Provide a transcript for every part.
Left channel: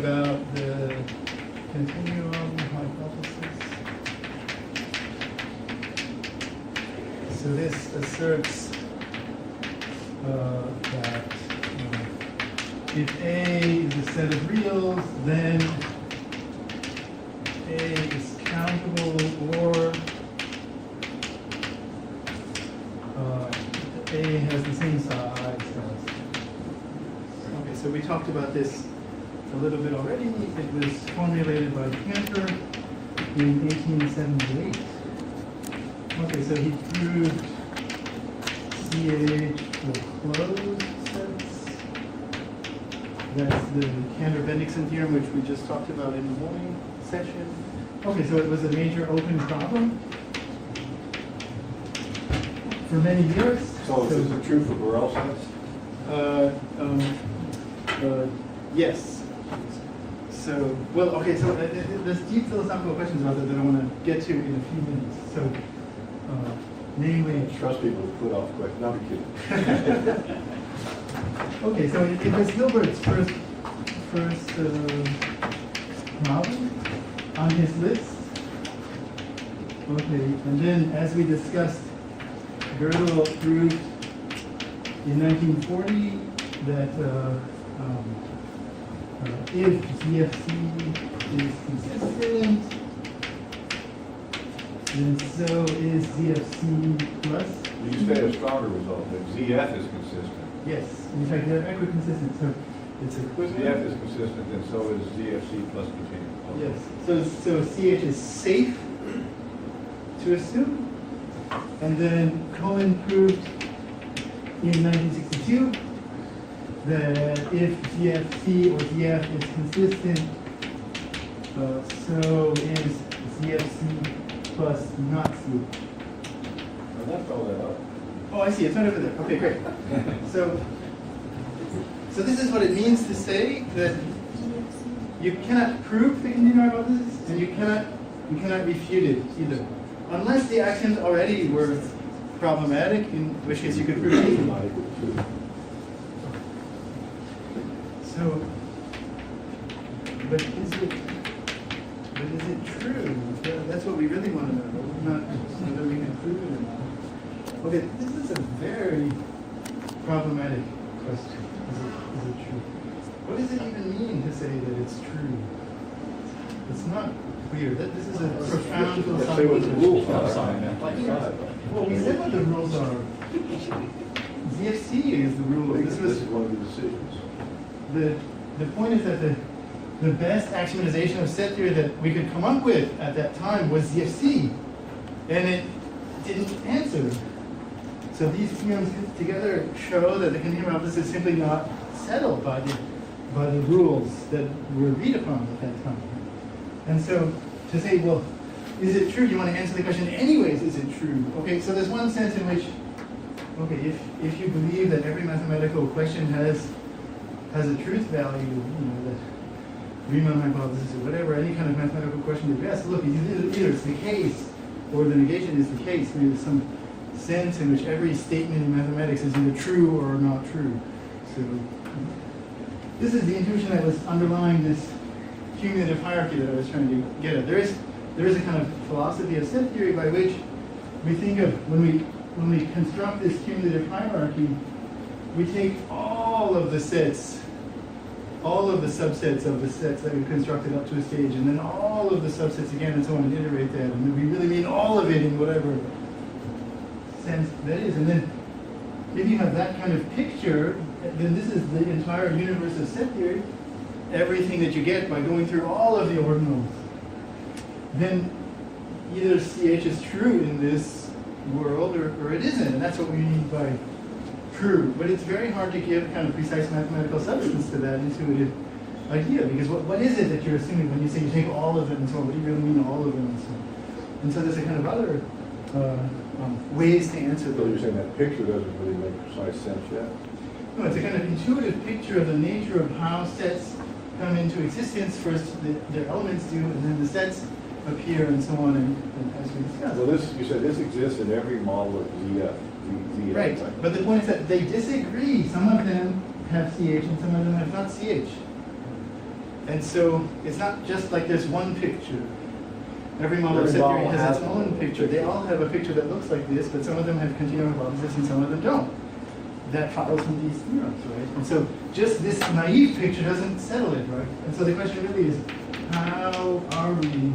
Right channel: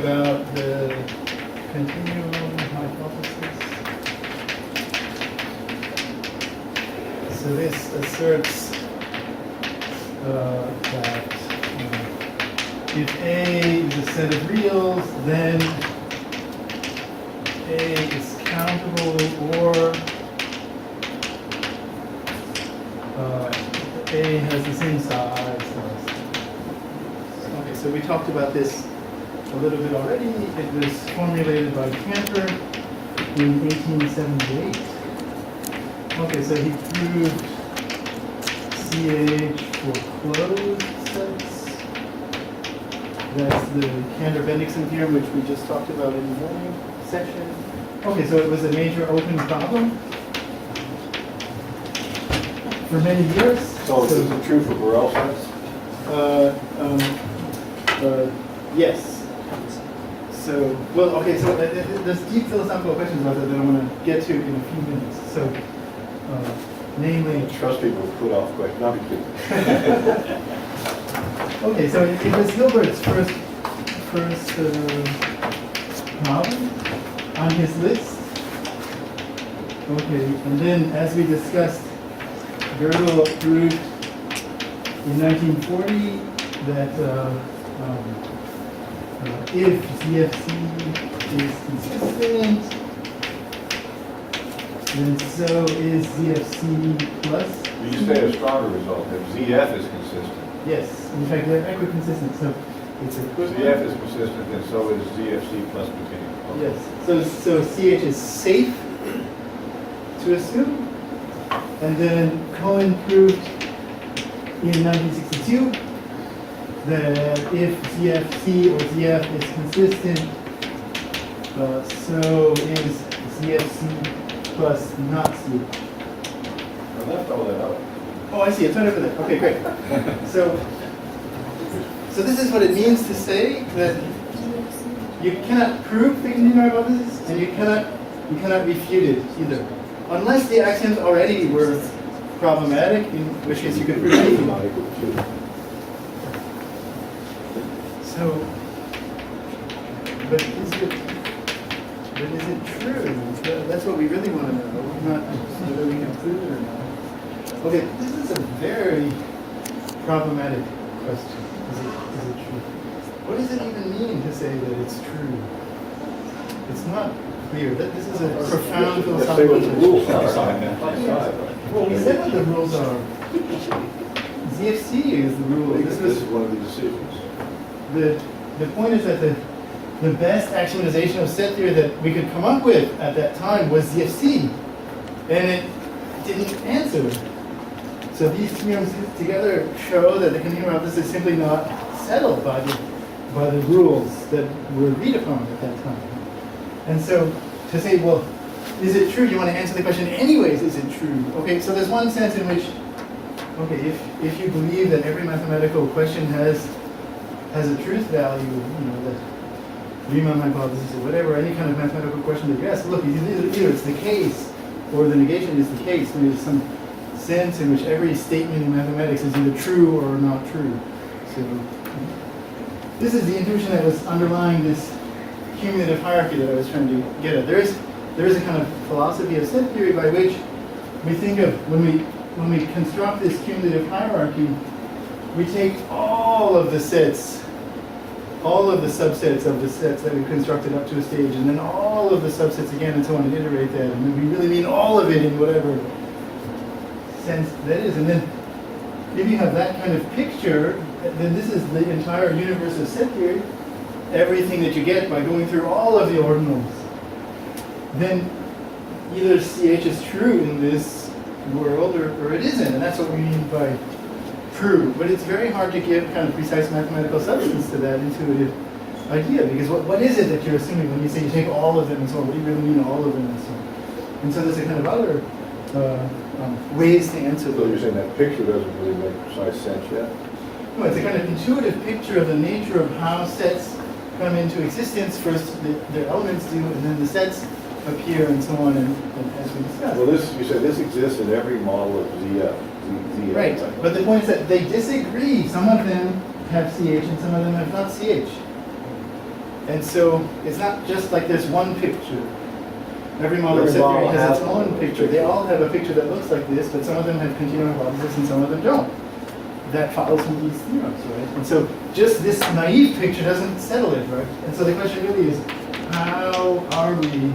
about the continuum hypothesis. So this asserts that if A is a set of reals, then A is countable, or A has the same size. Okay, so we talked about this a little bit already. It was formulated by Cantor in 1878. Okay, so he proved CH for closed sets. That's the Cantor-Bendixson theorem, which we just talked about in the morning session. Okay, so it was a major open problem for many years. So is it true for Borel sets? Yes. So, well, okay, so there's deep philosophical questions about that I want to get to in a few minutes. So, namely... Trust people who put off quick, not be kidding. Okay, so it was Hilbert's first problem on his list. Okay, and then as we discussed, Borel proved in 1940 that if ZFC is consistent, then so is ZFC plus. You say a stronger result, if ZF is consistent. Yes, in fact they're equiconsistent, so it's equivalent. ZF is consistent, then so is ZFC plus continuum. Okay. Yes, so CH is safe to assume. And then Cohen proved in 1962 that if ZFC or ZF is consistent, so is ZFC plus not CH. I left all that out. Oh, I see. It's right over there. Okay, great. So this is what it means to say that you cannot prove the continuum hypothesis, and you cannot refute it either, unless the axioms already were problematic, in which case you could prove anything. So, but is it true? That's what we really want to know, not whether we can prove it or not. Okay, this is a very problematic question. Is it true? What does it even mean to say that it's true? It's not clear. This is a profound philosophical question. Let's say what the rules are. Well, we said what the rules are. ZFC is the rule. This is one of the decisions. The point is that the best axiomatization of set theory that we could come up with at that time was ZFC, and it didn't answer. So these theorems together show that the continuum hypothesis is simply not settled by the rules that were agreed upon at that time. And so to say, well, is it true? You want to answer the question anyways, is it true? Okay, so there's one sense in which, okay, if you believe that every mathematical question has a truth value, you know, the Riemann hypothesis or whatever, any kind of mathematical question that you ask, look, either it's the case or the negation is the case. There's some sense in which every statement in mathematics is either true or not true. So this is the intuition that was underlying this cumulative hierarchy that I was trying to get at. There is a kind of philosophy of set theory by which we think of when we construct this cumulative hierarchy, we take all of the sets, all of the subsets of the sets that we constructed up to a stage, and then all of the subsets again and so on, and iterate that, and then we really mean all of it in whatever sense that is. And then if you have that kind of picture, then this is the entire universe of set theory, everything that you get by going through all of the ordinals. Then either CH is true in this world or it isn't, and that's what we mean by true. But it's very hard to give kind of precise mathematical substance to that intuitive idea, because what is it that you're assuming when you say you take all of them and so on? What do you really mean all of them and so on? And so there's a kind of other ways to answer So those. you're saying that picture doesn't really make precise sense yet? No, it's a kind of intuitive picture of the nature of how sets come into existence. First, the elements do, and then the sets appear, and so on, and as we discussed. Well, you said this exists in every model of ZF. Right, but the point is that they disagree. Some of them have CH, and some of them have not CH. And so it's not just like there's one picture. Every model of set theory has its own picture. They all have a picture that looks like this, but some of them have continuum hypothesis and some of them don't. That follows from these theorems, right? And so just this naive picture doesn't settle it, right? And so the question really is, how are we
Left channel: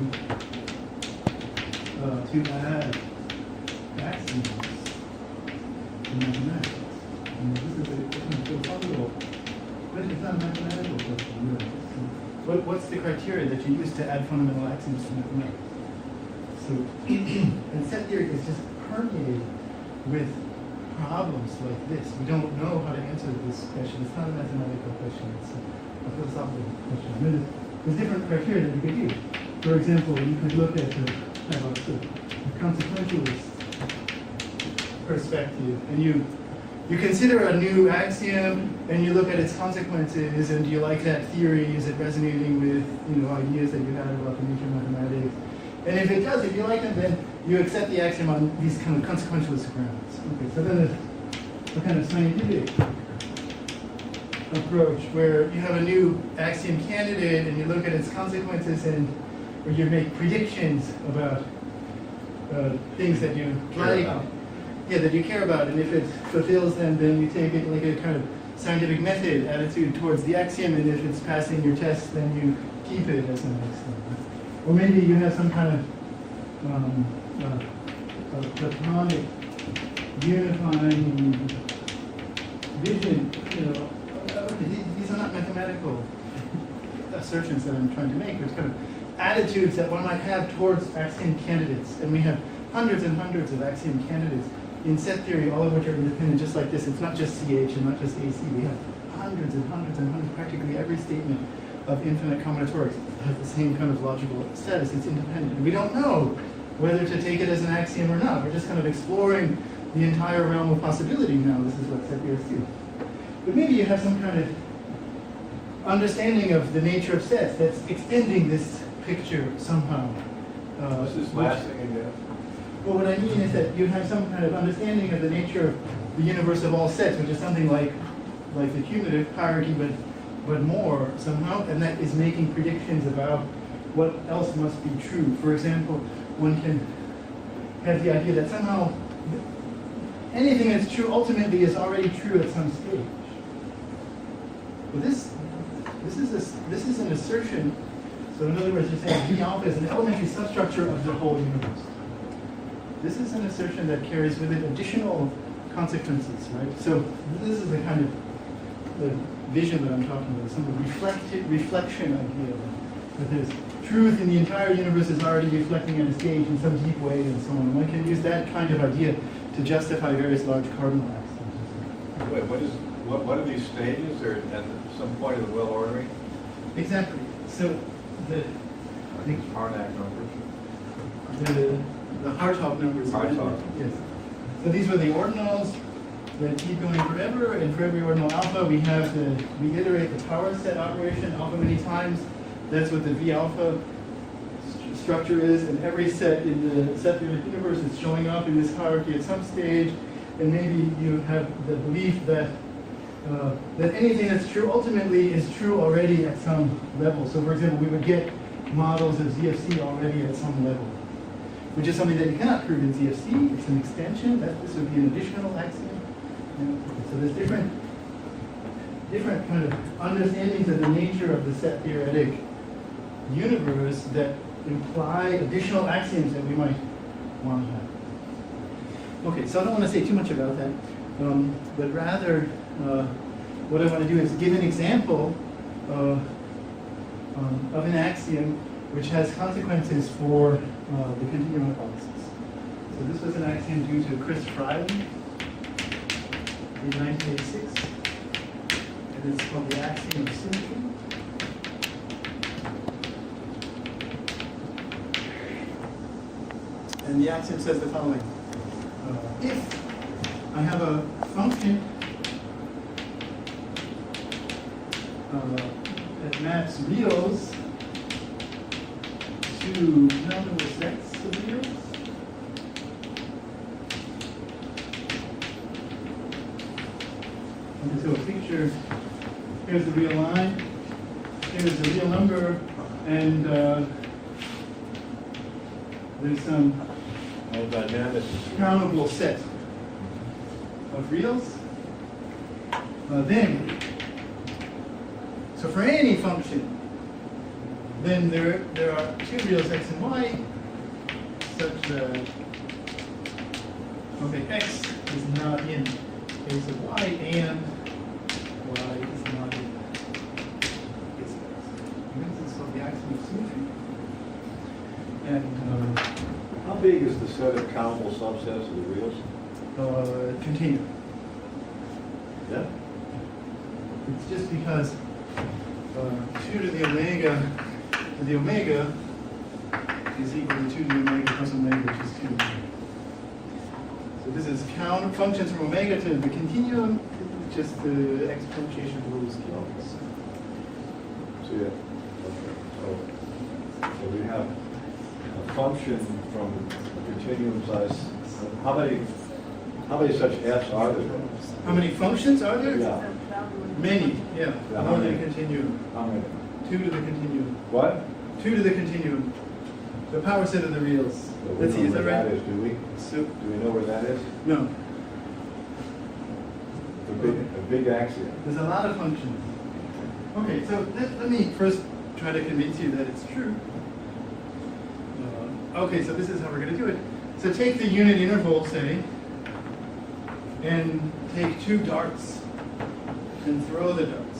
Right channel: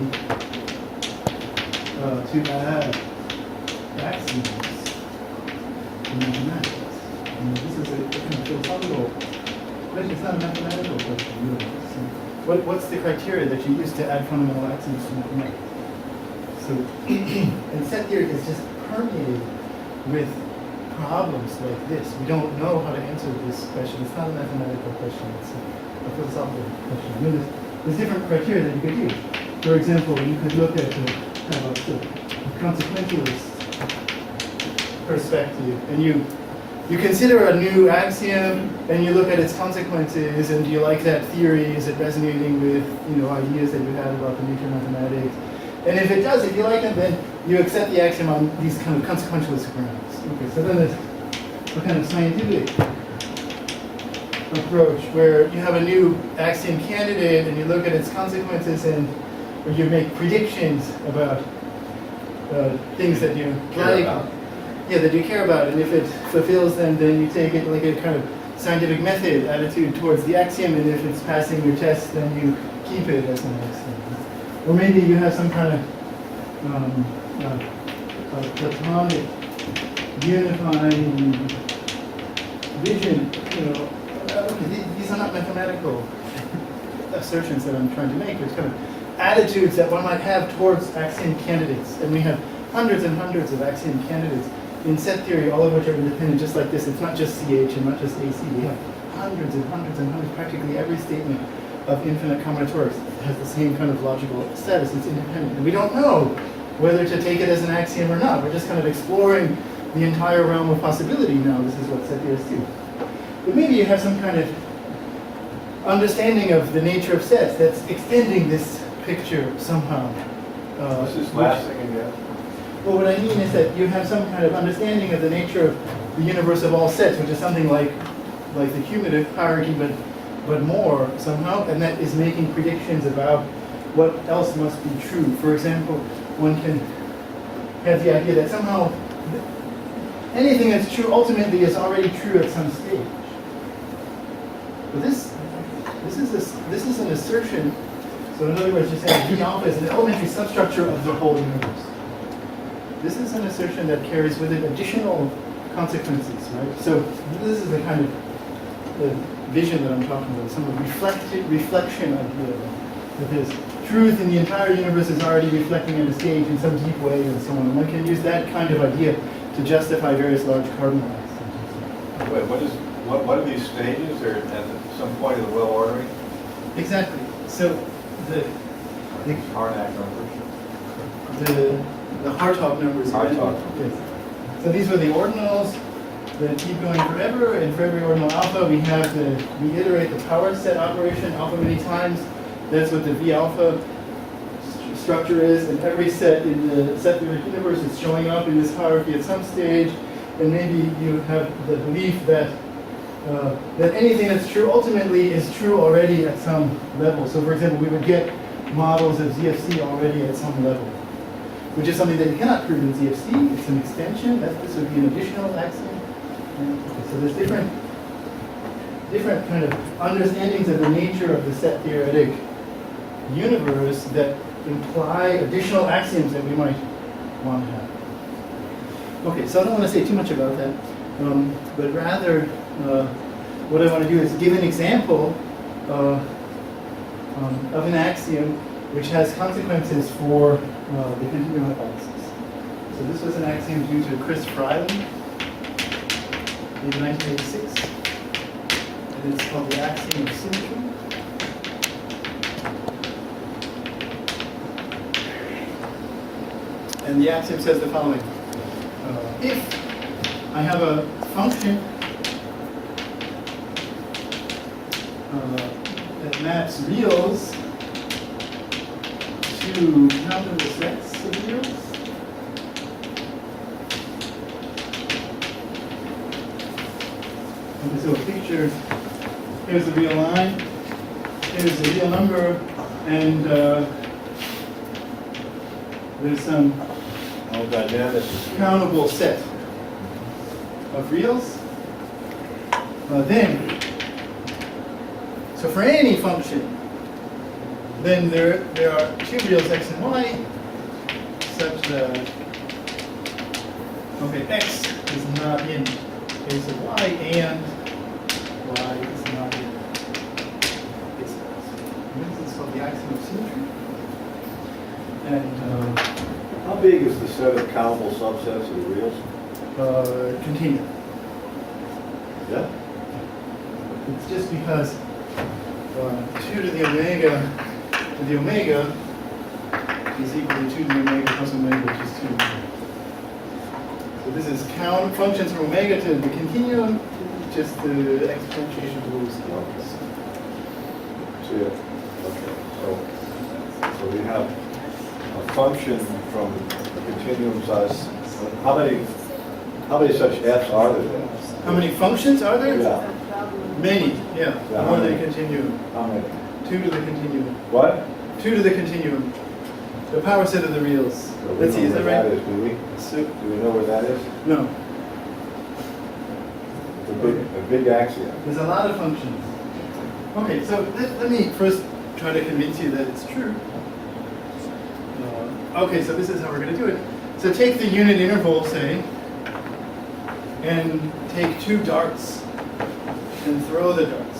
to add axioms in mathematics? And this is a kind of philosophical question. It's not a mathematical question, really. So what's the criteria that you use to add fundamental axioms to mathematics? So, and set theory is just permeated with problems like this. We don't know how to answer this question. It's not a mathematical question. It's a philosophical question. I mean, there's different criteria that you could use. For example, you could look at the consequentialist perspective, and you consider a new axiom, and you look at its consequences, and do you like that theory? Is it resonating with ideas that you had about the nature of mathematics? And if it does, if you like it, then you accept the axiom on these kind of consequentialist grounds. Okay, so then there's a kind of scientific approach where you have a new axiom candidate and you look at its consequences and or you make predictions about things that you like. Yeah, that you care about, and if it fulfills them, then you take it like a kind of scientific method attitude towards the axiom, and if it's passing your test, then you keep it as an axiom. Or maybe you have some kind of platonic unifying vision. Okay, these are not mathematical assertions that I'm trying to make. There's kind of attitudes that one might have towards axiom candidates, and we have hundreds and hundreds of axiom candidates in set theory, all of which are independent, just like this. It's not just CH and not just AC. We have hundreds and hundreds and hundreds. Practically every statement of infinite combinatorics has the same kind of logical status. It's independent. And we don't know whether to take it as an axiom or not. We're just kind of exploring the entire realm of possibility now. This is what set theorists do. But maybe you have some kind of understanding of the nature of sets that's extending this picture somehow. This is last thing again. Well, what I mean is that you have some kind of understanding of the nature of the universe of all sets, which is something like the cumulative hierarchy, but more somehow, and that is making predictions about what else must be true. For example, one can have the idea that somehow anything that's true ultimately is already true at some stage. But this is an assertion. So in other words, you're saying V alpha is an elementary substructure of the whole universe. This is an assertion that carries with it additional consequences, right? So this is the kind of the vision that I'm talking about, some reflection idea that there's truth in the entire universe is already reflecting at a stage in some deep way and so on. And one can use that kind of idea to justify various large cardinals. Wait, what are these stages? They're at some point of the well ordering? Exactly. So the Harnack numbers. The Hartog numbers. Hartog. Yes. So these were the ordinals that keep going forever, and for every ordinal alpha we have to reiterate the power set operation alpha many times. That's what the V alpha structure is, and every set in the set theoretic universe is showing up in this hierarchy at some stage, and maybe you have the belief that that anything that's true ultimately is true already at some level. So for example, we would get models of ZFC already at some level, which is something that you cannot prove in ZFC. It's an extension. This would be an additional axiom. Okay, so there's different kind of understandings of the nature of the set theoretic universe that imply additional axioms that we might want to have. Okay, so I don't want to say too much about that, but rather what I want to do is give an example of an axiom which has consequences for the continuum hypothesis. So this was an axiom due to Chris Freiling in 1986. And it's called the axiom of symmetry. And the axiom says the following. If I have a function that maps reals to countable sets of reals, okay, so a picture, here's the real line, here's a real number, and there's some countable set of reals. Then, so for any function, then there are two reals x and y, such that x is not in case of y, and y is not in case of x. This is called the axiom of symmetry. And How big is the set of countable subsets of the reals? continuum. Yeah. It's just because 2 to the omega is equal to 2 to the omega plus omega, which is 2. So this is count functions from omega to the continuum, just the exponentiation of those scales. See it? Okay. So we have a function from a continuum size. How many such f's are there? How many functions are there? Yeah. Many, yeah. Yeah, More how than a many? continuum. How many? 2 to the continuum. What? 2 to the continuum. The power set of the reals. So we Let's see, know is that where right? That is, do we? So, Do we know where that is? no. A big axiom. There's a lot of functions. Okay, so let me first try to convince you that it's true. Okay, so this is how we're going to do it. So take the unit interval, say, and take 2 darts and throw the darts.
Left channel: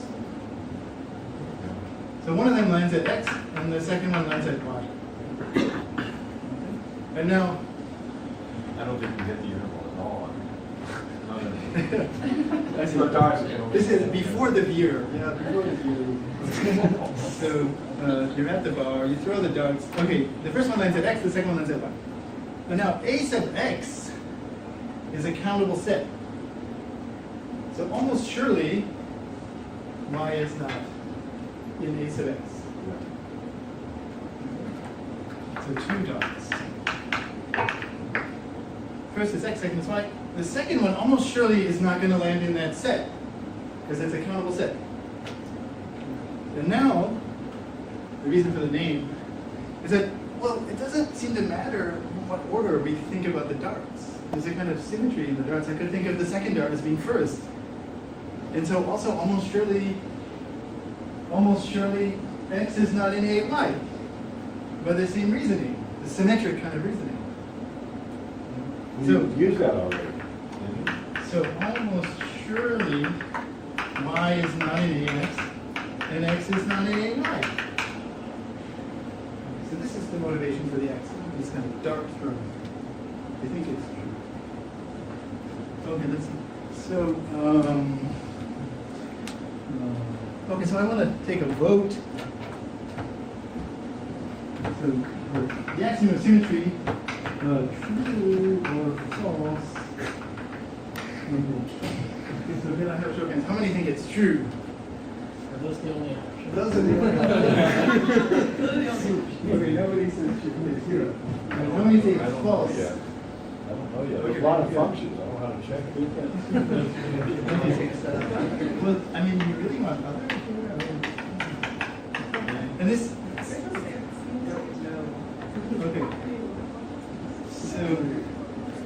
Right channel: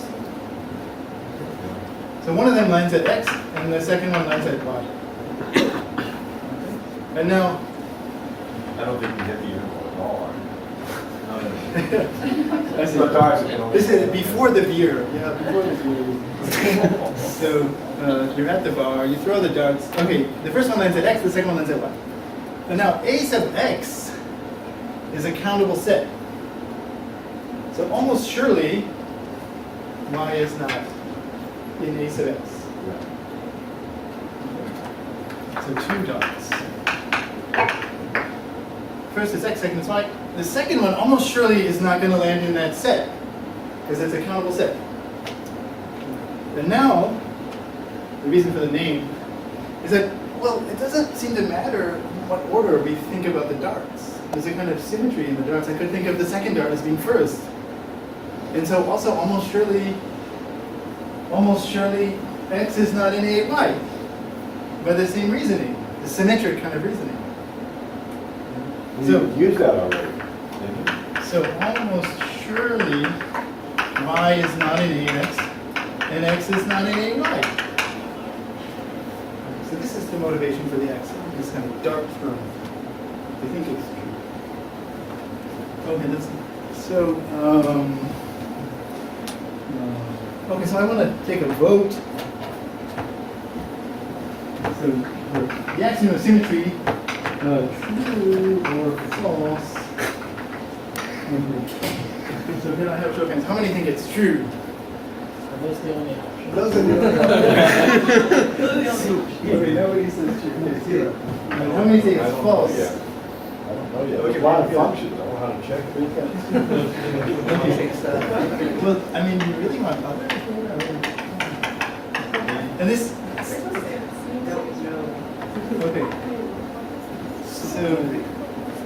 So one of them lands at x, and the second one lands at y. Okay. And now, I don't think we hit the interval at all. I see. The darts can only- This is before the beer. Yeah, before the beer. So you're at the bar, you throw the darts. Okay, the first one lands at x, the second one lands at y. And now a sub x is a countable set. So almost surely y is not in a sub x. So 2 dots. First is x, second is y. The second one almost surely is not going to land in that set, because it's a countable set. And now, the reason for the name is that, well, it doesn't seem to matter what order we think about the darts. There's a kind of symmetry in the darts. I could think of the second dart as being first. And so also almost surely x is not in A and y, by the same reasoning, the symmetric kind of reasoning. You used that already. So almost surely y is not in ax, and x is not in ay. So this is the motivation for the axiom, this kind of dart throwing. I think it's true. Okay, so I want to take a vote. So the axiom of symmetry, true or false. So then I have show of hands. How many think it's true? Are those the only options? Those are the only Okay, nobody says true. Okay, 0. And how many say I it's don't false? know yet. I don't know yet. Okay, There's a lot of good. functions. I don't know how to check it. Well, I mean, you really want others? And this, okay.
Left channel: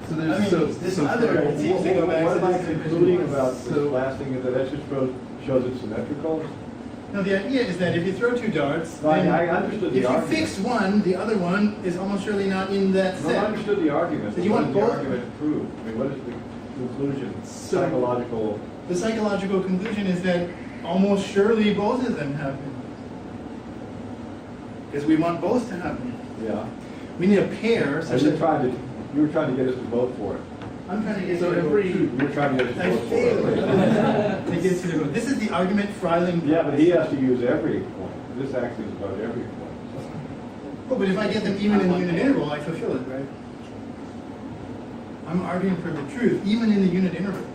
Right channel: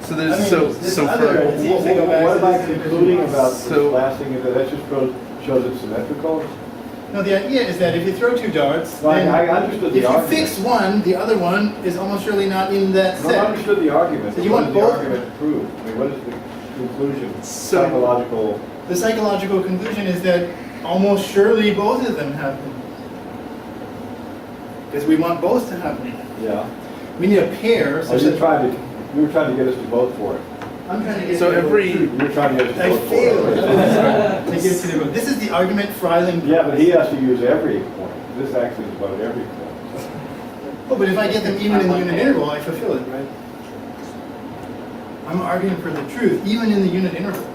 So I there's mean, this other, it seems to go back What to am I this concluding division. about this last thing? Is that just shows it's symmetrical? No, the idea is that if you throw 2 darts, No, I then understood the if you argument. fix one, the other one is almost surely not in that No, I set. understood the argument. So but you what want does the both? argument prove? I mean, what is the conclusion? So- Psychological. The psychological conclusion is that almost surely both of them happen. Because we want both to happen. Yeah. We need a pair. Are Such you that you were trying to get us to vote for it. I'm trying to get So you to vote every- true. You were trying to get us to I vote for failed it. to get you to vote. This is the argument Freiling. Yeah, but he has to use every point. This actually is about every point. Oh, but if I get them even in the unit interval, I fulfill it, right? I'm arguing for the truth, even in the unit interval.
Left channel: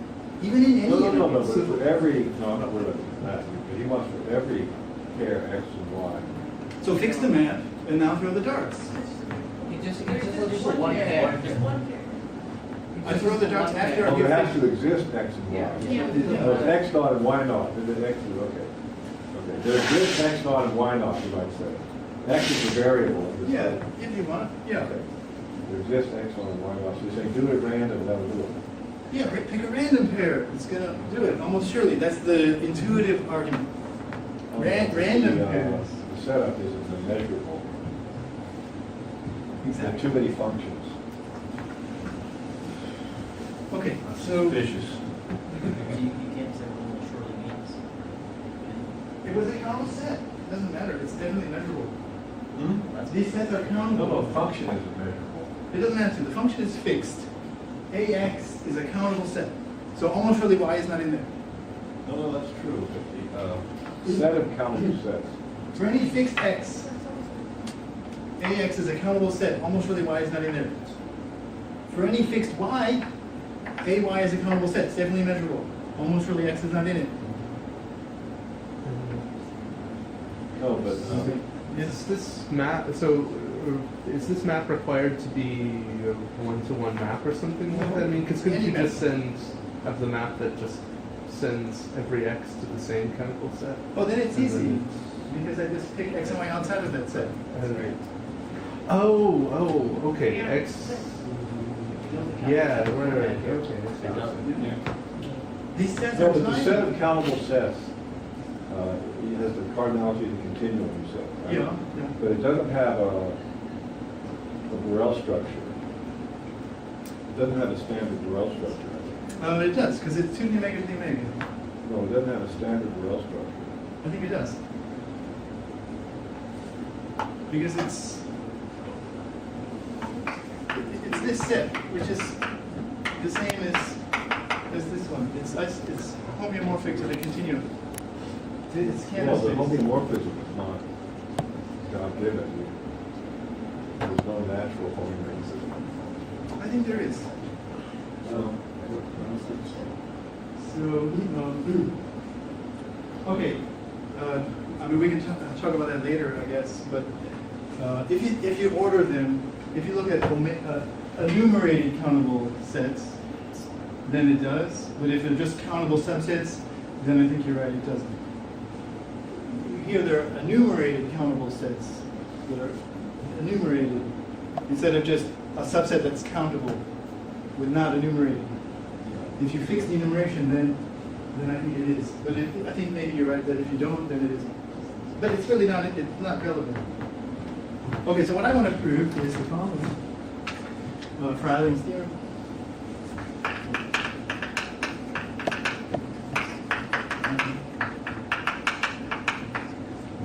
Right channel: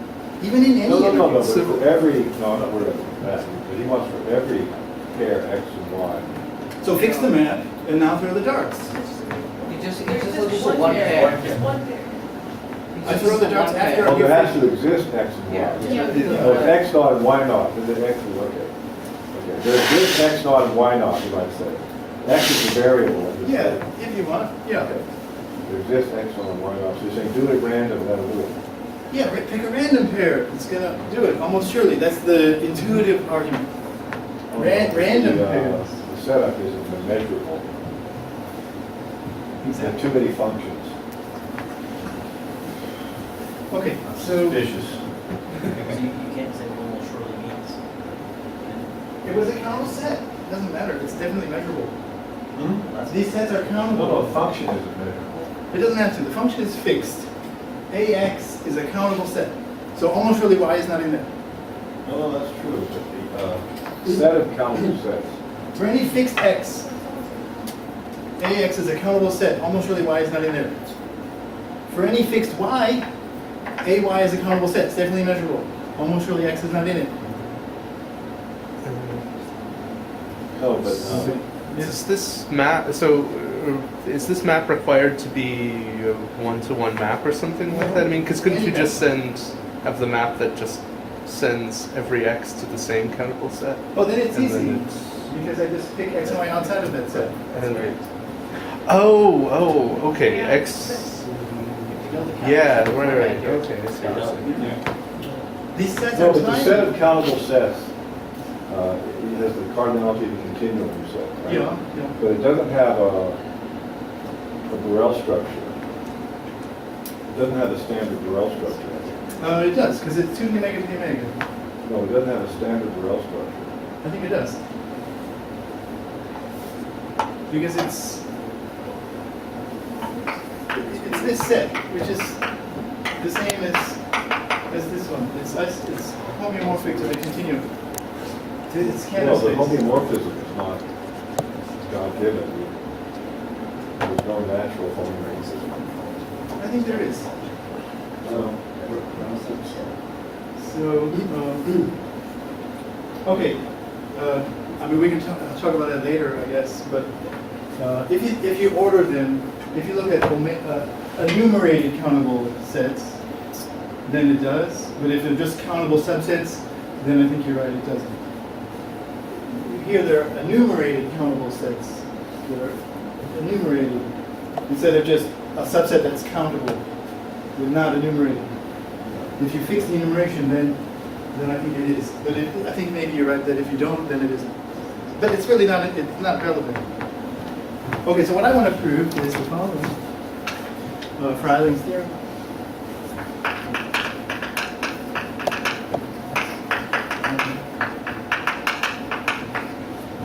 Even in any No, interval. but for every, no, I'm not worried about that. But he wants for every pair X and Y. So fix the map, and now throw the darts. You just There's look just for one one pair. pair. Just one pair. I throw the darts after. Oh, there has to exist X and Y. Yeah. Yeah. Oh, X not and Y not, then the X is okay. Okay. There's this x naught and y naught, you might say. X is a variable. in this Yeah, thing. if you want, yeah. Okay. There's this x naught and y naught. So you're saying do it at random, that'll do it. Yeah, pick a random pair. It's gonna do it, almost surely. That's the intuitive argument. Random pairs. The setup isn't measurable. There are too many functions. Okay, so Suspicious. You can't say what almost surely means. it was a countable set. Doesn't matter. It's definitely measurable. Hmm? These sets are No, countable. no, function isn't measurable. It doesn't have to. The function is fixed. AX is a countable set. So almost surely Y is not in there. No, that's true, but the set of countable sets. For any fixed X, AX is a countable set. Almost surely Y is not in there. For any fixed Y, AY is a countable set. It's definitely measurable. Almost surely X is not in it. No, but Is this map, so is this map required to be a one-to-one map or something like that? I mean, because couldn't you just have the map that just sends every x to the same countable set? Oh, then it's And easy. then Because I just pick X and Y outside of that set. Okay, x, If you know the count, yeah, you can right, format here. okay, I see what you're saying. These sets no, are but the set tiny. of countable sets, it has the cardinality of the continuum you said, right? Yeah, yeah. But it doesn't have a Borel structure. It doesn't have the standard Borel structure. It does, because it's 2 d omega to d omega. No, it doesn't have a standard Borel structure. I think it does. Because it's this set, which is the same as this one. It's homeomorphic to the continuum. It's No, canvas the space. homeomorphism is not God-given. There's no natural homeomorphism. I think there is. No. So, okay. I mean, we can talk about that later, I guess. But if you order them, if you look at enumerated countable sets, then it does. But if they're just countable subsets, then I think you're right, it doesn't. Here there are enumerated countable sets that are enumerated instead of just a subset that's countable with not enumerated. If you fix the enumeration, then I think it is. But I think maybe you're right that if you don't, then it isn't. But it's really not. It's not relevant. Okay, so what I want to prove is the following: Freiling's theorem.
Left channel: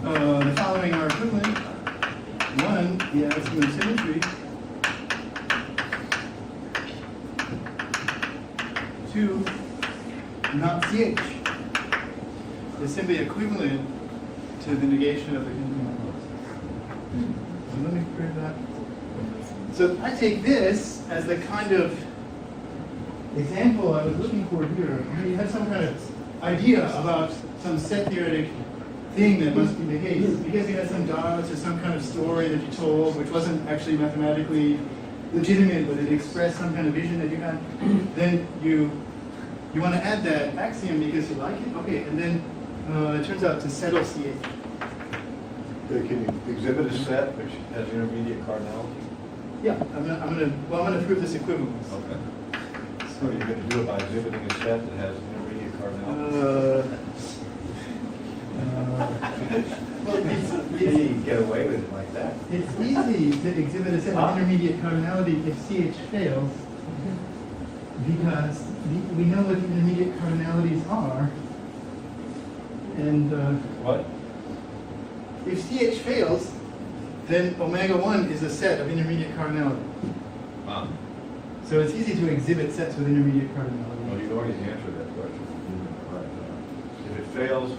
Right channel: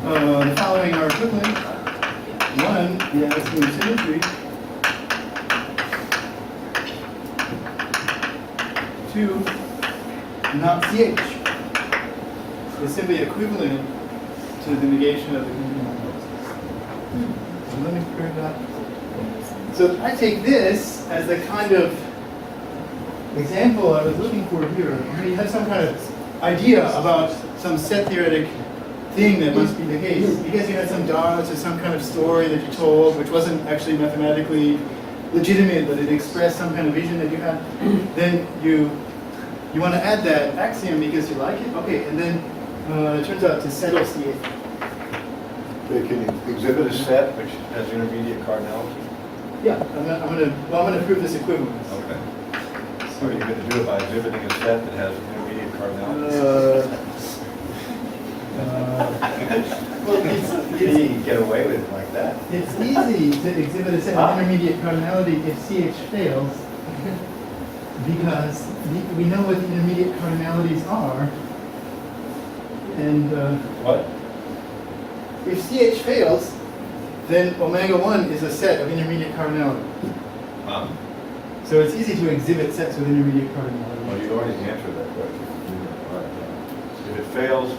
The following are equivalent. One, the axiom of symmetry. Two, not CH is simply equivalent to the negation of the continuum hypothesis. So let me prove that. So I take this as the kind of example I was looking for here. You have some kind of idea about some set-theoretic thing that must be the case. Because you had some dots or some kind of story that you told, which wasn't actually mathematically legitimate, but it expressed some kind of vision that you had, then you want to add that axiom because you like it. Okay, and then it turns out to settle CH. Can you exhibit a set which has intermediate cardinality? Yeah, I'm gonna prove this equivalence. Okay. So you're going to do it by exhibiting a set that has intermediate cardinality? Well, You can get away with it like that. it's easy to exhibit a set of intermediate cardinality if CH fails, because we know what the intermediate cardinalities are. And What? if CH fails, then omega 1 is a set of intermediate cardinality. So it's easy to exhibit sets with intermediate cardinality. Well, you already answered that question. If it fails,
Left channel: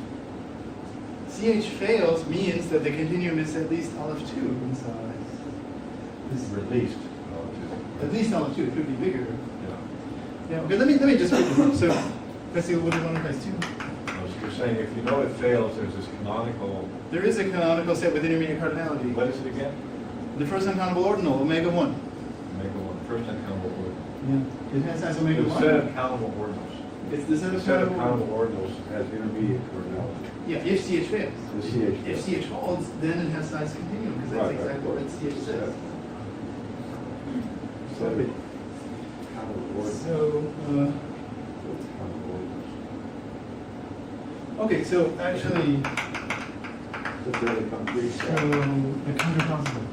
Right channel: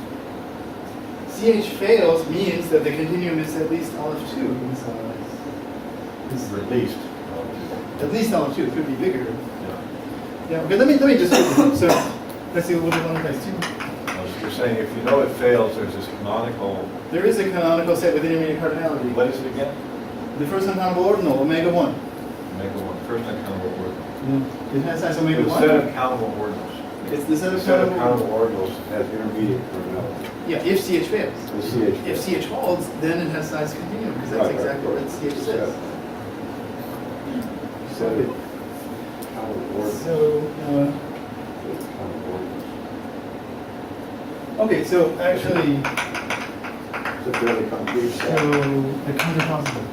CH fails means that the continuum is at least all of 2 in size. released. At least all of 2, it could be bigger. Yeah. Yeah, okay, let me just prove it. So let's see what we want to place 2. So you're saying if you know it fails, there's this canonical, There is a canonical set with intermediate cardinality. what is it again? The first uncountable ordinal, omega 1. Omega 1, first uncountable ordinal. It has size omega The 1. set of countable ordinals. It's the set The of set of countable. countable ordinals has intermediate cardinality. Yeah, if CH fails. The CH. If CH holds, then it has size continuum, because that's Right, right, exactly right. what CH says. Set Okay. of countable ordinals. So, Countable ordinals. okay, so actually, It's a fairly concrete so set. the counterpossible.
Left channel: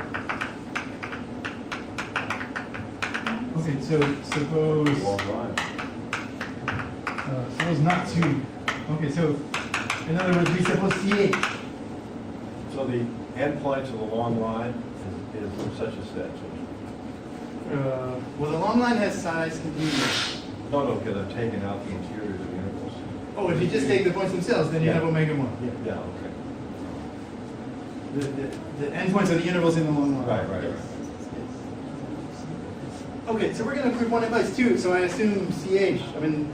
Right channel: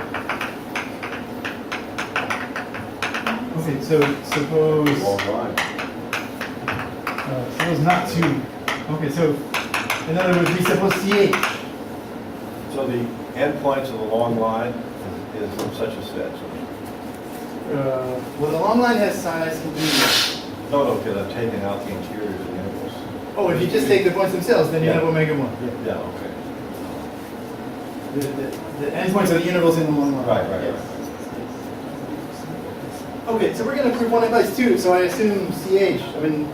Okay, so suppose, Long line. suppose not two. Okay, so in other words, we suppose CH. So the endpoints of the long line is from such a set. So, Well, the long line has size continuum. no, because I'm taking out the interiors of the intervals. Oh, if you just take the points themselves, then you have Yeah. omega 1. Yeah, okay. The endpoints are the intervals in the long line. Right, right, Yes. right. Okay, so we're going to prove 1 implies 2, so I assume CH. I mean,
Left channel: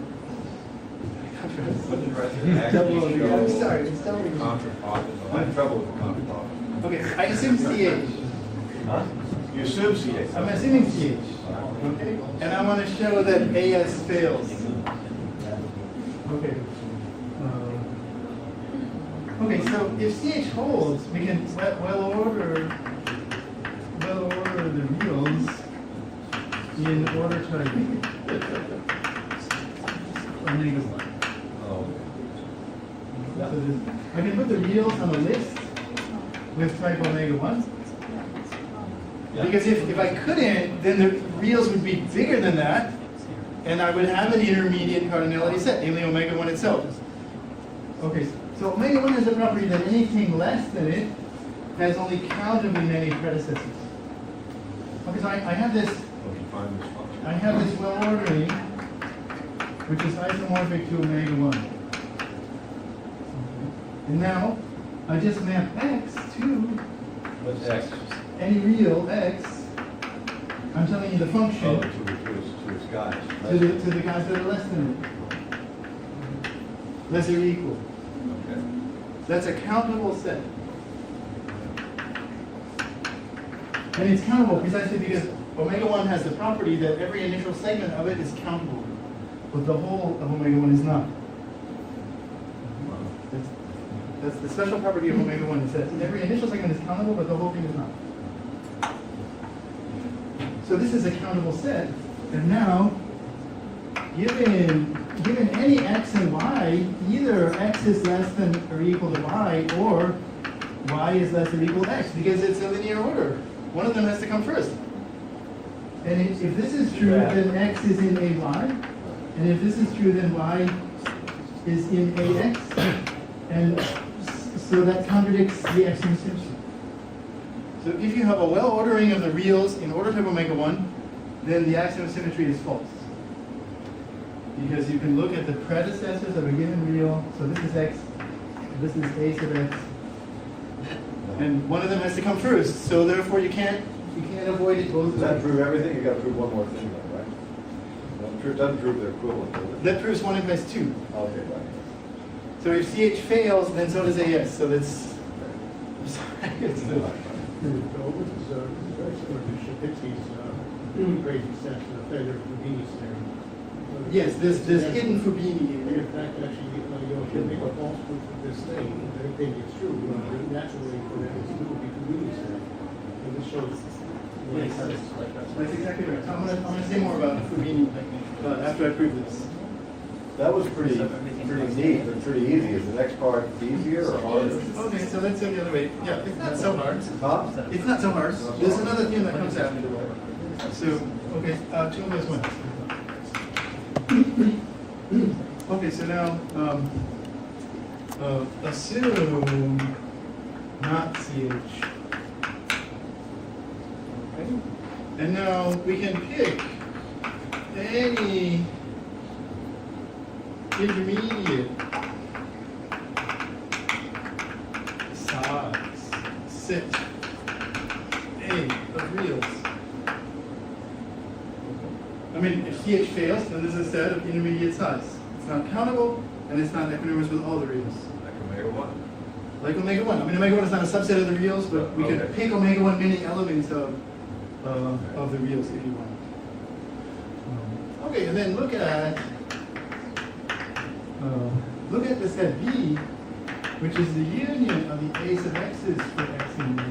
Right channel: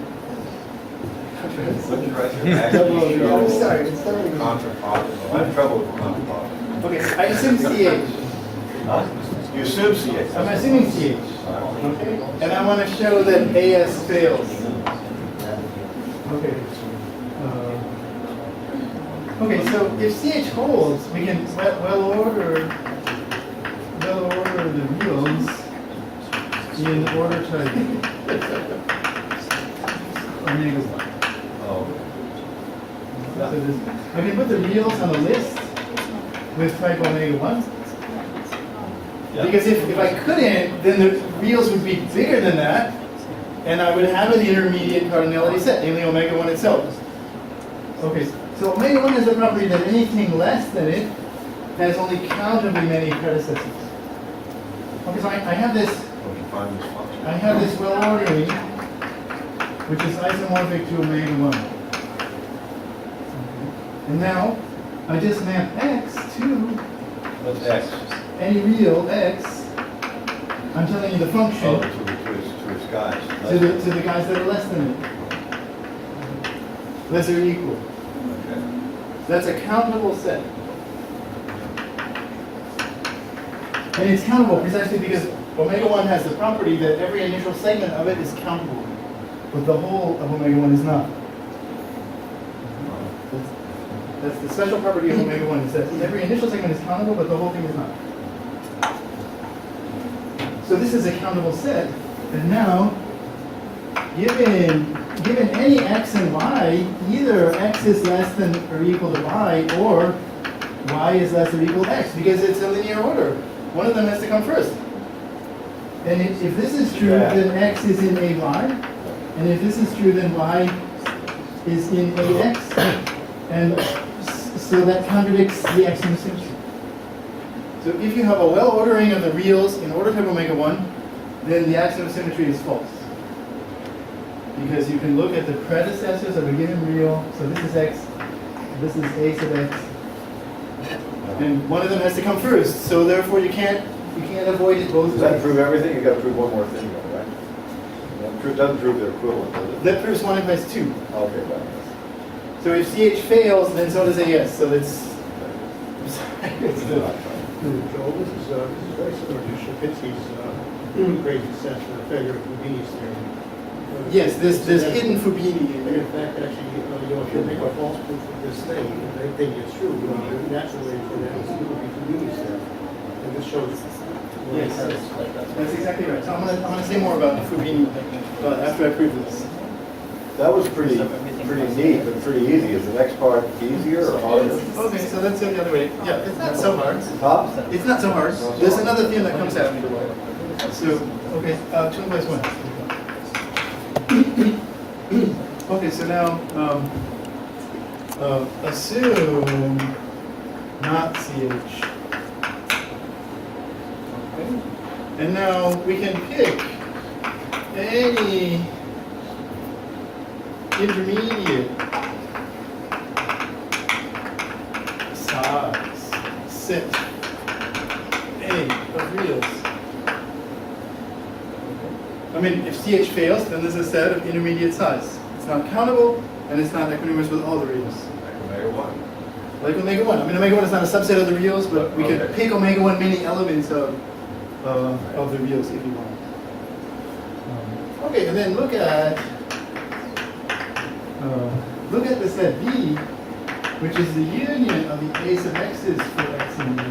What did you write there? Double Actually over. I'm show sorry, it's double over. contrapositive. I have trouble with contrapositive. okay, I assume CH. Huh? You assume CH. I'm assuming CH. Okay, and I want to show that AS fails. Okay. Okay, so if CH holds, we can well order the reals in order type omega 1. Oh. So this, I can put the reals on a list with type omega 1. Yeah. Because if I couldn't, then the reals would be bigger than that, and I would have an intermediate cardinality set, namely omega 1 itself. Okay, so omega 1 has the property that anything less than it has only countably many predecessors. Okay, so I have this Don't you find this function? I have this well ordering, which is isomorphic to omega 1. And now, I just map x to What's X? any real x. I'm telling you the function Oh, to its guys. to the guys that are less than it. Less or equal. Okay. That's a countable set. And it's countable precisely because omega 1 has the property that every initial segment of it is countable, but the whole of omega 1 is not. That's the special property of omega 1 is that every initial segment is countable, but the whole thing is not. So this is a countable set, and now, given any x and y, either x is less than or equal to y, or y is less or equal to x, because it's a linear order. One of them has to come first. And if this is true, Yeah. then x is in a y, and if this is true, then y is in a x, and so that contradicts the axiom symmetry. So if you have a well ordering of the reals in order type omega 1, then the axiom of symmetry is false. Because you can look at the predecessors of a given real, so this is x, this is a sub x, and one of them has to come first, so therefore you can't avoid it both Does that ways. prove everything? You gotta prove one more thing though, right? Doesn't prove they're equivalent, does it? That proves 1 implies 2. Okay, right. So if CH fails, then so does AS, so it's, I'm sorry, it's the, Joel, this is very similar to Shapinsky's crazy sense for the failure of Houdini's theorem. yes, this hidden Fubini. And in fact, actually, if you make a false proof of this thing, and they think it's true, the natural way for that is it would be Houdini's theorem. And this shows. Yes, that's exactly right. So I'm gonna say more about Fubini after I prove this. That was pretty neat, but pretty easy. Is the next part easier or harder? Okay, so let's go the other way. Yeah, it's not so hard. Huh? It's not so hard. There's another thing that comes after. So, okay, 2 implies 1. Okay, so now, assume not CH. Okay. And now we can pick any intermediate size set A of reals. I mean, if CH fails, then there's a set of intermediate size. It's not countable, and it's not equanimous with all the reals. Like omega 1. Like omega 1. I mean, omega 1 is not a subset of the reals, but we could Okay. pick omega 1 many elements of the reals if you want. Okay, and then look at look at the set B, which is the union of the A sub x's for x and B.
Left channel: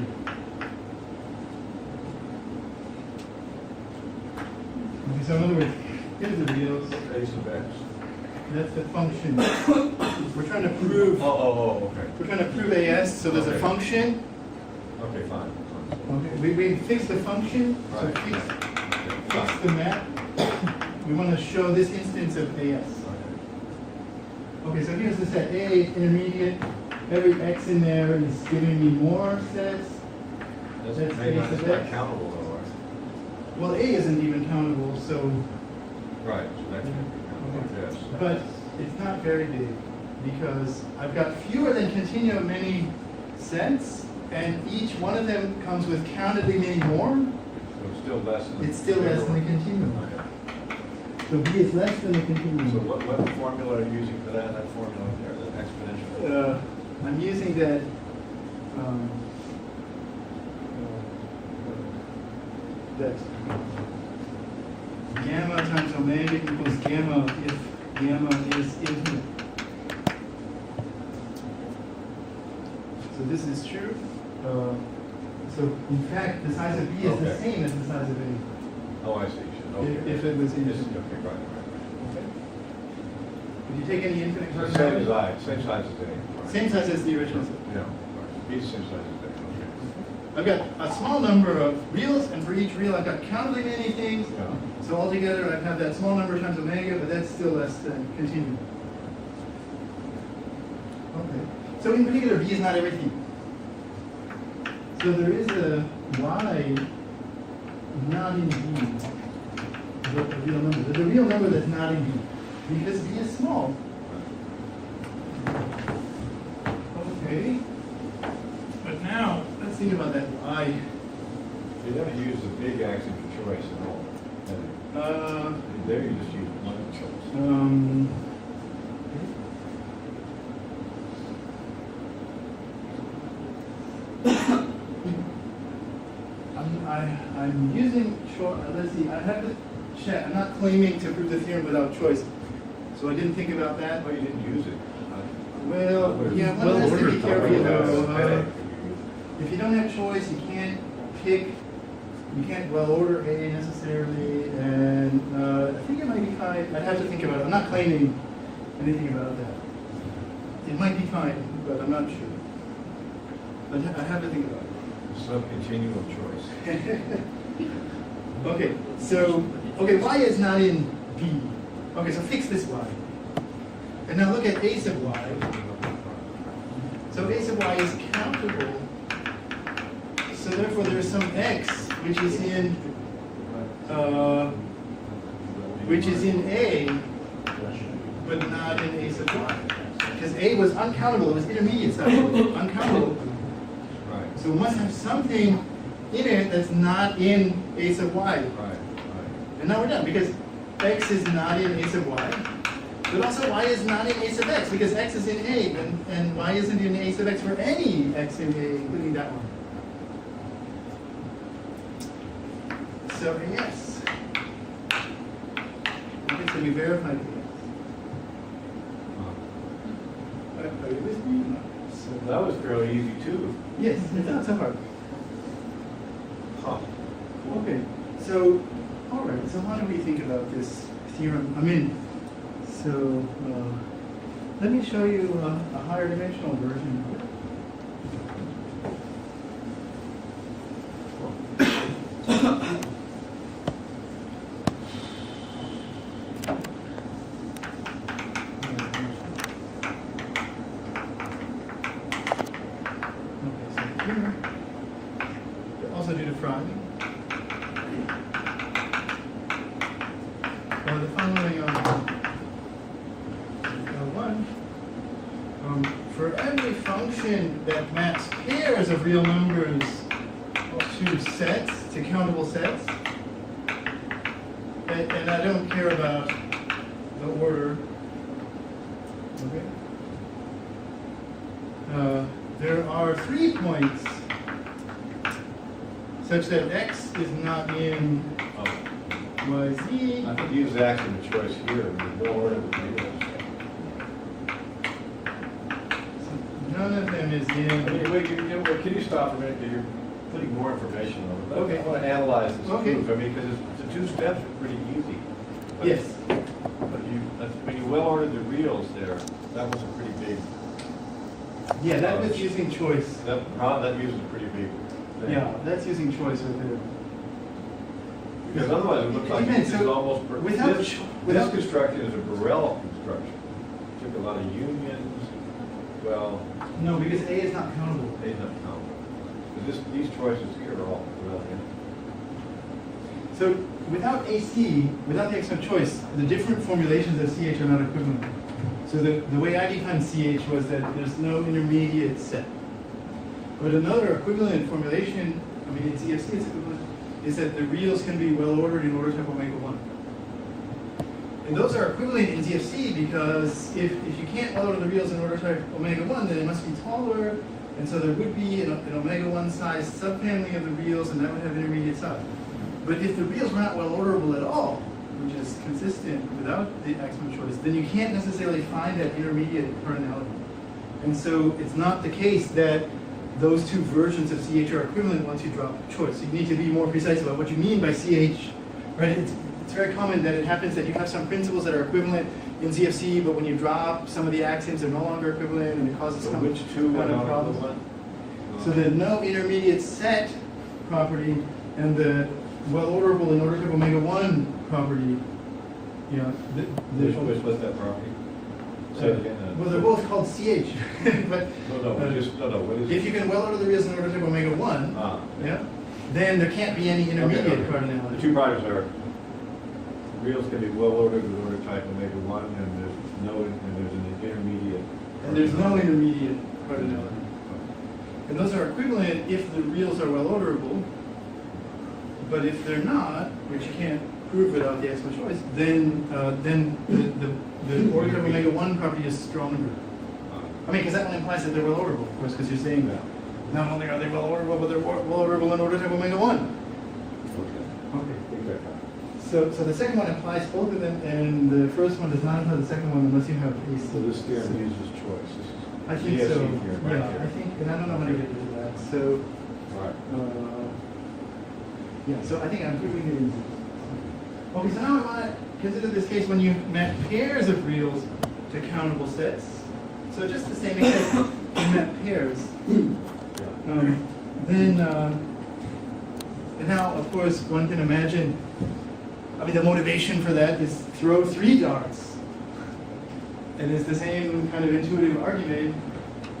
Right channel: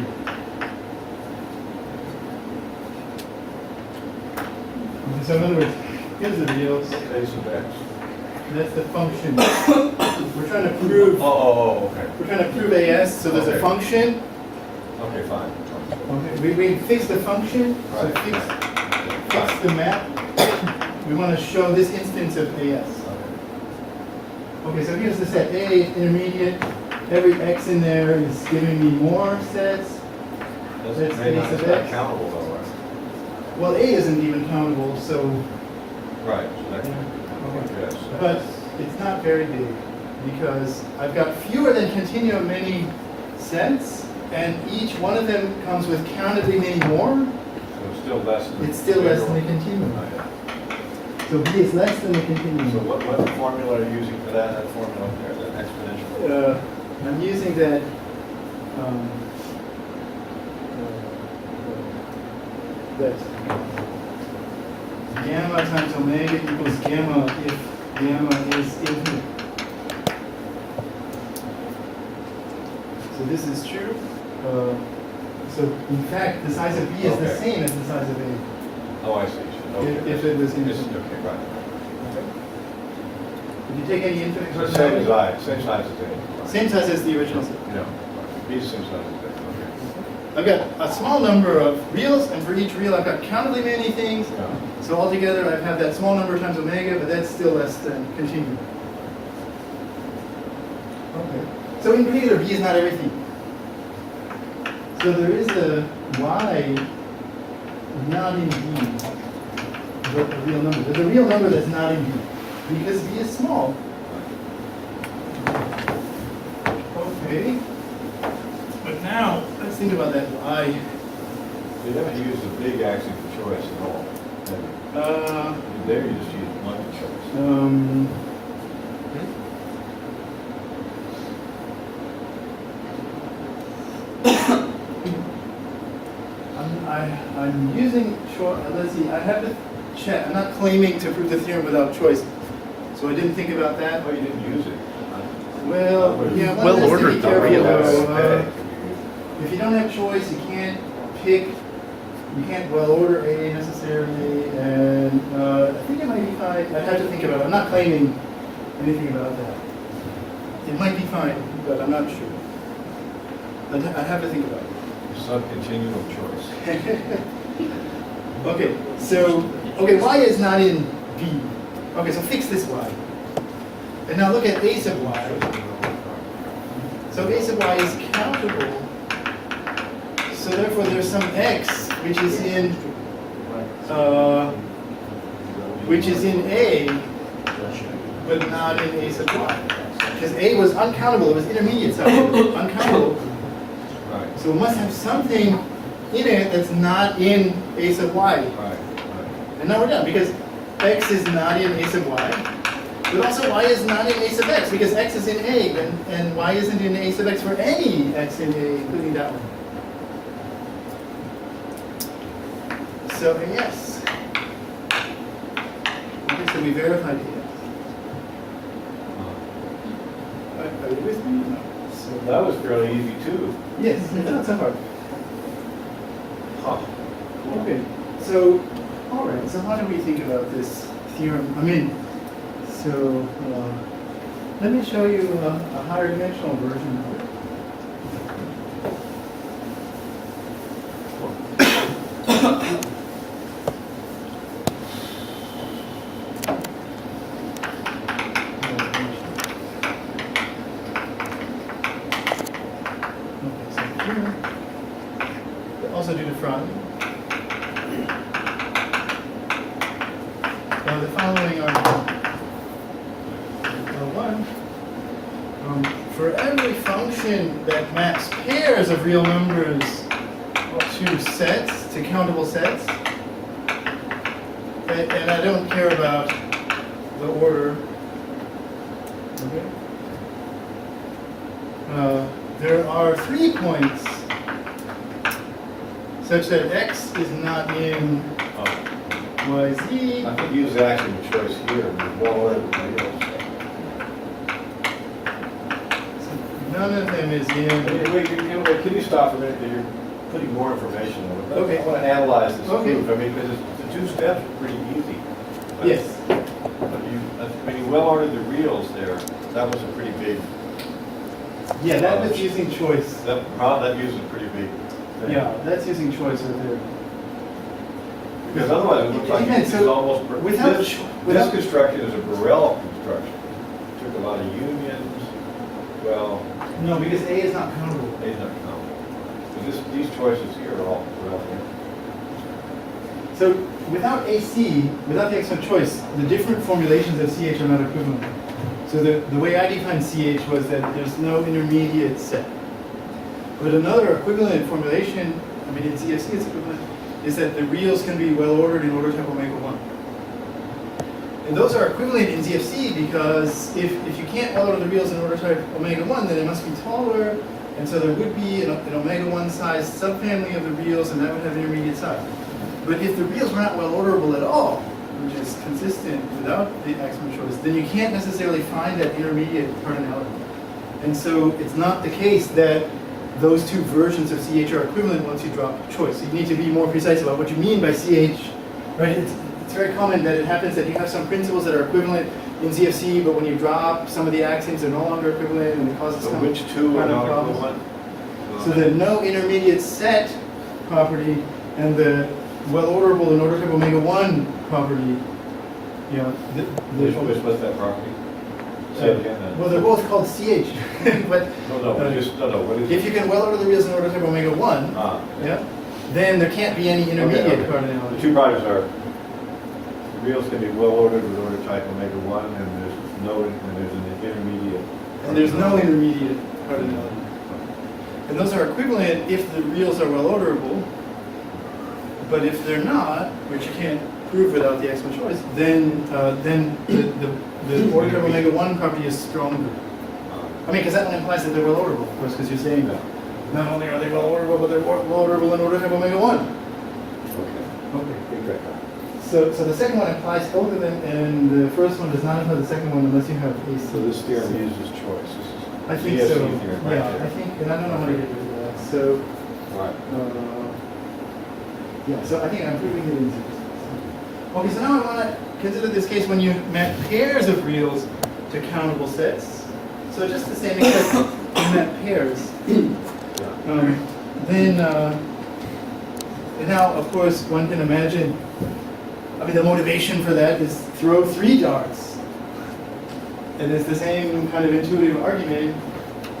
Okay, so in other words, here's the reals. A sub x. That's the function. We're trying to prove. Okay. We're trying to prove AS. So there's a Okay. function. Okay, fine. Okay. We fix the function. So Right. fix the map. We want to show this instance of AS. Okay, so here's the set A, intermediate. Every x in there is giving me more sets. That's That's very A nice. sub It's not x. countable though, right? Well, A isn't even countable, so, Right, so that can yes. but it's not very big because I've got fewer than continuum many sets, and each one of them comes with countably many more. So it's still less than. It's still less than the continuum. So B is less than the continuum. So what formula are you using for that formula there, that exponential? I'm using that. That gamma times omega equals gamma if gamma is infinite. So this is true. So in fact, the size of B is the Okay. same as the size of A. Oh, I see. If it was Yes, infinite. okay, right. If you take any infinite So same as cardinality, same size as A. Right. same size as the original set. Yeah, right. B is same size as A, okay. I've got a small number of reals, and for each real I've got countably many things. Yeah. So altogether I have that small number times omega, but that's still less than continuum. Okay. So in particular, B is not everything. So there is a y not in B, a real number. There's a real number that's not in B, because B is small. Okay. But now, let's think about that y. You haven't used the big axiom for choice at all. have you? There you just use multiple choice. I'm using short, let's see, I have to check. I'm not claiming to prove the theorem without choice. So I didn't think about that. Oh, you didn't use it. Well, yeah, one Well has to be ordered, though. careful Yes. though. If you don't have choice, you can't pick, you can't well order A necessarily, and I think it might be fine. I'd have to think about it. I'm not claiming anything about that. It might be fine, but I'm not sure. But I have to think about it. Subcontinuum choice. Okay, so, y is not in B. Okay, so fix this y. And now look at a sub y. So a sub y is countable. So therefore there's some x which is in A, but not in a sub y. Because A was uncountable, it was intermediate size, uncountable. Right. So it must have something in it that's not in a sub y. Right. And now we're done, because x is not in a sub y, but also y is not in a sub x, because x is in A, and y isn't in a sub x for any x in A, including that one. So yes. Okay, so we verified AS. Are you with me? No. So, That was fairly easy too. yes, it's not so hard. Huh. Okay, so, all right, so how do we think about this theorem? I mean, so let me show you a higher dimensional version of it. Okay, so here, also do the front. The following are one. For every function that maps pairs of real numbers to sets, to countable sets, and I don't care about the order. Okay. There are 3 points such that x is not in yz. I could use axiom of choice here with well ordered reals. none of them is in. Wait, can you stop for a minute? You're putting more information on it. Okay. I want to analyze this Okay. proof. I mean, because the two steps are pretty easy. But- Yes. But when you well ordered the reals there, that was a pretty big, Yeah, that was using choice. that uses a pretty big thing. Yeah, that's using choice right there. Because otherwise it looks like Again, it's so almost, without this without- construction is a Borel construction. Took a lot of unions, well, No, because A is not countable. they've not counted. But these choices here are all Borel here. So without AC, without the axiom of choice, the different formulations of CH are not equivalent. So the way I defined CH was that there's no intermediate set. But another equivalent formulation, I mean in CFC it's equivalent, is that the reals can be well ordered in order type omega 1. And those are equivalent in ZFC because if you can't well order the reals in order type omega 1, then it must be taller, and so there would be an omega 1 size subfamily of the reals, and that would have intermediate size. But if the reals were not well orderable at all, which is consistent without the axiom of choice, then you can't necessarily find that intermediate cardinality. And so it's not the case that those two versions of CH are equivalent once you drop choice. So you need to be more precise about what you mean by CH, right? It's very common that it happens that you have some principles that are equivalent in ZFC, but when you drop some of the axioms, they're no longer equivalent, and it causes So some which two are kind of not problems. equivalent? So the no intermediate set property and the well orderable in order type omega 1 property, you know, What's that property? Say it again then. well, they're both called CH, but No, what is it? if you can well order the reals in order type omega 1, Ah, yeah, then there can't be any intermediate okay. The cardinality. two properties are, the reals can be well ordered with order type omega 1, and there's an intermediate. And there's no intermediate cardinality. And those are equivalent if the reals are well orderable, but if they're not, which you can't prove without the axiom of choice, then the order type omega 1 property is stronger. I mean, because that one implies that they're well orderable, of course, because you're saying that not only are they well orderable, but they're well orderable in order type omega 1. Okay. Okay. Think that. So the second one implies both of them, and the first one does not imply the second one unless you have AC. So this theorem uses choice. This is I think DSC so. theorem right Yeah, there. I think, and I don't know how to get rid of that. So, Right. yeah, so I think I'm proving it in Z. Okay, so now I want to consider this case when you map pairs of reals to countable sets. So just the same except you map pairs. Yeah. Then, and now, of course, one can imagine, I mean, the motivation for that is throw 3 darts. And it's the same kind of intuitive argument.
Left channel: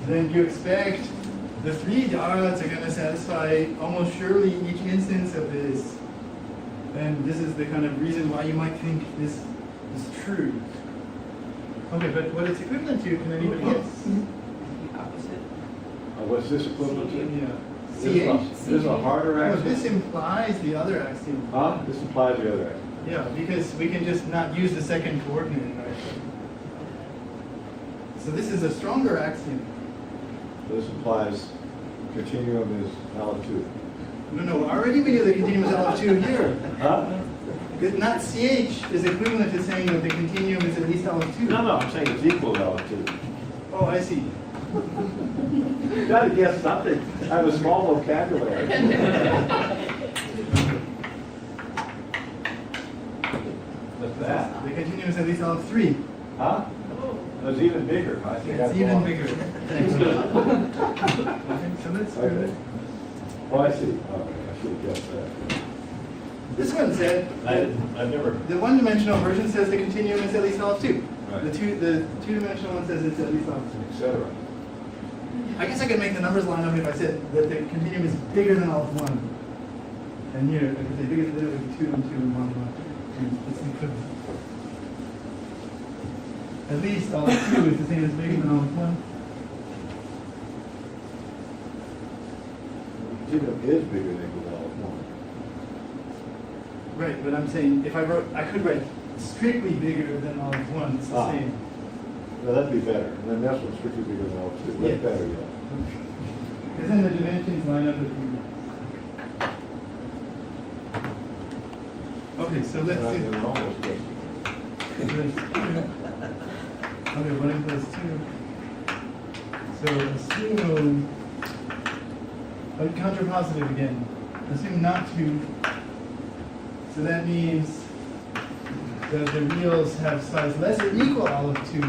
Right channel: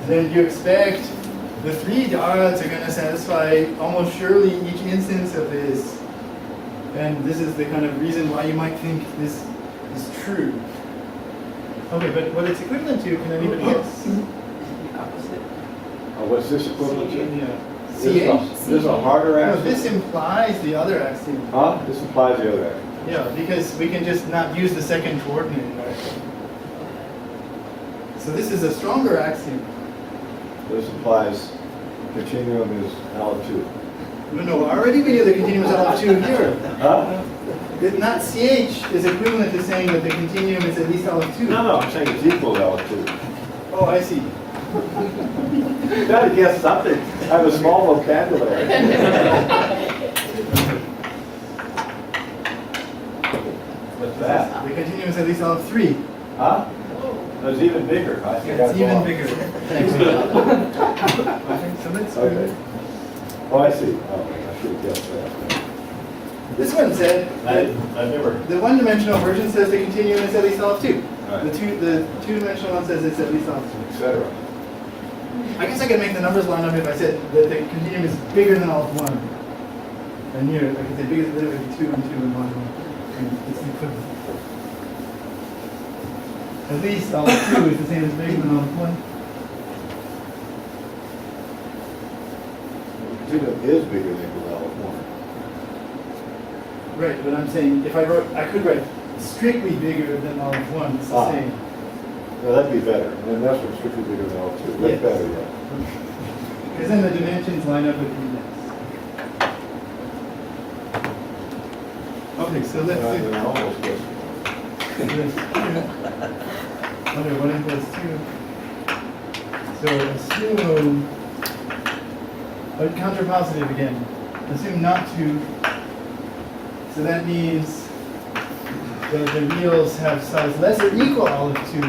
Then you expect the 3 darts are going to satisfy almost surely each instance of this. And this is the kind of reason why you might think this is true. Okay, but what it's equivalent to, can anybody guess? The opposite. What's this equivalent to? Yeah. This is a harder No, axiom. this implies the other axiom. Huh? This implies the other axiom. Yeah, because we can just not use the second coordinate in our axiom. So this is a stronger axiom. This implies continuum is L2. No, already we knew the continuum is L2 here. Huh? Because not CH is equivalent to saying that the continuum is at least L2. No, I'm saying it's equal to L2. Oh, I see. You gotta guess something. I have a small vocabulary. What's that? The continuum is at least L3. Huh? It's even bigger. I think It's that's even wrong. bigger. Thanks. Okay, so let's Okay. Oh, I see. Oh, I should have guessed that. This one said that I never. the one-dimensional version says the continuum is at least L2. Right. The two-dimensional one says it's at least L2. Etc. I guess I could make the numbers line up if I said that the continuum is bigger than all of 1. And here, I could say bigger than 2 and 2 and 1. And it's the equivalent. At least all of 2 is the same as bigger than all of 1. The continuum is bigger than equal to L1. Right, but I'm saying if I wrote, I could write strictly bigger than all of 1. It's the Ah. same. No, that'd be better. And then that's what's strictly bigger than L2. That's Yes. better, yeah. Because then the dimensions line up with the index. Okay, so let's do They're almost good. this. Okay, 1 plus 2. So So assume, counterpositive again. Assume not to. So that means that the reals have size less or equal olive 2.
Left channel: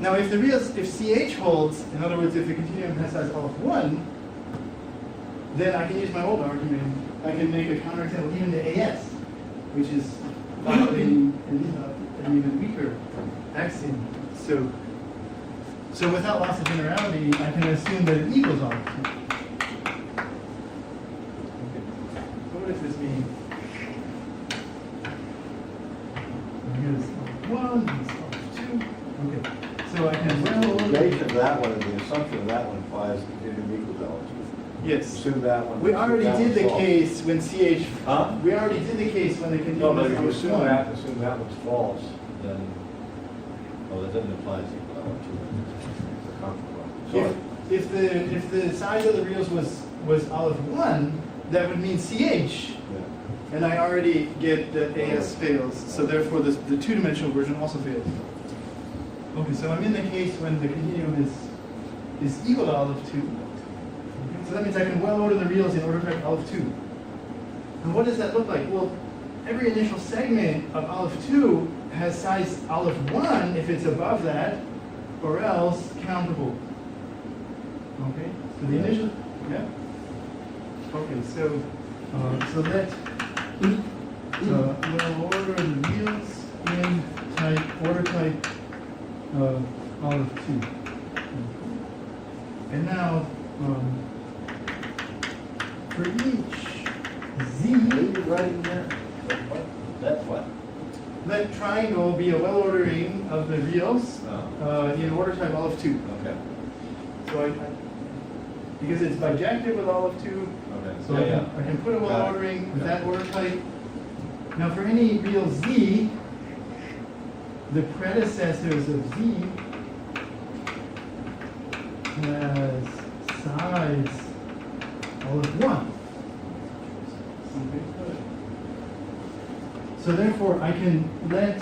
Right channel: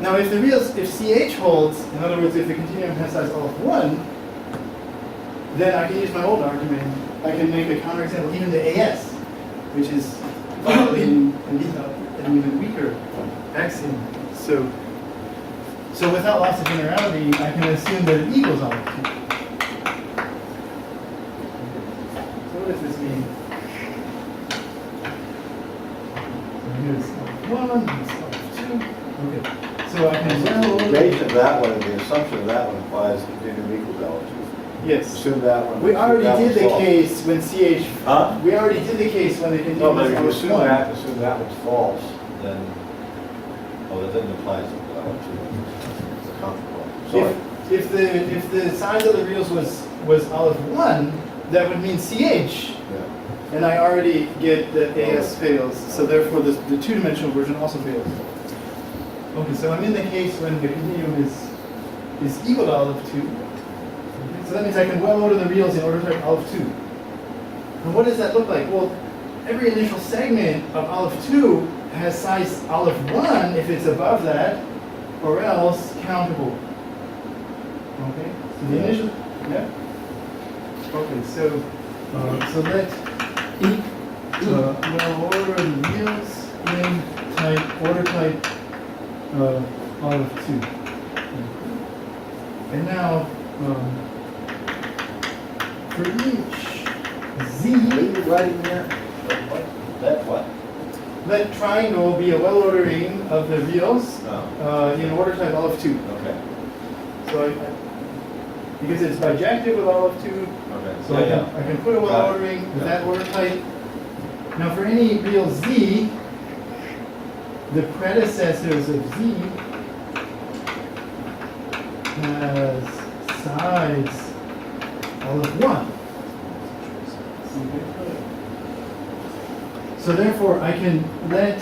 Now if the reals, if CH holds, in other words, if the continuum has size olive 1, then I can use my old argument. I can make a counterexample even to AS, which is an even weaker axiom. So without loss of generality, I can assume that it equals olive 2. So what does this mean? So here's olive 1, here's olive 2. Okay. So I can The negation of that one and the assumption of that one implies continuum equals L2. Yes. Assume that one. We already that did one's the false. case when CH. Huh? We already did the case when the continuum No, but if is you olive assume 1. that one's false, then, oh, that doesn't apply to L2. It's a comparable. Sorry. If the size of the reals was olive 1, that would mean CH. Yeah. And I already get that AS fails, so therefore the two-dimensional version also fails. Okay, so I'm in the case when the continuum is equal to olive 2. So that means I can well order the reals in order type olive 2. And what does that look like? Well, every initial segment of olive 2 has size olive 1 if it's above that, or else countable. Okay, so the initial, yeah. Okay, so let well order the reals in order type olive 2. And now for each z, Are you writing that? What? That what? let triangle be a well ordering of the reals Oh. in order type olive 2. Okay. So because it's bijective with olive 2, Okay. so I can put a well Got it. ordering with Yeah. that order type. Now for any real z, the predecessors of z has size olive 1. So therefore I can let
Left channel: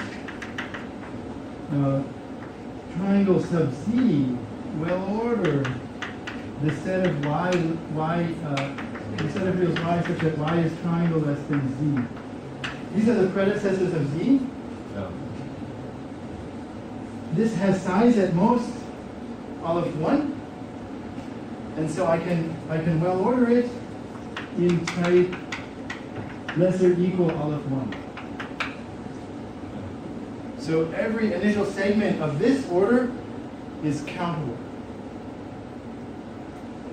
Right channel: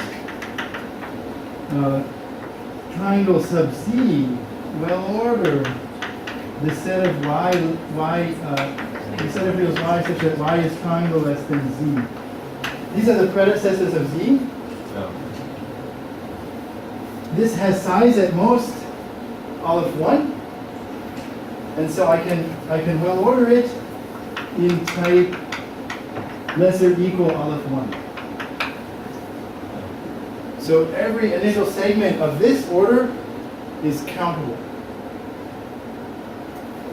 triangle sub z well order the set of the set of reals y such that y is triangle less than z. These are the predecessors of z. No. This has size at most olive 1, and so I can well order it in type less or equal olive 1. So every initial segment of this order is countable.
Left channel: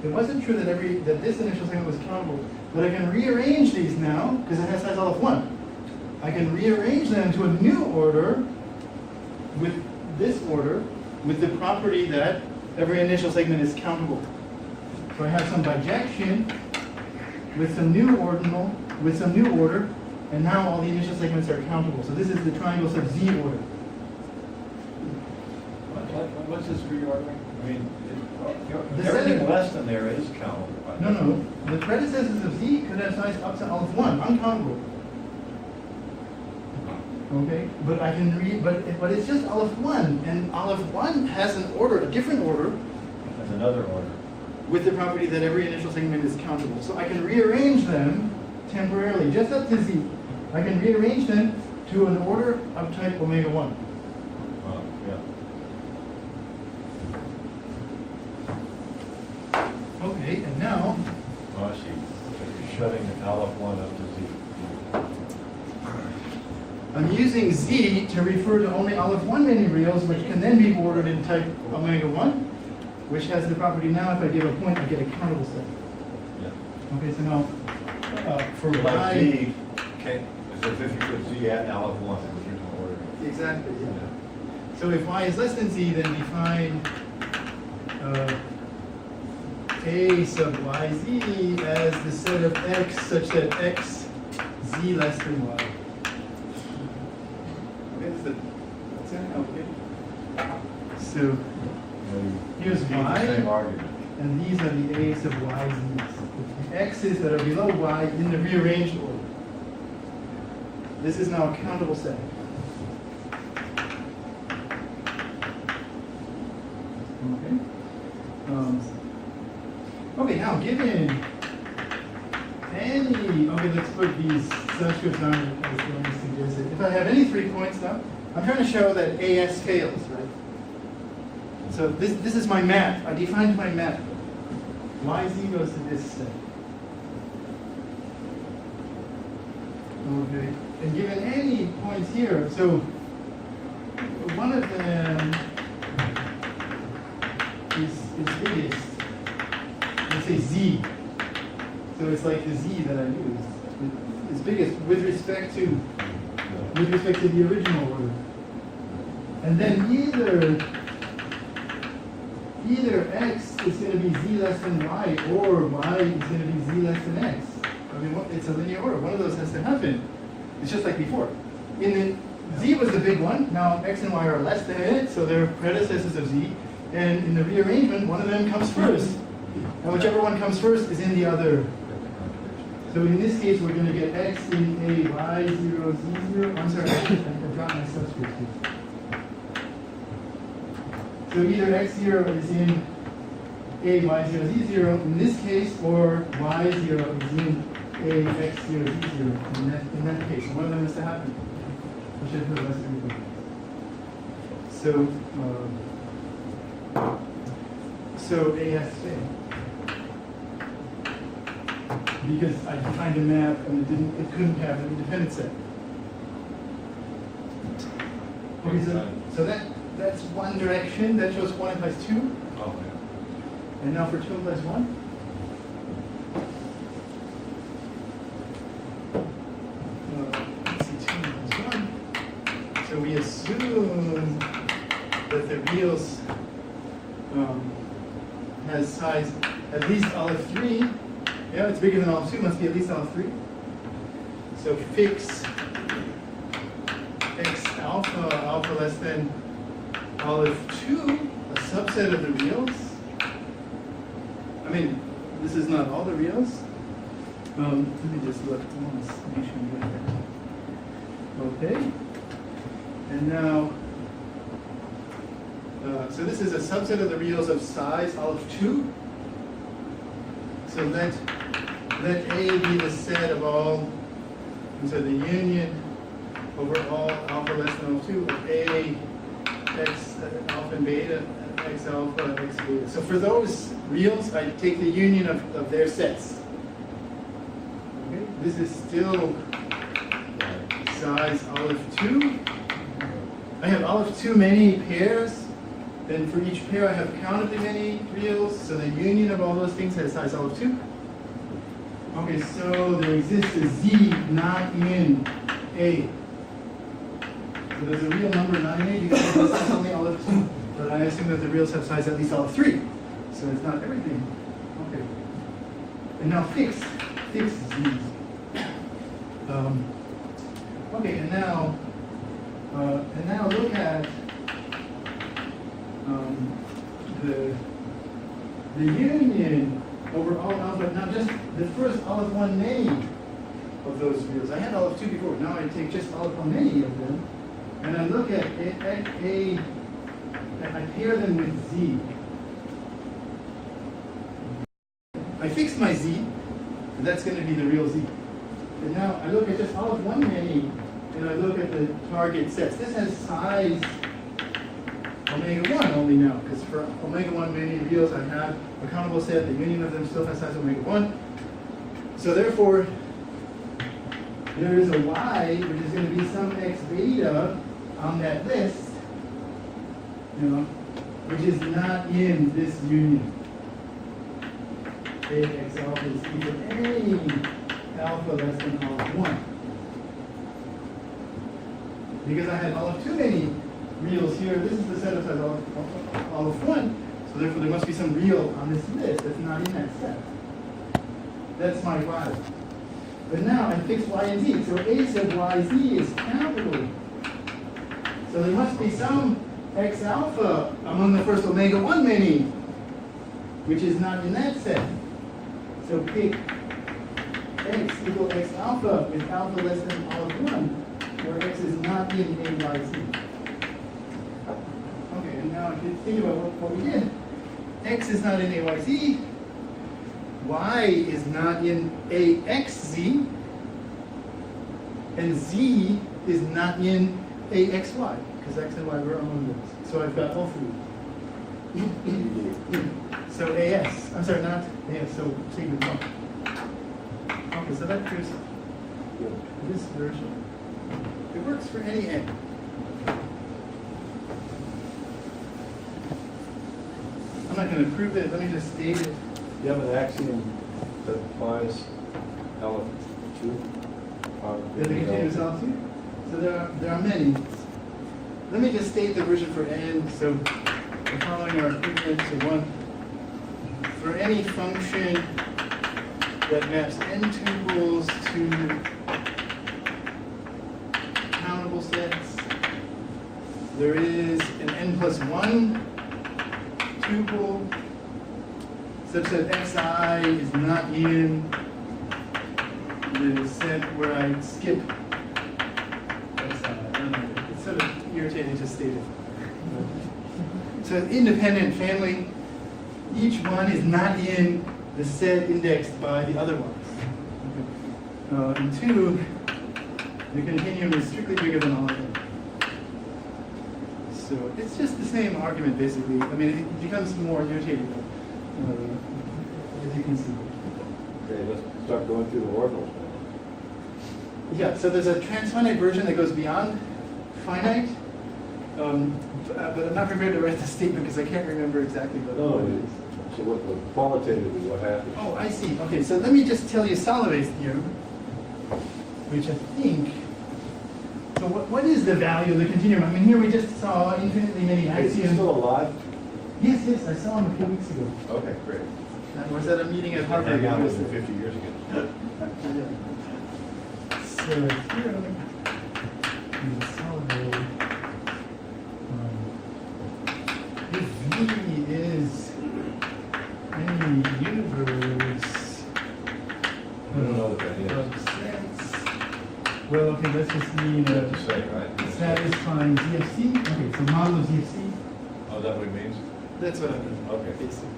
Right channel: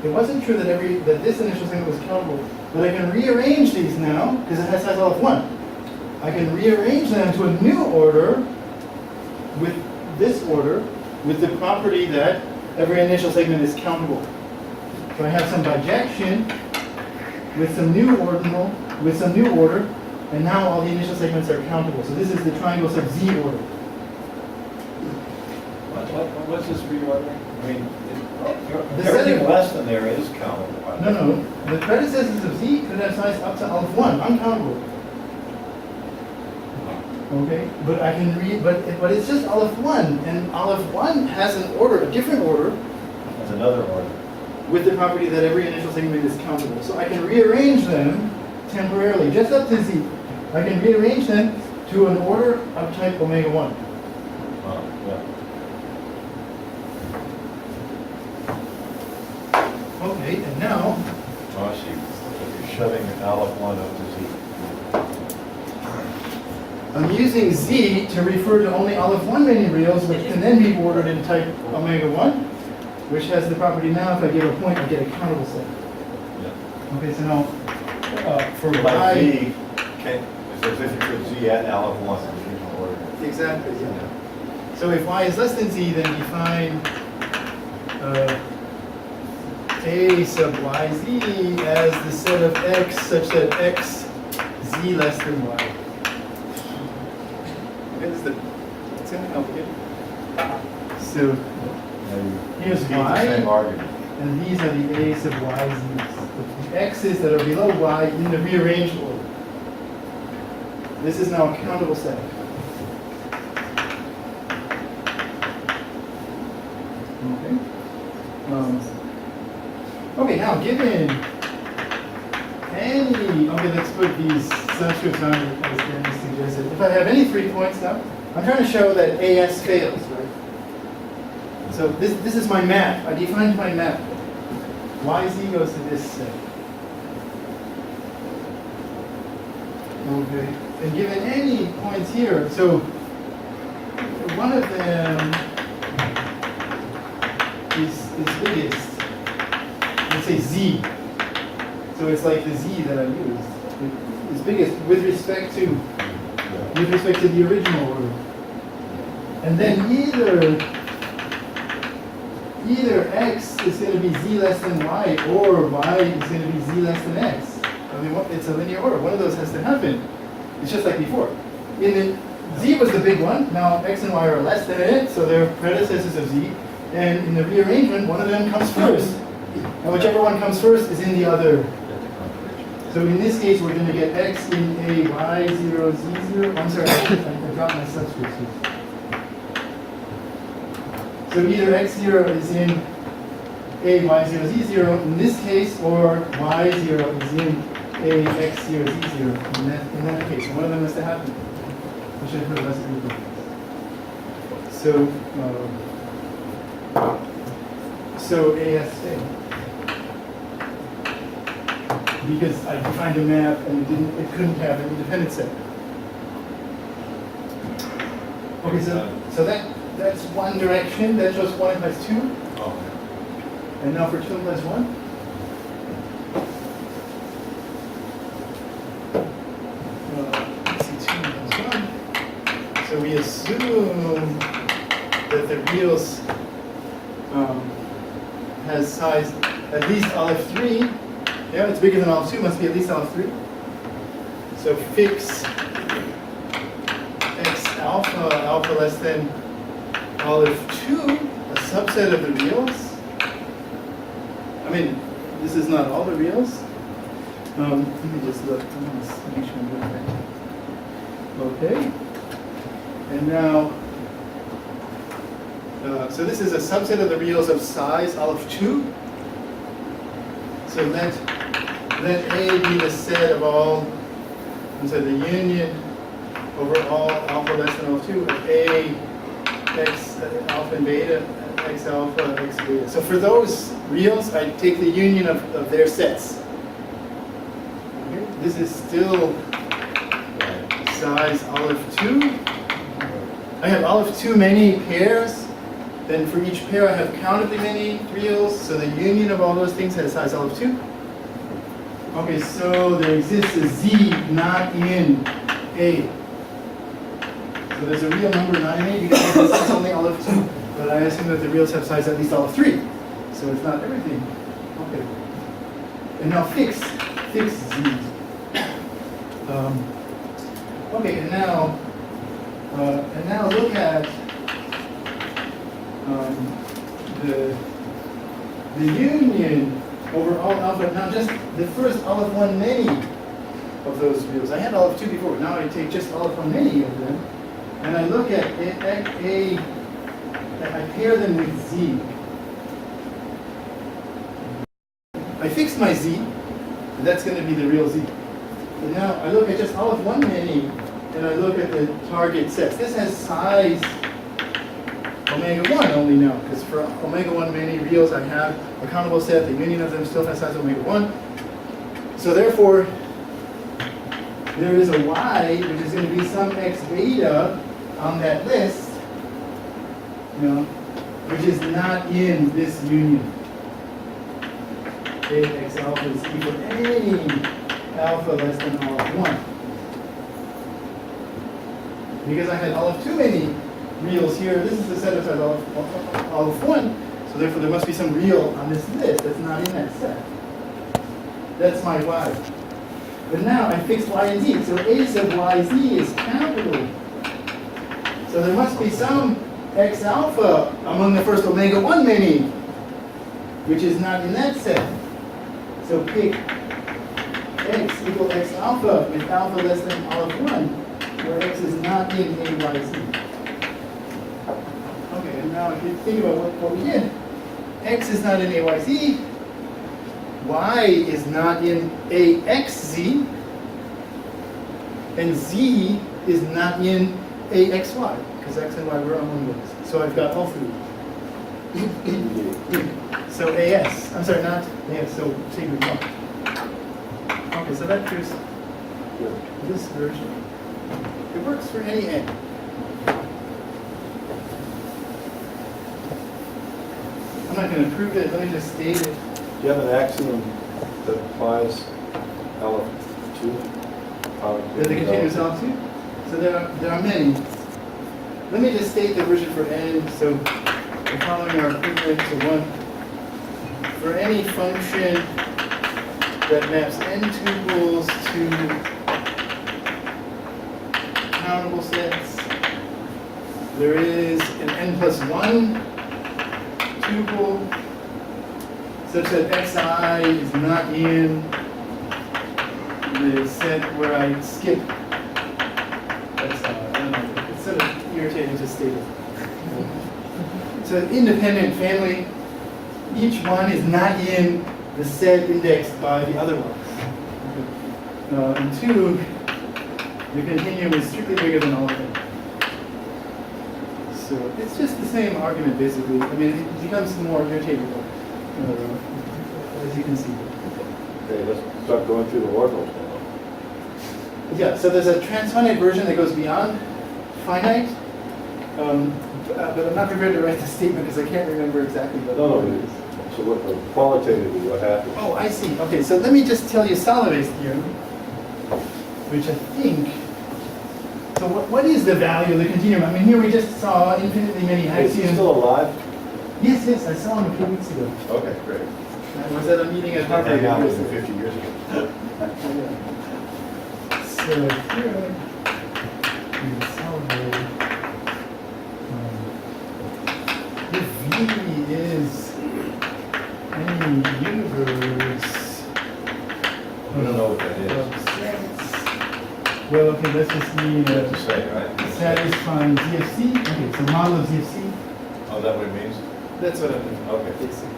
It wasn't true that this initial segment was countable, but I can rearrange these now because it has size olive 1. I can rearrange them to a new order with this order with the property that every initial segment is countable. So I have some bijection with some new ordinal, with some new order, and now all the initial segments are countable. So this is the triangle sub z order. What's this reordering? I mean, The everything setting- less than there is countable. No. The predecessors of z could have size up to olive 1, uncountable. Okay, but I can but it's just olive 1, and olive 1 has an order, a different order, That's another order. with the property that every initial segment is countable. So I can rearrange them temporarily, just up to z. I can rearrange them to an order of type omega 1. Yeah. Okay, and now, Oh, I see. So you're shoving olive 1 up to z. I'm using z to refer to only olive 1 many reals, which can then be ordered in type omega 1, which has the property now, if I give a point, I get a countable set. Yeah. Okay, so now, for Like y... z, it's as if you put z at olive 1 in the order. Exactly, yeah. So if y is less than z, then define a sub yz as the set of x such that x z less than y. Okay, it's kind of complicated. So here's Use the y, same argument. and these are the a sub yz's. The x's that are below y in the rearranged order. This is now a countable set. Okay, now given any, okay, let's put these subscripts on as Danny suggested. If I have any 3 points now, I'm trying to show that AS fails, right? So this is my map. I defined my map. YZ goes to this set. Okay, and given any points here, so one of them is biggest. Let's say Z. So it's like the Z that I used. It's biggest with respect to the original order. And then either X is going to be Z less than Y, or Y is going to be Z less than X. I mean, it's a linear order. One of those has to happen. It's just like before. Z was the big one. Now X and Y are less than it, so they're predecessors of Z. And in the rearrangement, one of them comes first. And whichever one comes first is in the other. So in this case, we're going to get X in A, Y0, Z0. I'm sorry, I dropped my subscripts here. So either X0 is in A, Y0, Z0 in this case, or Y0 is in A, X0, Z0 in that case. One of them has to happen. I should have heard less people. So AS failed. Because I defined a map and it couldn't have an independent set. Okay, so that's one direction. That shows 1 implies 2. Oh, yeah. And now for 2 implies 1. Let's see, 2 implies 1. So we assume that the reals has size at least olive 3. Yeah, it's bigger than olive 2, must be at least olive 3. So fix X alpha less than olive 2, a subset of the reals. I mean, this is not all the reals. Let me just look. I want to make sure I'm doing that. Okay. And now, so this is a subset of the reals of size olive 2. So let A be the set of all, and so the union over all alpha less than olive 2 of A, X alpha and beta, X alpha, X beta. So for those reals, I take the union of their sets. Okay. This is still size olive 2. I have olive 2 many pairs. Then for each pair, I have countably many reals. So the union of all those things has size olive 2. Okay, so there exists a Z not in A. So there's a real number not in A because it's only olive 2. But I assume that the reals have size at least olive 3. So it's not everything. Okay. And now fix Z's. Okay, and now look at the union over all alpha. Now just the first olive 1 many of those reals. I had olive 2 before. Now I take just olive 1 many of them, and I look at A and I pair them with Z. I fixed my Z, and that's going to be the real Z. But now I look at just olive 1 many, and I look at the target sets. This has size omega 1 only now, because for omega 1 many reals I have a countable set, the union of them still has size omega 1. So therefore, there is a Y, which is going to be some X beta on that list, which is not in this union. X alpha is equal to any alpha less than olive 1. Because I had olive 2 many reals here, this is the set of size olive 1, so therefore there must be some real on this list that's not in that set. That's my Y. But now I fixed Y and Z, so A sub YZ is countable. So there must be some X alpha among the first omega 1 many, which is not in that set. So pick X equal X alpha with alpha less than olive 1, where X is not in AYZ. Okay, and now if you think about what we did, X is not in AYZ, Y is not in AXZ, and Z is not in AXY, because X and Y were on one list. So I've got all three. So AS, I'm sorry, not AS, so secret one. Okay, so that proves this version. It works for any N. I'm not going to prove it, let me just state it. Do you have an axiom that applies L2? The continuous L2? So there are many. Let me just state the version for N. So the following are equivalent to one. For any function that maps N tuples to countable sets, there is an N plus 1 tuple such that xi is not in the set where I skip xi. I don't know. It's sort of irritating to state it. So an independent family, each one is not in the set indexed by the other ones. And two, the continuum is strictly bigger than all of them. So it's just the same argument basically. I mean, it becomes more irritating as you can see. Okay, let's start going through the ordinals now. Yeah, so there's a transfinite version that goes beyond finite, but I'm not prepared to write the statement because I can't remember exactly what No, it is. so what, qualitatively, what happens? Oh, I see. Okay, so let me just tell you Solove's theorem, which I think. So what is the value of the continuum? I mean, here we just saw infinitely many Is he axioms. still alive? Yes, I saw him a few weeks ago. Okay, great. I was at a meeting at Harvard. Hang out with him 50 years ago. So here, in Solove, if V is any universe We don't know what that is. of sets, well, okay, let's just mean That's to say, right? satisfying ZFC. Okay, so model of ZFC. Oh, is that what it means? That's what I mean. Okay. Basically.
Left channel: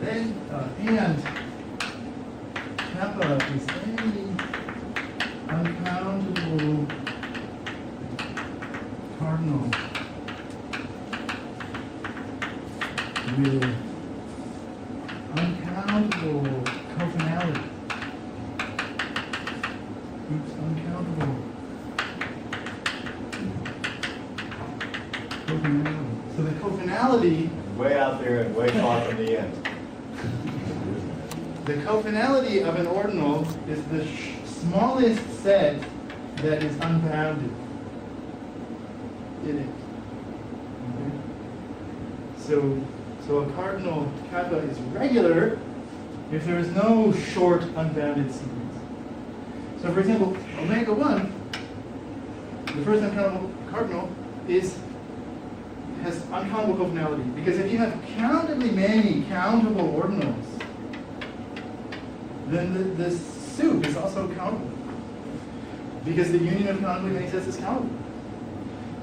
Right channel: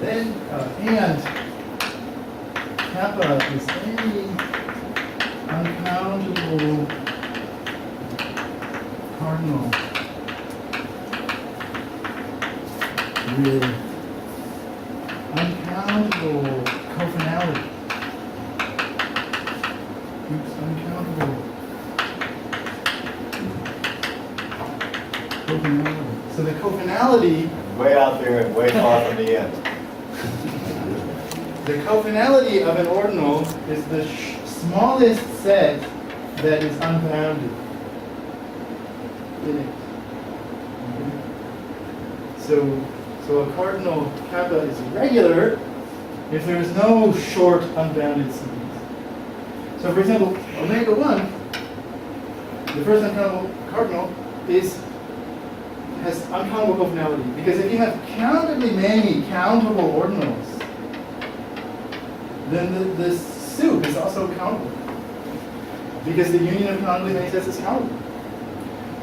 Then, and kappa is any uncountable cardinal with uncountable cofinality. Oops, uncountable cofinality. So the cofinality, Way out there and way far from the end. the cofinality of an ordinal is the smallest set that is unbounded in it. Okay. So a cardinal kappa is regular if there is no short unbounded series. So for example, omega 1, the first uncountable cardinal has uncountable cofinality, because if you have countably many countable ordinals, then the soup is also countable, because the union of countably many sets is countable.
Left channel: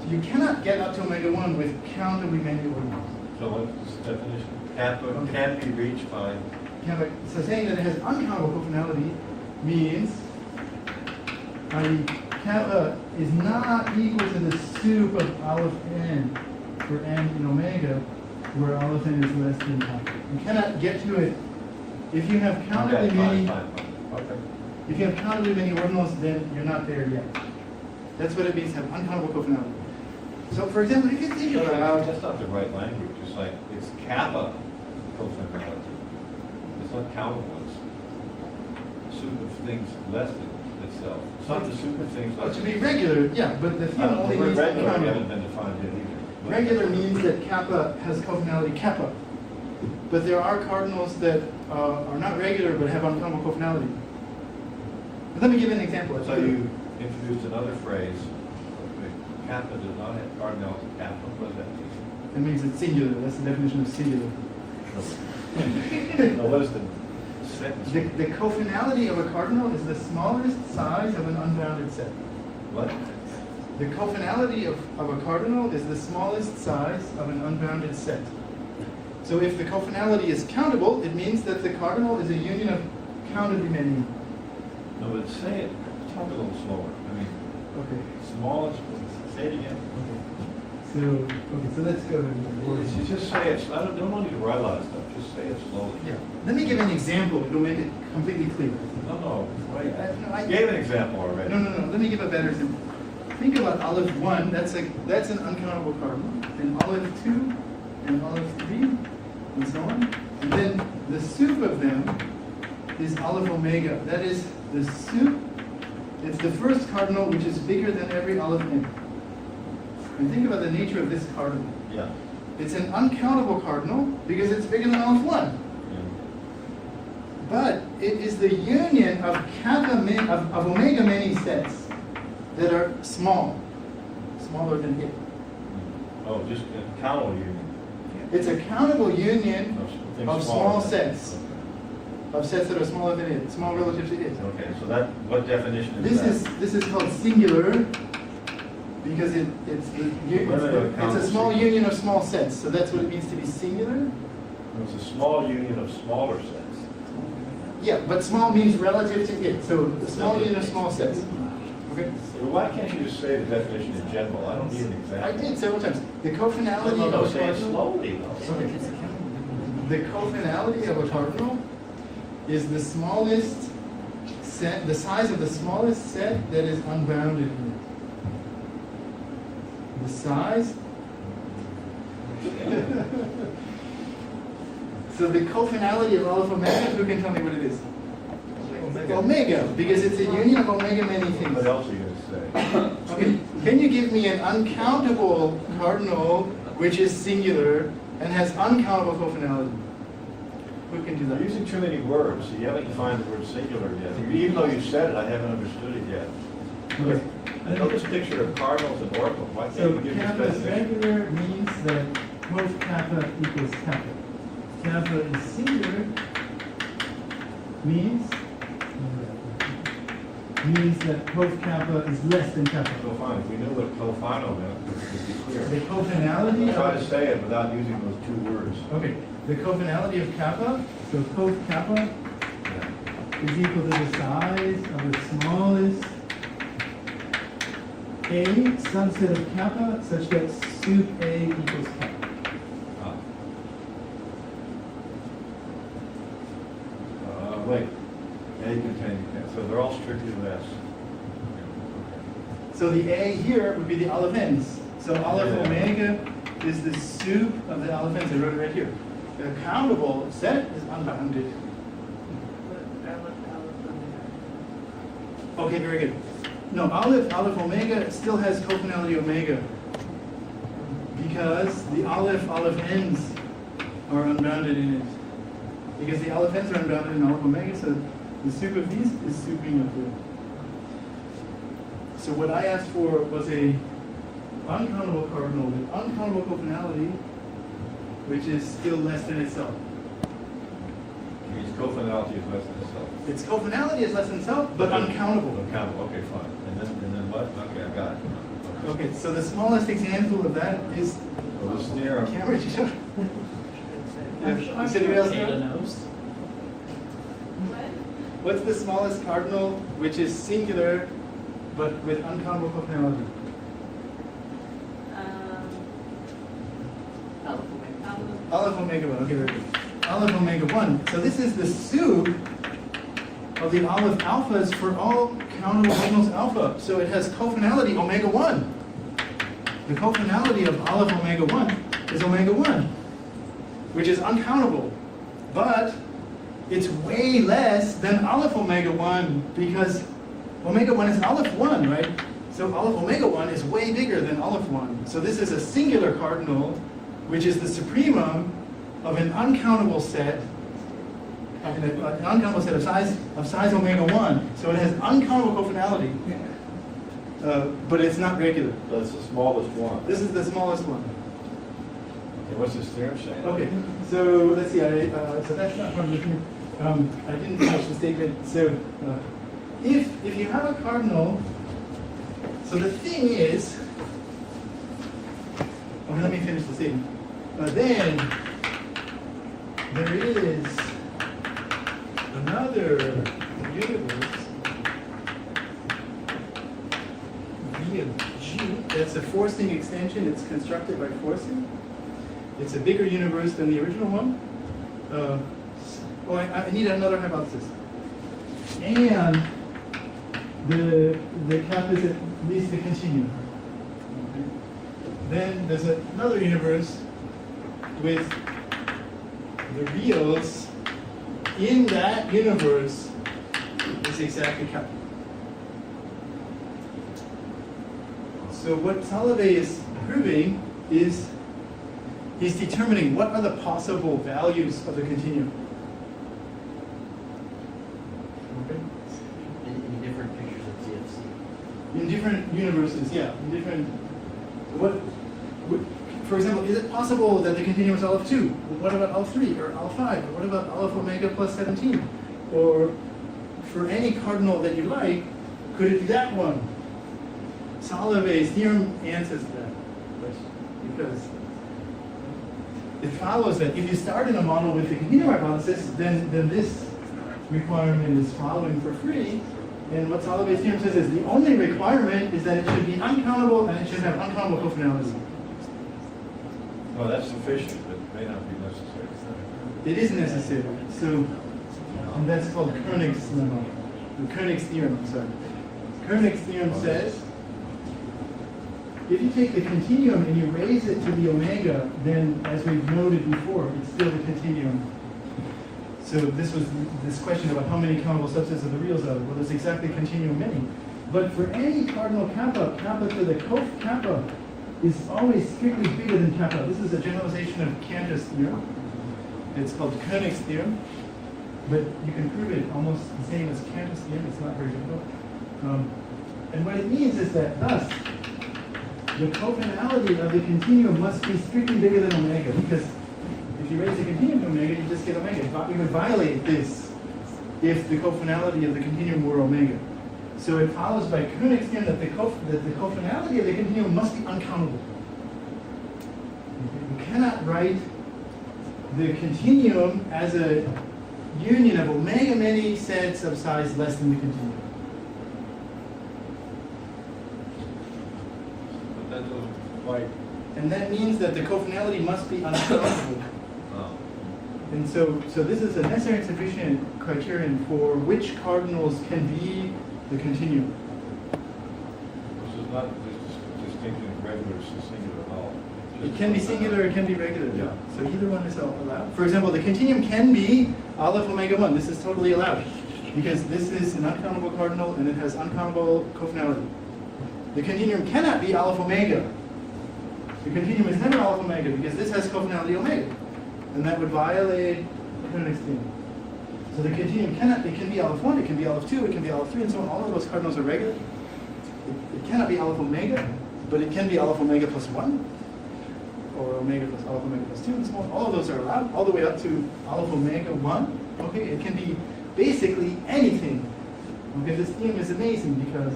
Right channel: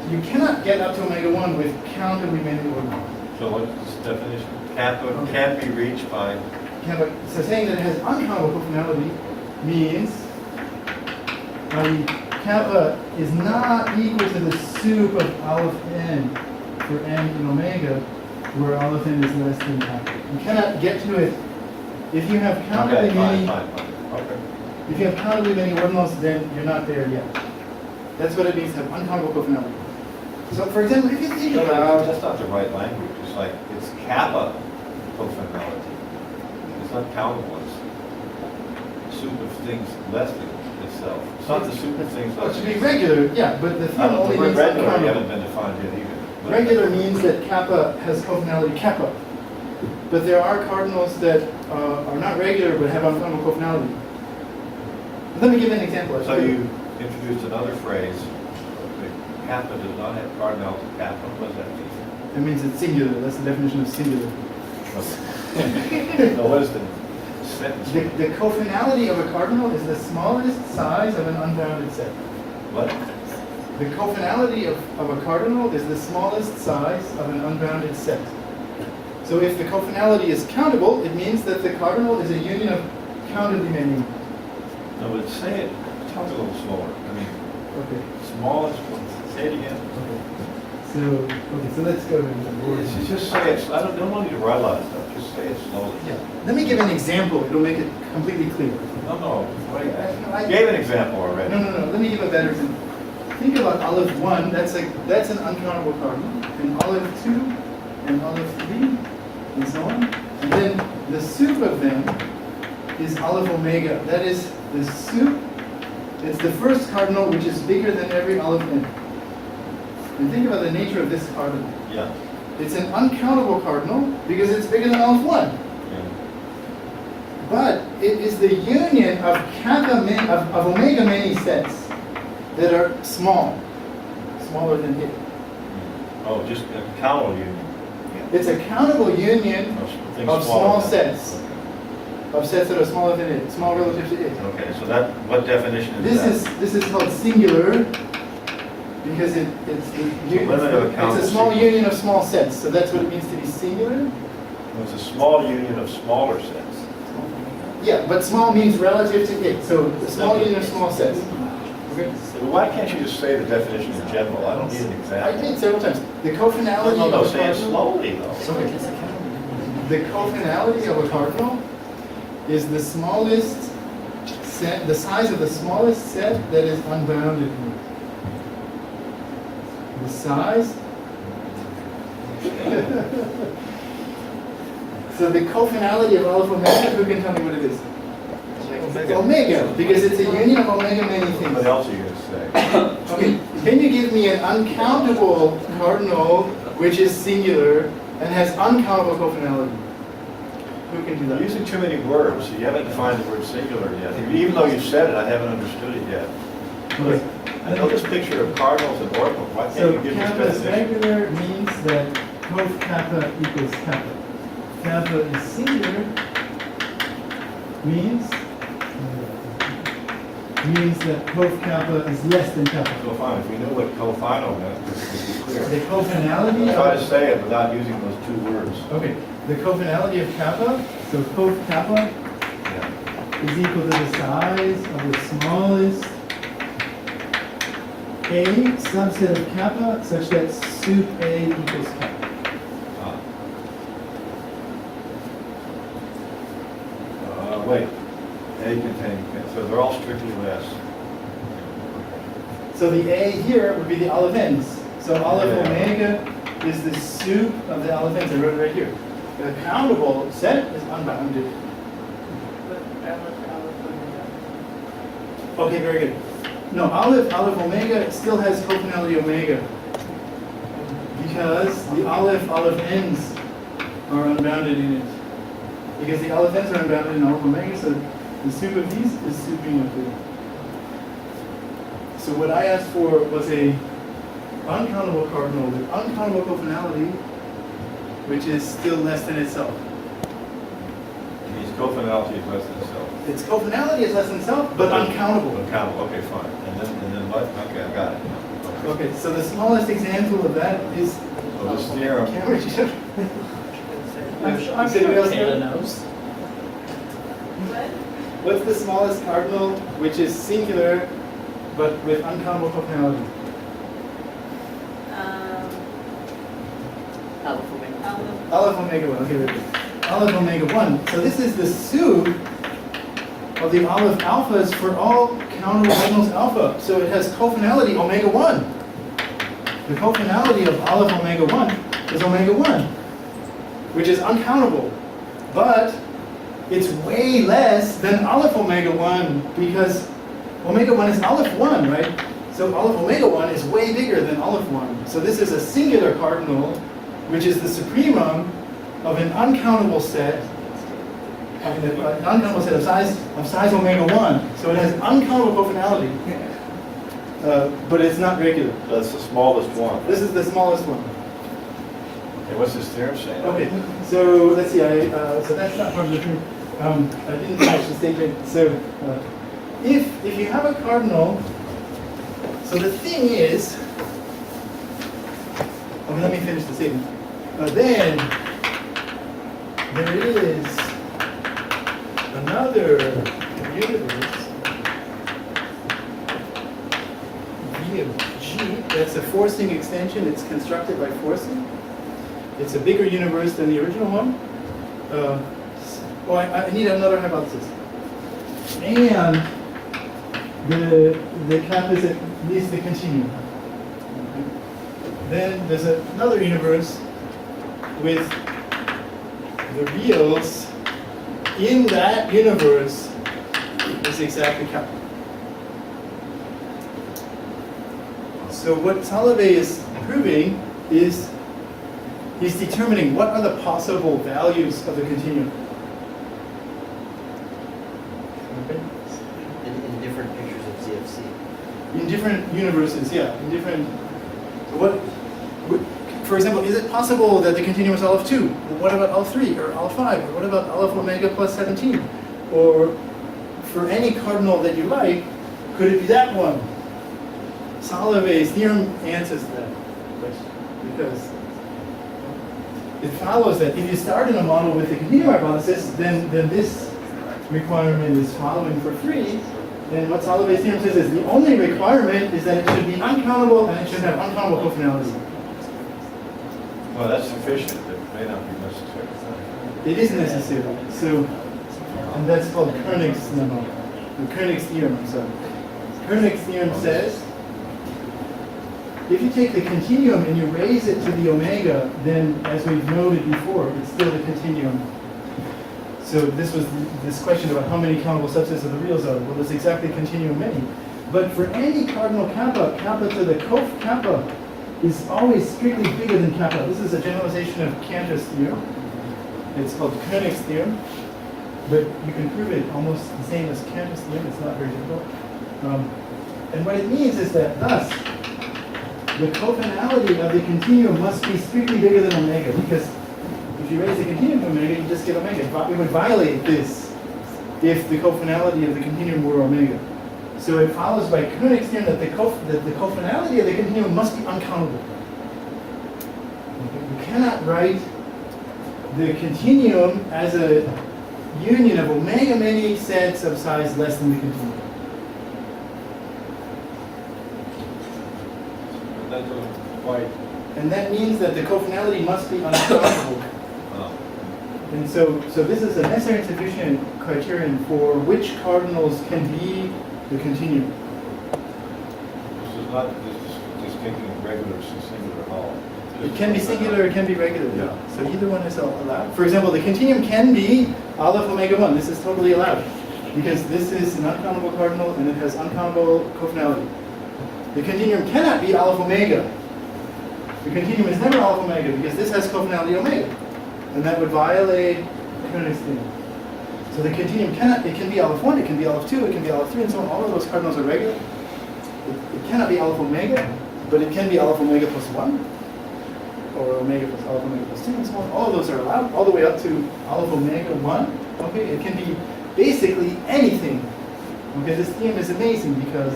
So you cannot get up to omega 1 with countably many ordinals. So what's this definition? Kappa can't be reached by. So saying that it has uncountable cofinality means kappa is not equal to the soup of aleph n for n in omega, where aleph n is less than kappa. You cannot get to it if you have countably Okay, many. fine. Okay. If you have countably many ordinals, then you're not there yet. That's what it means to have uncountable cofinality. So, for example, if you think No, about that's not the right language. It's like, it's kappa cofinality. It's not countable. It's soup of things less than itself. It's not the soup of things less to than be regular, yeah, but the thing only The word means regular, we uncountable. haven't been defined yet either. But- Regular means that kappa has cofinality kappa. But there are cardinals that are not regular but have uncountable cofinality. Let me give an example. So you introduced another phrase, okay, kappa does not have cardinality kappa. What does that mean? It means it's singular. That's the definition of singular. No, what is the sentence? The cofinality of a cardinal is the smallest size of an unbounded set. What? The cofinality of a cardinal is the smallest size of an unbounded set. So if the cofinality is countable, it means that the cardinal is a union of countably many. No, but say it, talk a little slower. I mean, Okay. smallest, say it again. So let's go to the board. Just say it, I don't want you to write a lot of stuff, just say it slowly. Yeah. Let me give an example. It'll make it completely clear. No, wait, No, I- you gave an example already. No. Let me give a better example. Think about olive 1, that's an uncountable cardinal, and olive 2, and olive 3, and so on. And then the soup of them is olive omega. That is the soup. It's the first cardinal which is bigger than every olive n. And think about the nature of this cardinal. Yeah. It's an uncountable cardinal because it's bigger than olive 1. Yeah. But it is the union of of omega many sets that are small, smaller than it. Oh, just a countable union. It's a countable union Things of smaller small than- sets, of sets that are smaller than it, small relative to it. Okay, so that, what definition is that? This is called singular because it's limit of a countable it's a small sequence. union of small sets. So that's what it means to be singular. It's a small union of smaller sets. Yeah, but small means relative to it. So the small union of small sets. Okay. Well, why can't you just say the definition in general? I don't need an I example. did several times. The cofinality No, of a say it cardinal. slowly though. Sorry. The cofinality of a cardinal is the smallest set, the size of the smallest set that is unbounded. The size. So the cofinality of olive omega, who can tell me what it is? Omega, because it's a union of omega many things. What else are you going to say? Okay, can you give me an uncountable cardinal which is singular and has uncountable cofinality? Who can do You're that? using too many words. You haven't defined the word singular yet. Even though you said it, I haven't understood it yet. Look, I know this picture of cardinals and ordinals. Why So can't you give me kappa is definition? regular means that cov kappa equals kappa. Kappa is singular means that cov kappa is less than kappa. So fine, if we knew what cofinal meant, it would be The clear. cofinality Try to of say it without using those two words. okay, the cofinality of kappa, so cov kappa Yeah. is equal to the size of the smallest A subset of kappa such that sup A equals kappa. Ah. Wait, A containing, so they're all strictly less. So the A here would be the olive ends. So olive Yeah. omega is the sup of the olive ends. I wrote it right here. The countable set is unbounded. Okay, very good. No, olive omega still has cofinality omega because the olive ends are unbounded in it. Because the olive ends are unbounded in olive omega, so the sup of these is suping of the. So what I asked for was a uncountable cardinal with uncountable cofinality, which is still less than itself. Means cofinality is less than itself. Its cofinality is less than itself, but uncountable. Uncountable, okay, fine. And then what? Okay, I got it. Okay, so the smallest example of that is. So this theorem, Cameron, you should- I'm Does sure anybody else Taylor know? knows. What's the smallest cardinal which is singular but with uncountable cofinality? Olive omega 1, okay, very good. Olive omega 1. So this is the sup of the olive alphas for all countable ordinals alpha. So it has cofinality omega 1. The cofinality of olive omega 1 is omega 1, which is uncountable. But it's way less than olive omega 1 because omega 1 is olive 1, right? So olive omega 1 is way bigger than olive 1. So this is a singular cardinal, which is the supremum of an uncountable set, an uncountable set of size omega 1. So it has uncountable cofinality, but it's not regular. that's the smallest one. This is the smallest one. Okay, what's this theorem saying? Okay, so let's see. So that's not part of the thing. I didn't finish the statement. So if you have a cardinal, so the thing is, okay, let me finish the statement. Then there is another universe, V of G, that's a forcing extension. It's constructed by forcing. It's a bigger universe than the original one. I need another hypothesis. And the cap is at least the continuum. Okay. Then there's another universe with the reals in that universe is exactly cap. So what Solovey is proving is he's determining what are the possible values of the continuum. Okay. In different pictures of CFC. In different universes, yeah. In different. So for example, is it possible that the continuum is Aleph 2? What about Aleph 3 or Aleph 5? Or what about Aleph omega plus 17? Or for any cardinal that you like, could it be that one? Solovey's theorem answers that question because it follows that if you start in a model with the continuum hypothesis, then this requirement is following for free. And what Solovey's theorem says is the only requirement is that it should be uncountable and it should have uncountable cofinality. Well, that's sufficient, but it may not be necessary. It is necessary. So, and that's called Koenig's lemma. The Koenig's theorem, I'm sorry. Koenig's theorem says if you take the continuum and you raise it to the omega, then as we've noted before, it's still the continuum. So this was this question about how many countable subsets of the reals are. Well, there's exactly continuum many. But for any cardinal kappa, kappa to the cof kappa is always strictly bigger than kappa. This is a generalization of Cantor's theorem. It's called Koenig's theorem. But you can prove it almost the same as Cantor's theorem. It's not very difficult. And what it means is that thus, the cofinality of the continuum must be strictly bigger than omega, because if you raise the continuum to omega, you just get omega. It would violate this if the cofinality of the continuum were omega. So it follows by Koenig's theorem that the cofinality of the continuum must be uncountable. You cannot write the continuum as a union of omega many sets of size less than the continuum. But that doesn't quite. And that means that the cofinality must be uncountable. And so this is a necessary and sufficient criterion for which cardinals can be the continuum. This is not distinctly regular and singular at all. It can be singular, it can be regular. Yeah. So either one is allowed. For example, the continuum can be Aleph omega 1. This is totally allowed because this is an uncountable cardinal and it has uncountable cofinality. The continuum cannot be Aleph omega. The continuum is never Aleph omega because this has cofinality omega. And that would violate Koenig's theorem. So the continuum cannot, it can be Aleph 1, it can be Aleph 2, it can be Aleph 3, and so on. All of those cardinals are regular. It cannot be Aleph omega, but it can be Aleph omega plus 1, or omega plus Aleph omega plus 2, and so on. All of those are allowed, all the way up to Aleph omega 1. Okay, it can be basically anything. Okay, this theorem is amazing because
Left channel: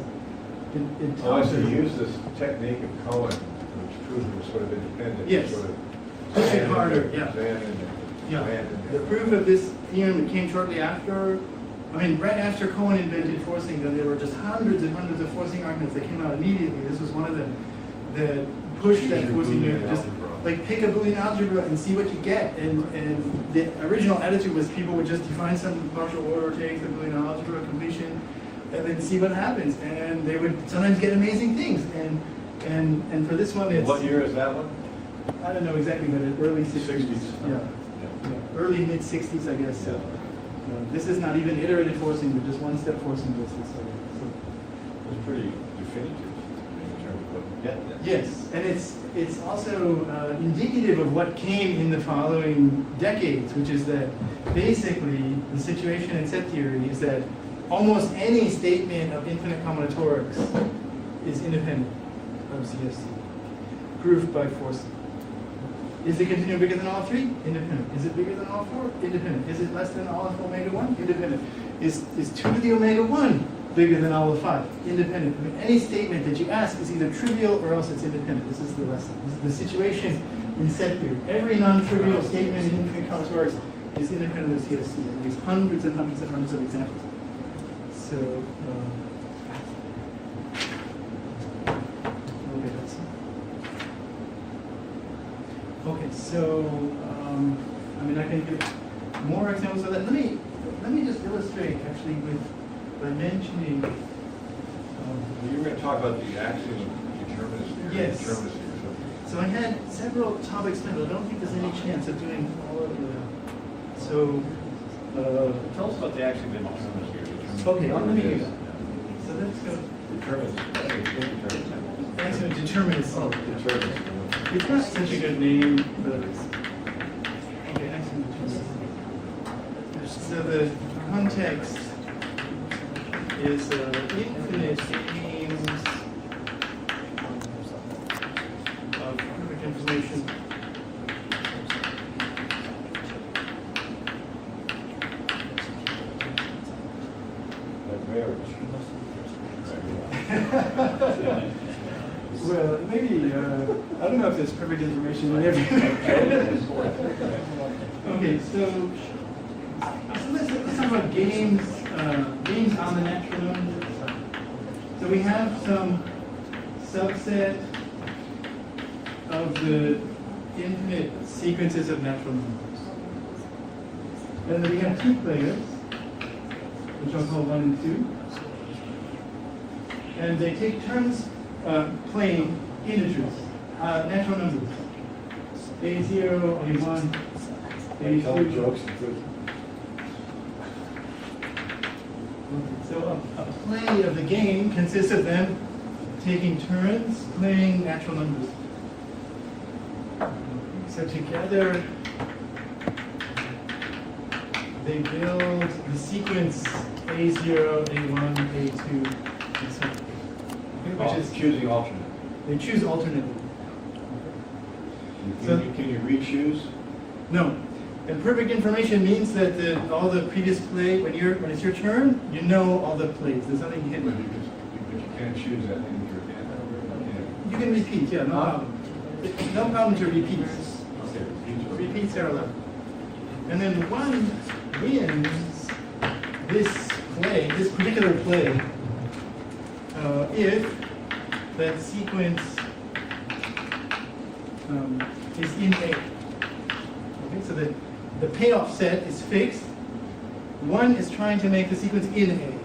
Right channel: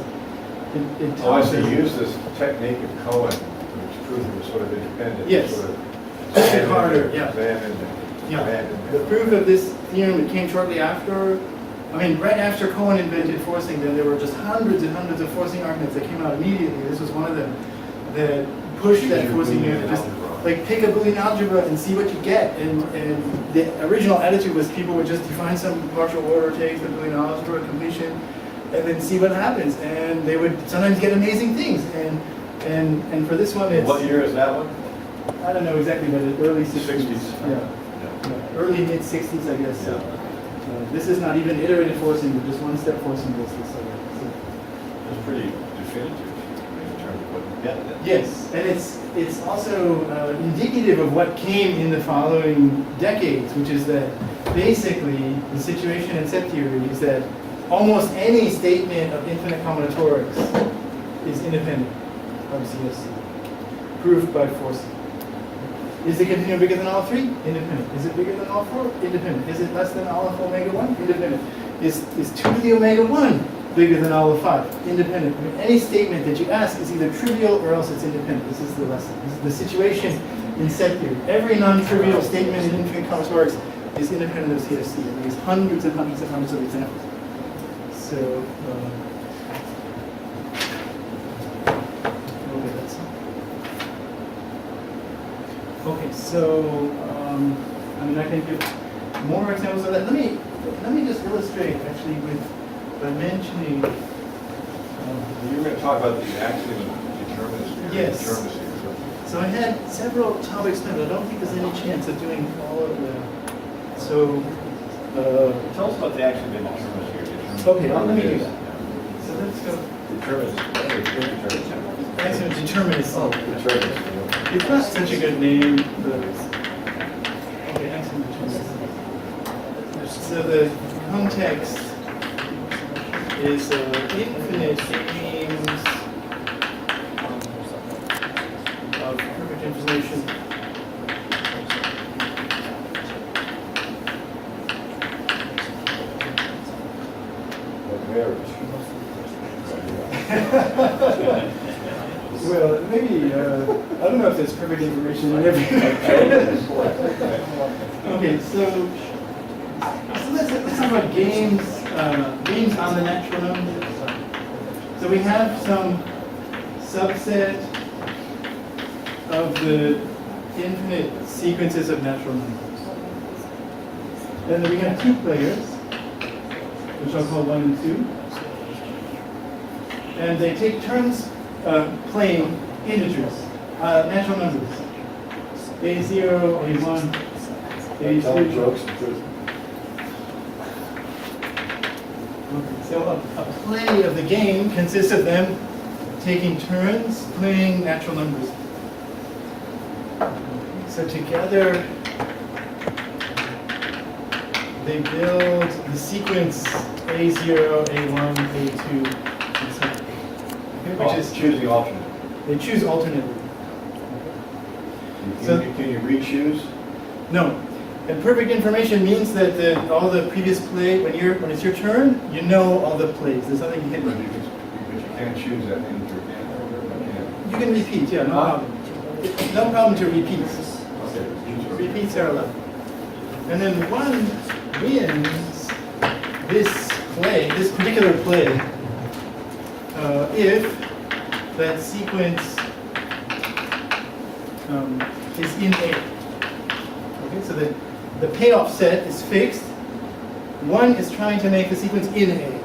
it tells us. You use this technique of Cohen, which proved it was sort of independent. Yes. Sort of It's harder, yeah. Yeah. The proof of this theorem, it came shortly after, right after Cohen invented forcing, then there were just hundreds and hundreds of forcing arguments that came out immediately. This was one of them that pushed that forcing theorem. Just like pick a Boolean algebra and see what you get. And the original attitude was people would just define some partial order, take the Boolean algebra completion, and then see what happens. And they would sometimes get amazing things. And for this one, it's What year is that one? I don't know exactly, but in early 60s. 60s. Yeah. Early mid 60s, I guess. Yeah. This is not even iterative forcing, but just one step forcing goes this way. It's pretty definitive in terms of what you get then. Yes, and it's also indicative of what came in the following decades, which is that basically the situation in set theory is that almost any statement of infinite combinatorics is independent of CFC, proved by forcing. Is the continuum bigger than all 3? Independent. Is it bigger than all 4? Independent. Is it less than all of omega 1? Independent. Is 2 to the omega 1 bigger than all of 5? Independent. Any statement that you ask is either trivial or else it's independent. This is the lesson. This is the situation in set theory. Every non-trivial statement in infinite combinatorics is independent of CFC. And there's hundreds and hundreds and hundreds of examples. So, okay, that's okay. So, I mean, I can give more examples of that. Let me just illustrate actually by mentioning. You were going to talk about the axiom of determinacy. Yes. Determinacy or something. So I had several topics planned, but I don't think there's any chance of doing all of them. So, Tell us about the axiom of determinacy. okay, let me do that. So let's go. Determinacy. Axiom of determinacy. Determinacy. It's not such a good name, but okay, axiom of determinacy. So the context is infinite games of perfect information. Well, maybe, I don't know if there's perfect information in every. Okay, so let's talk about games, games on the natural numbers. So we have some subset of the infinite sequences of natural numbers. And then we have two players, which I'll call 1 and 2. And they take turns playing integers, natural numbers. A0, A1, A2. So a play of the game consists of them taking turns playing natural numbers. So together, they build the sequence A0, A1, A2, and so on. Which is choosing alternate. They choose alternately. Can you re-choose? No. And perfect information means that all the previous play, when it's your turn, you know all the plays. There's nothing But hidden. you can't choose that integer again. You can repeat, yeah, no problem. No problem to repeat. Okay. Repeats are allowed. And then one wins this play, this particular play, if that sequence is in A. Okay, so the payoff set is fixed. 1 is trying to make the sequence in A,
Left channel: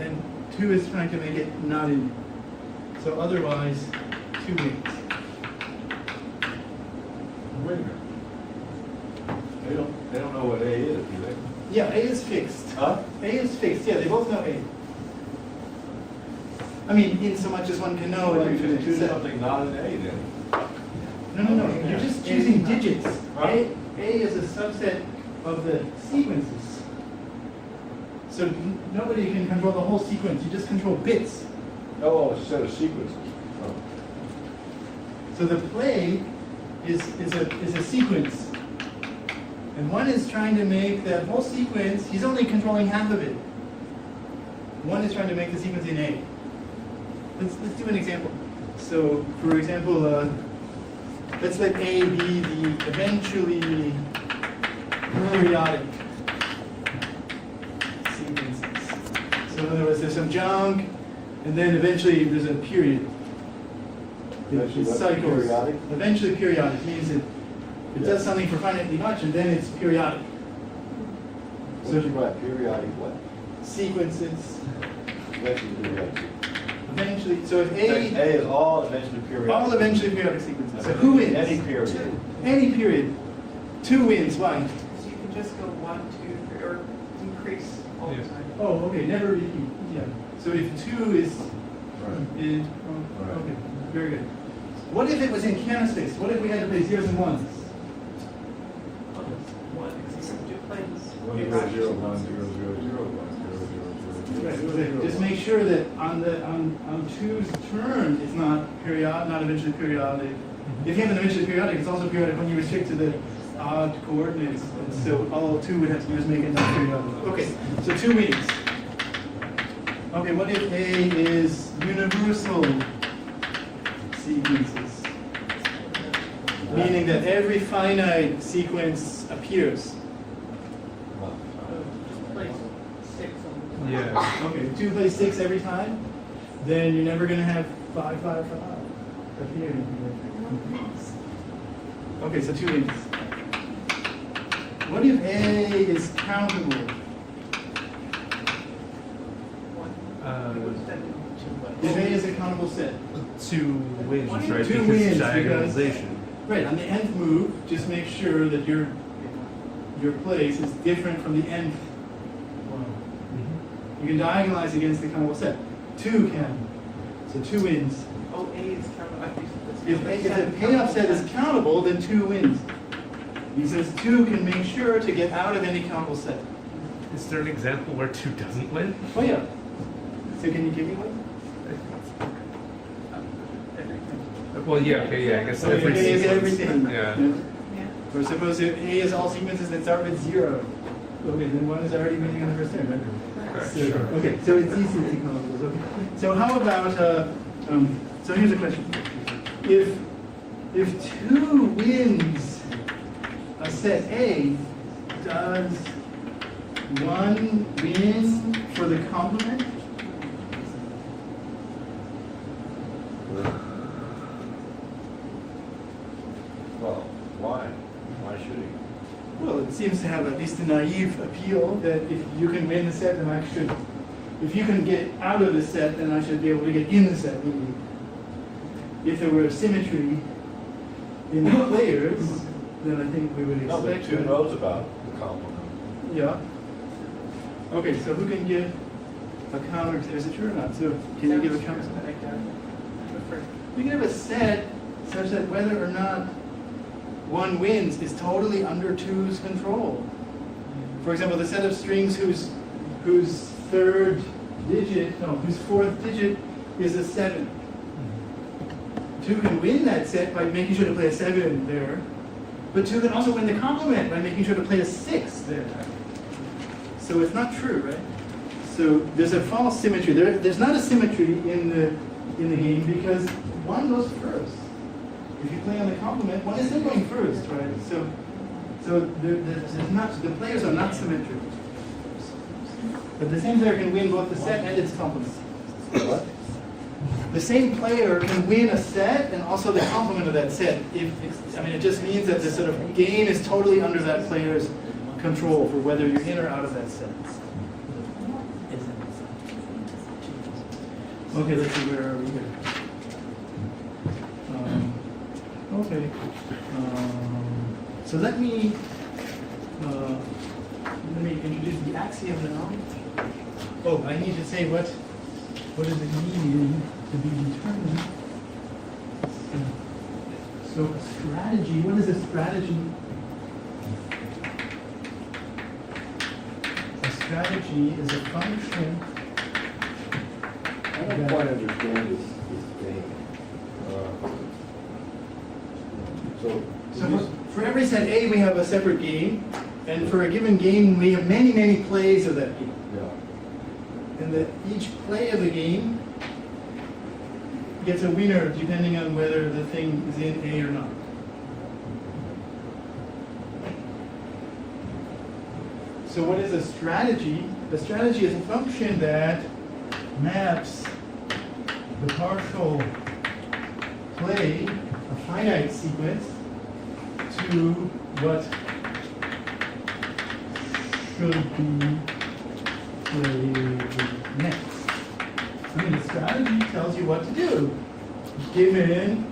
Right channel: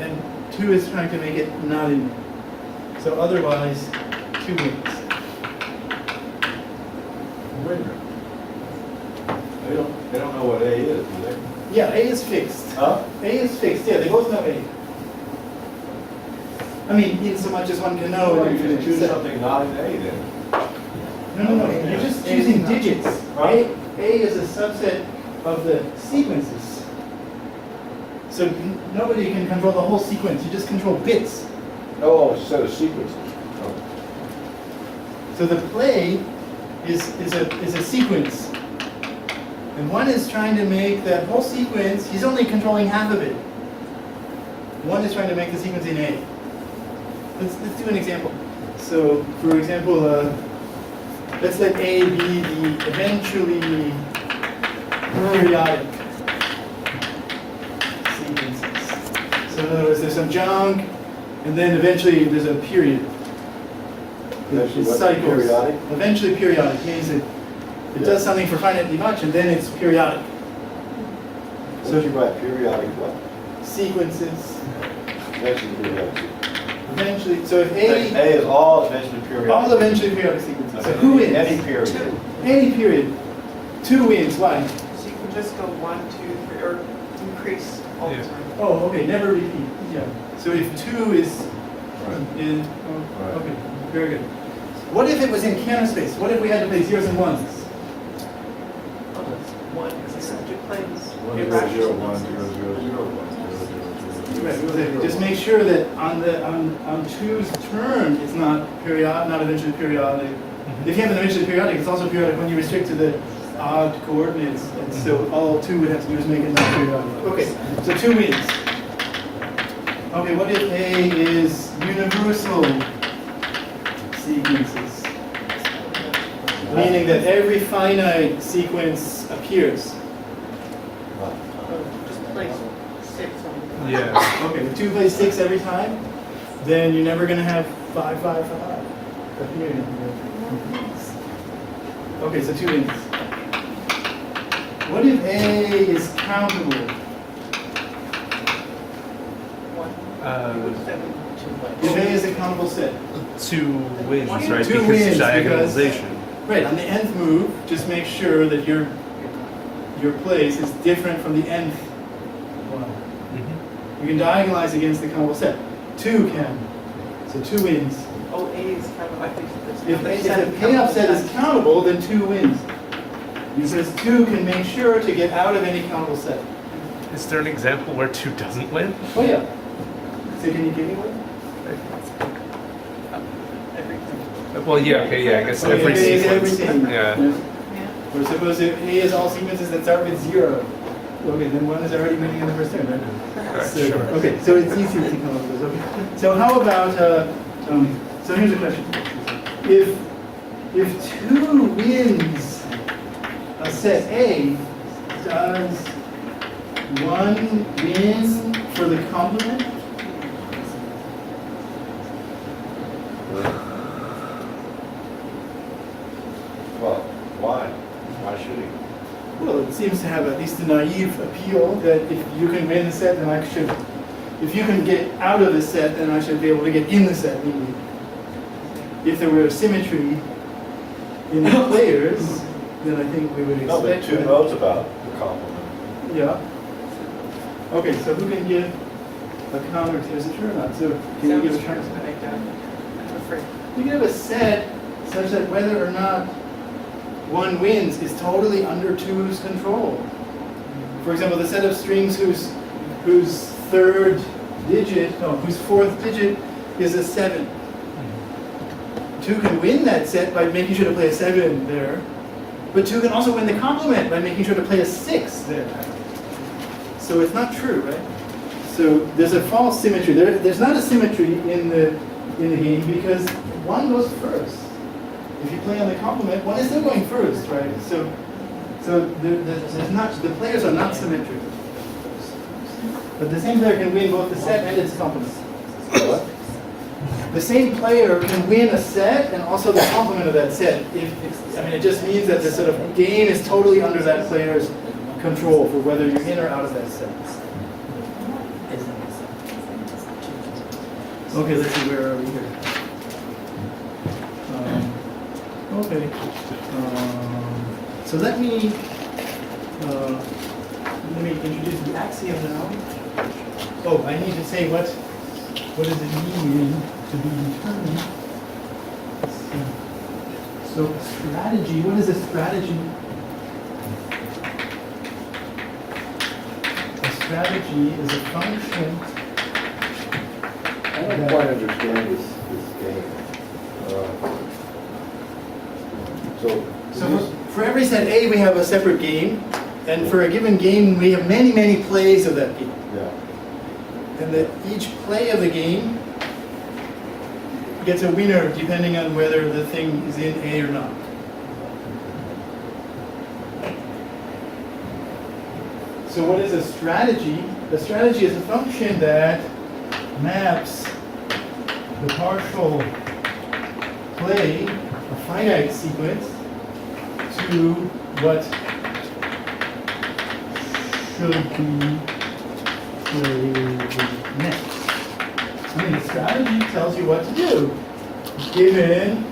and 2 is trying to make it not in A. So otherwise, 2 wins. They don't know what A is, do they? Yeah, A is fixed. Huh? A is fixed. Yeah, they both know A. I mean, in so much as one can know. Well, you infinite just choose set. something not in A then. No. You're just choosing digits. A is a subset of the sequences. So nobody can control the whole sequence. You just control bits. Oh, it's a set of sequences. So the play is a sequence. And 1 is trying to make that whole sequence, he's only controlling half of it. 1 is trying to make the sequence in A. Let's do an example. So, for example, let's let A be the eventually periodic sequences. So in other words, there's some junk, and then eventually there's a period. Eventually It what's cycles. periodic? Eventually periodic means it does something for finitely much, and then it's periodic. So you write periodic what? Sequences. Eventually periodic. Eventually, so if A A, is all eventually periodic. all eventually periodic sequences. So who wins? Any period. Any period. 2 wins. Why? So you can just go 1, 2, 3, or increase all the Yeah. time. Oh, okay. Never repeat. Yeah. So if 2 is Right. Right. okay, very good. What if it was in Cantor space? What if we had to play zeros and ones? Oh, that's 1 is a subject plays. 1, 0, 0, 1, 0, 0, 0, 1, 0, 0, 0, 0. Right. Well, just make sure that on 2's turn, it's not eventually periodic. If you have an eventually periodic, it's also periodic when you restrict to the odd coordinates. And so all 2 would have to do is make it not periodic. Okay, so 2 wins. Okay, what if A is universal sequences? Meaning that every finite sequence appears. 6 on. Yeah. Okay, if 2 plays 6 every time, then you're never going to have 5, 5, 5. Up here. Okay, so 2 wins. What if A is countable? If A is a countable set? 2 wins, right? 2 Because wins because, diagonalization. right, on the nth move, just make sure that your place is different from the nth one. Mhm. You can diagonalize against the countable set. 2 can. So 2 wins. Oh, A is kind of, I think If the payoff set is countable, then 2 wins. Because 2 can make sure to get out of any countable set. Is there an example where 2 doesn't win? Oh yeah. So can you give me one? everything. Well, yeah, okay, yeah, I guess So if every A is sequence. everything. Yeah. Yeah. Or suppose if A is all sequences that start with 0. Okay, then 1 is already winning in the first turn, right? So, okay, so it's easy to come up with those. Okay. So how about, so here's a question. If 2 wins a set A, does 1 win for the complement? Well, why? Why should he? Well, it seems to have at least a naive appeal that if you can win the set, then I should. If you can get out of the set, then I should be able to get in the set. Maybe. If there were a symmetry in the players, then I think we would No, but expect. 2 knows about the complement. Yeah. Okay, so who can give a counter? Is it true or not? So can you give a counter? I'm afraid. You can have a set such that whether or not 1 wins is totally under 2's control. For example, the set of strings whose 4th digit is a 7. 2 can win that set by making sure to play a 7 there, but 2 can also win the complement by making sure to play a 6 there. So it's not true, right? So there's a false symmetry. There's not a symmetry in the game because 1 goes first. If you play on the complement, 1 is still going first, right? So there's not, the players are not symmetric. But the same player can win both the set and its complement. What? The same player can win a set and also the complement of that set. It just means that the sort of game is totally under that player's control for whether you're in or out of that set. Okay, let's see, where are we here? Okay. So let me introduce the axiom now. Oh, I need to say what does it mean to be determined? So a strategy, what is a strategy? A strategy is a function. I don't quite understand this game. So for every set A, we have a separate game, and for a given game, we have many, many plays of that game. Yeah. And that each play of the game gets a winner depending on whether the thing is in A or not. So what is a strategy? A strategy is a function that maps the partial play, a finite sequence, to what should be played next. So the strategy tells you what to do, given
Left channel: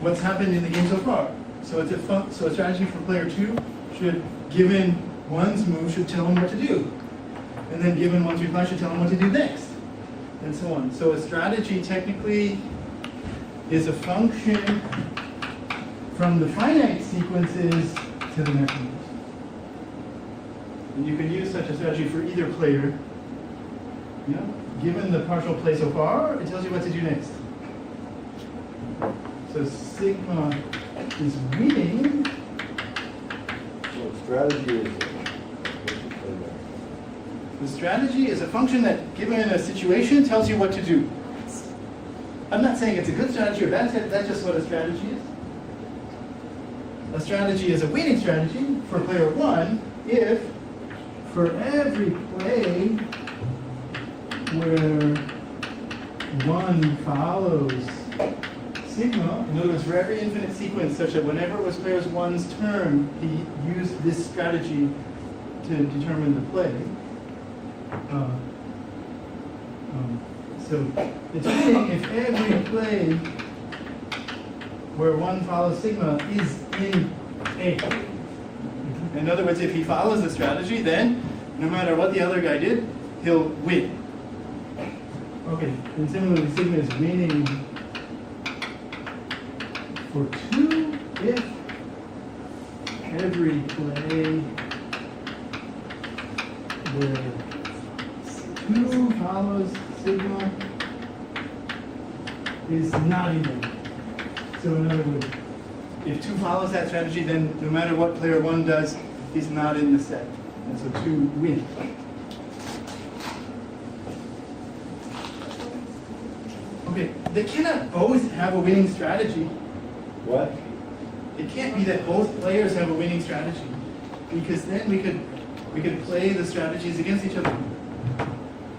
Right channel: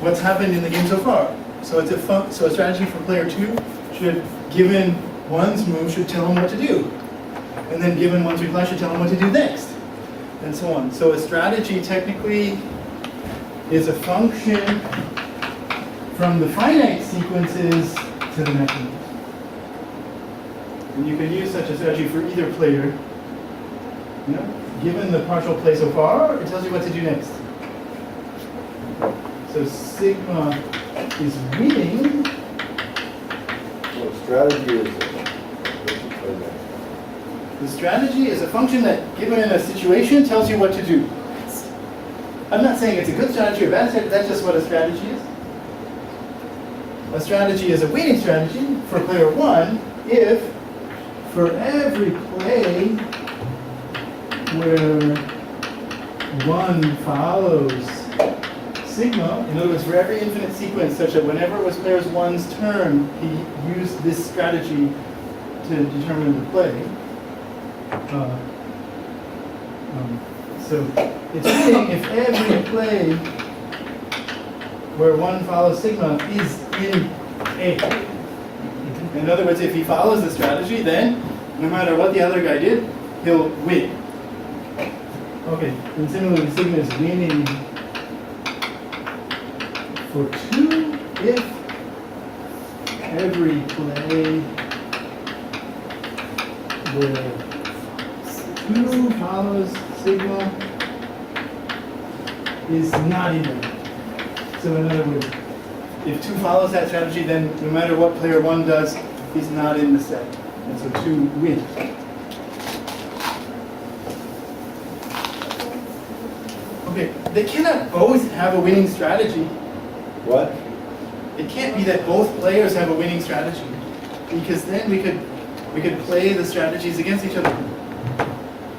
what's happened in the game so far. So it's so a strategy for player 2 should, given 1's move, should tell him what to do. And then given 1's reply, should tell him what to do next. And so on. So a strategy technically is a function from the finite sequences to the next move. And you can use such a strategy for either player. You know, given the partial play so far, it tells you what to do next. So sigma is winning. So strategy is what you play next. The strategy is a function that, given in a situation, tells you what to do. I'm not saying it's a good strategy or bad strategy, that's just what a strategy is. A strategy is a winning strategy for player 1 if, for every play where one follows sigma, in other words, for every infinite sequence such that whenever it was player one's turn, he used this strategy to determine the play. So it's saying if every play where one follows sigma is in A. In other words, if he follows the strategy, then no matter what the other guy did, he'll win. Okay, and similarly, sigma is winning for 2 if every play where 2 follows sigma is not in there. So in other words, if 2 follows that strategy, then no matter what player 1 does, he's not in the set. And so 2 wins. Okay, they cannot both have a winning strategy. What? It can't be that both players have a winning strategy, because then we could play the strategies against each other.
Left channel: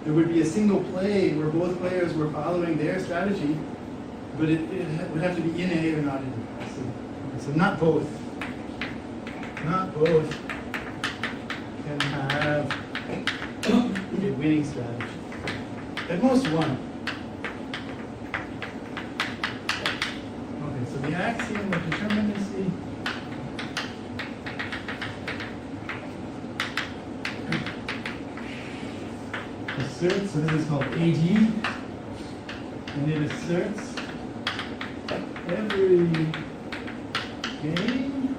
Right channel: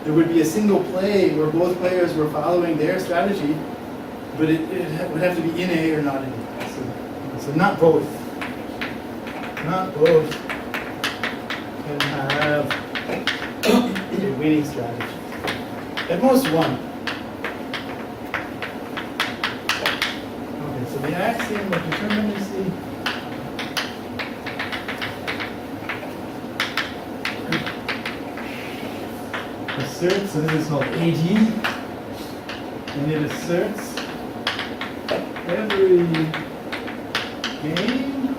There would be a single play where both players were following their strategy, but it would have to be in A or not in A. So not both. Not both can have a winning strategy. At most one. Okay, so the axiom of determinacy asserts, so this is called AD, and it asserts every game,